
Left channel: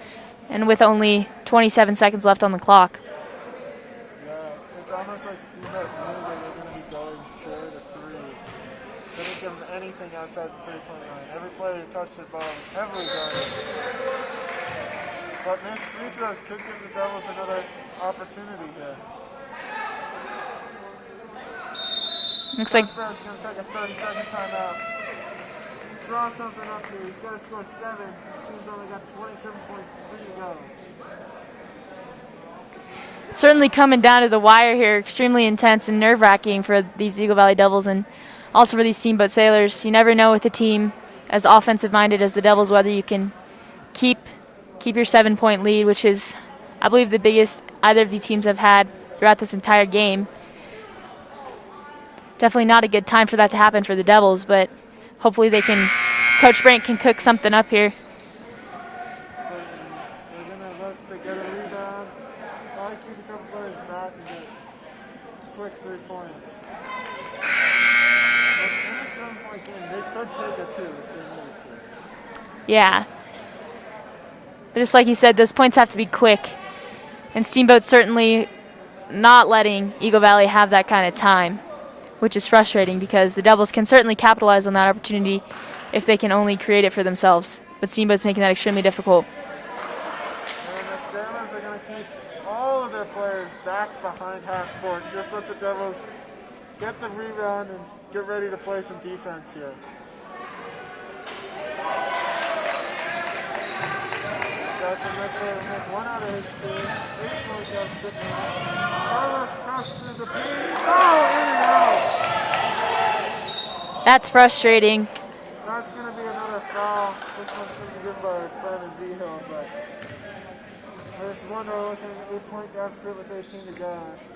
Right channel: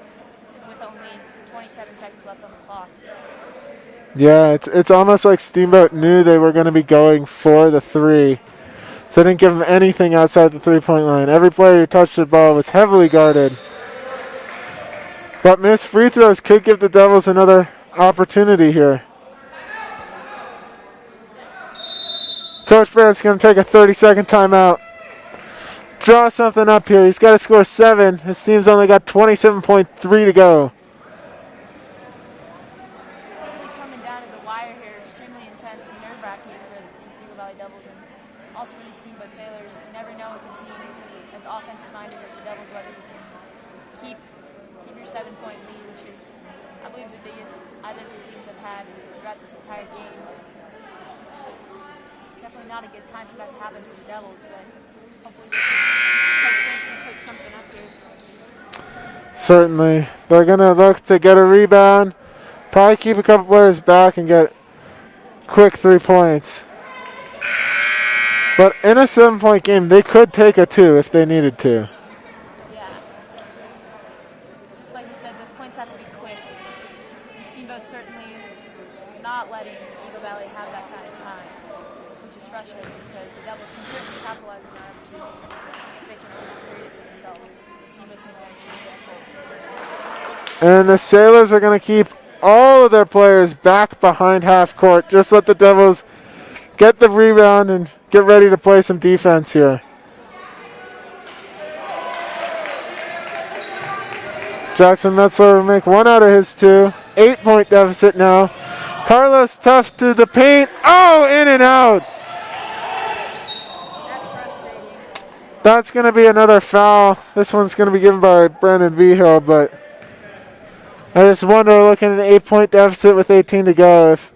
and with only 27 seconds left on the clock. Yeah, it's almost like Steamboat knew they were going to be going for the three, so they didn't give them anything outside the three-point line. Every player who touched the ball was heavily guarded. But missed free throws could give the Devils another opportunity here. Coach Brandt's going to take a 30-second timeout. Draw something up here. He's got to score 7. His team's only got 27.3 to go. Certainly coming down to the wire here, extremely intense and nerve-wracking for these Eagle Valley Devils and also for these Steamboat Sailors. You never know with a team as offensive-minded as the Devils whether you can keep your 7-point lead, which is, I believe, the biggest either of the teams have had throughout this entire game. Definitely not a good time for that to happen for the Devils, but hopefully Coach Brandt can cook something up here. Certainly. They're going to look to get a rebound. Probably keep a couple players back and get quick 3 points. But in a 7-point game, they could take a 2 if they needed to. Yeah. But just like you said, those points have to be quick. And Steamboat's certainly not letting Eagle Valley have that kind of time, which is frustrating because the Devils can certainly capitalize on that opportunity if they can only create it for themselves. But Steamboat's making that extremely difficult. And the Sailors are going to keep all of their players back behind half court. Just let the Devils get the rebound and get ready to play some defense here. Jackson Metzler will make 1 out of his 2. 8-point deficit now. Carlos Tuff to the paint. Oh, in and out. That's frustrating. That's going to be another foul. This one's going to be given by Brandon Vigil, but I just wonder, looking at an 8-point deficit with 18 to go, if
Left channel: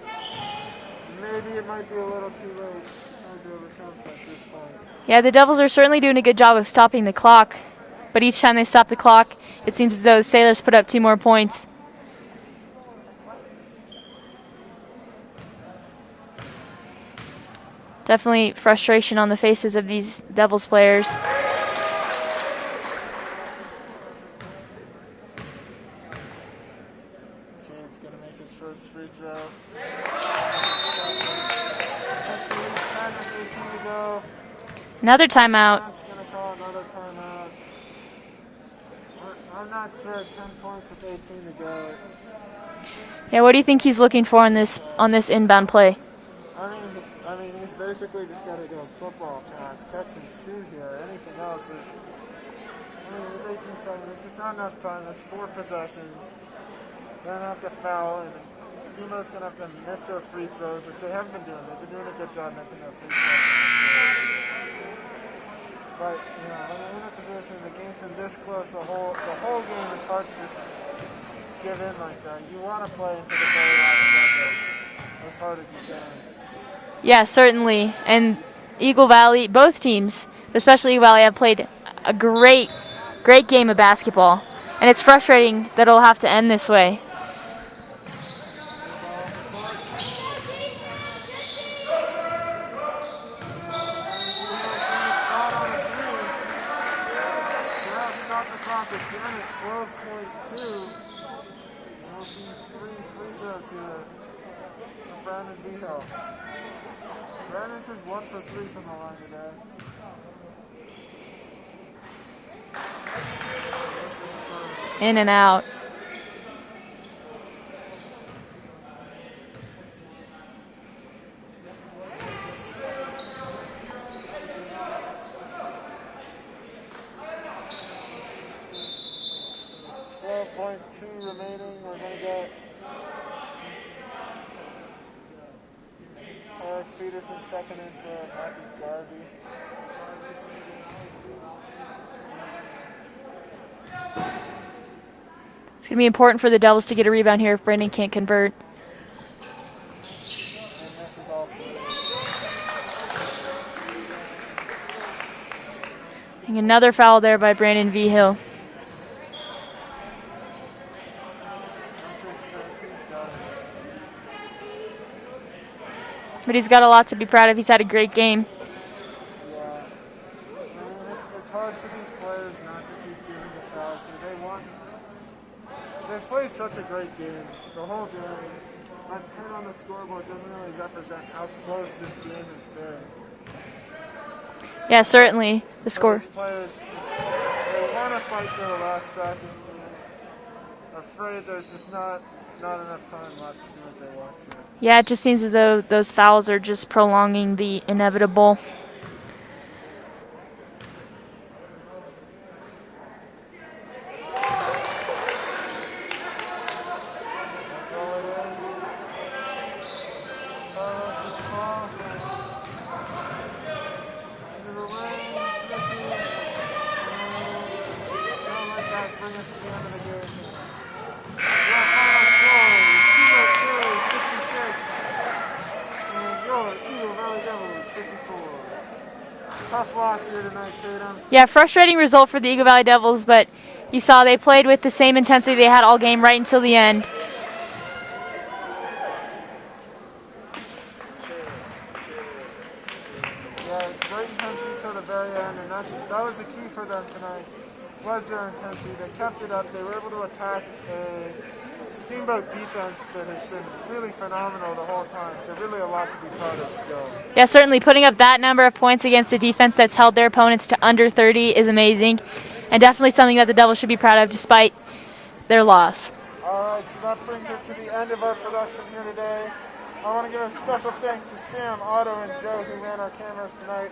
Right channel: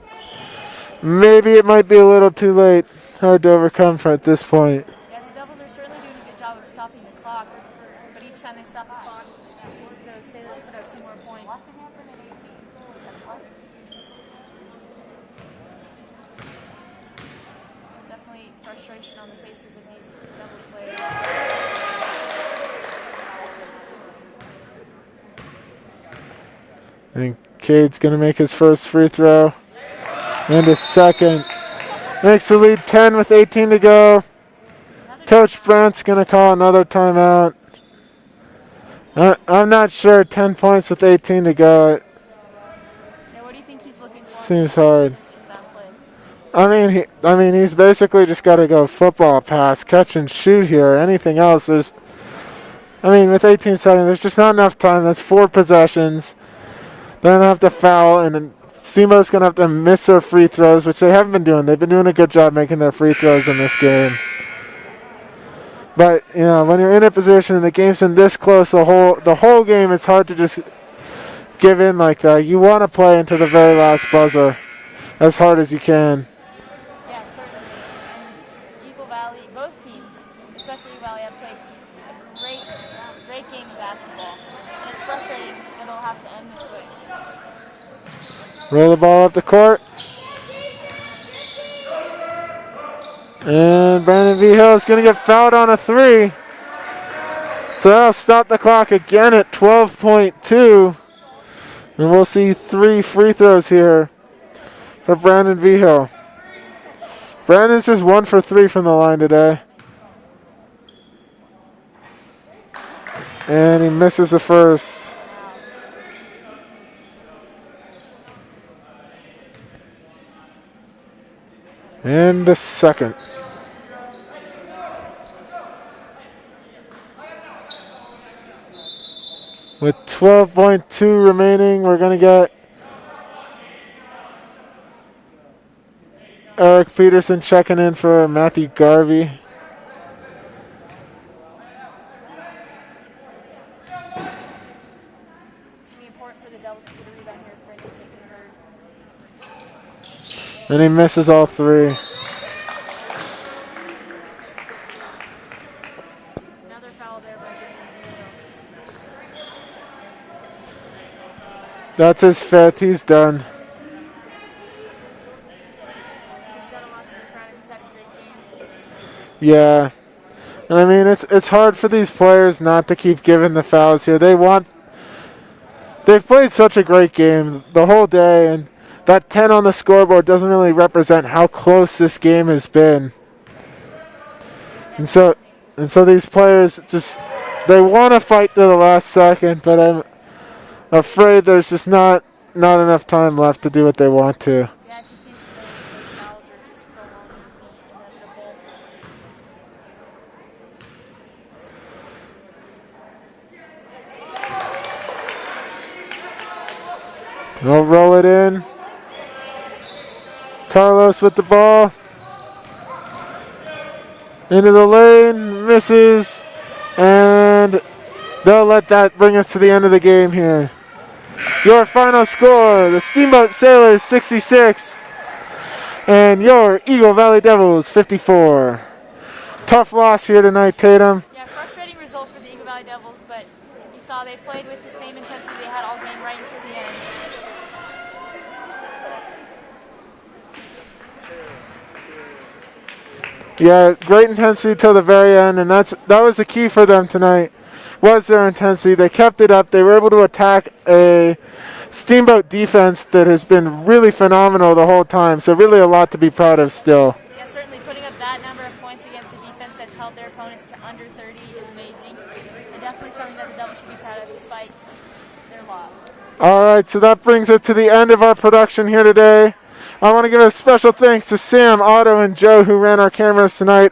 maybe it might be a little too late. Hard to overcome at this point. Yeah, the Devils are certainly doing a good job of stopping the clock, but each time they stop the clock, it seems as though Sailors put up 2 more points. Definitely frustration on the faces of these Devils players. I think Cade's going to make his first free throw and his second. Makes the lead 10 with 18 to go. Another Coach timeout. Brandt's going to call another timeout. I'm not sure. 10 points with 18 to go. Yeah, what do you think he's looking for on this inbound play? I mean, he's basically just got to go football pass, catch and shoot here. Anything else, with 18 seconds, there's just not enough time. That's 4 possessions. They're going to have to foul, and Steamboat's going to have to miss their free throws, which they haven't been doing. They've been doing a good job making their free throws in this game. But, when you're in a position and the game's been this close the whole game, it's hard to just give in like that. You want to play into the very last buzzer as hard as you can. Yeah, certainly. And Eagle Valley, both teams, especially Eagle Valley, have played a great game of basketball. And it's frustrating that it'll have to end this way. Roll the ball up the court. And Brandon Vigil is going to get fouled on a 3. So that'll stop the clock again at 12.2. And we'll see 3 free throws here for Brandon Vigil. Brandon's just 1 for 3 from the line today. And he misses the first. In and out. And the second. With 12.2 remaining, we're going to get Eric Peterson checking in for Matthew Garvey. It's going to be important for the Devils to get a rebound here if Brandon can't convert. And he misses all 3. And another foul there by Brandon Vigil. That's his 5th. He's done. But he's got a lot to be proud of. He's had a great game. Yeah. And I mean, it's hard for these players not to keep giving the fouls here. They've played such a great game the whole day, and that 10 on the scoreboard doesn't really represent how close this game has been. Yeah, certainly. So these players they want to fight to the last second, but I'm afraid there's just not enough time left to do what they want to. Yeah, it just seems as though those fouls are just prolonging the inevitable. They'll roll it in. Carlos with the ball. Into the lane, misses, and they'll let that bring us to the end of the game here. Your final score, the Steamboat Sailors 66 and your Eagle Valley Devils 54. Tough loss here tonight, Tatum. Yeah, frustrating result for the Eagle Valley Devils, but you saw they played with the same intensity they had all game right until the end. Yeah, great intensity till the very end, and that was the key for them tonight, was their intensity. They kept it up. They were able to attack a Steamboat defense that has been really phenomenal the whole time, so really a lot to be proud of still. Yeah, certainly putting up that number of points against a defense that's held their opponents to under 30 is amazing, and definitely something that the Devils should be proud of despite their loss. All right, so that brings us to the end of our production here today. I want to give a special thanks to Sam, Otto, and Joe who ran our cameras tonight.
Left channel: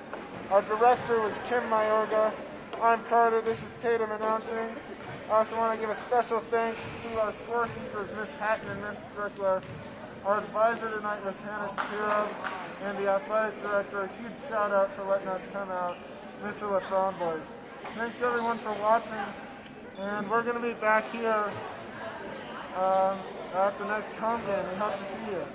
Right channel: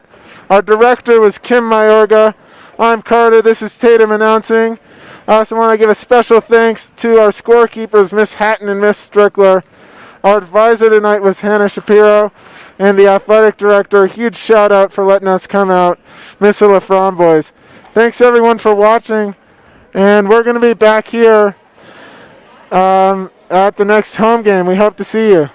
Our director was Kim Mayorga. I'm Carter. This is Tatum announcing. I also want to give a special thanks to our scorekeepers, Miss Hatton and Miss Strickler. Our advisor tonight was Hannah Shapiro, and the athletic director. A huge shout out for letting us come out, Miss LaFramboise. Thanks everyone for watching, and we're going to be back here at the next home game. We hope to see you.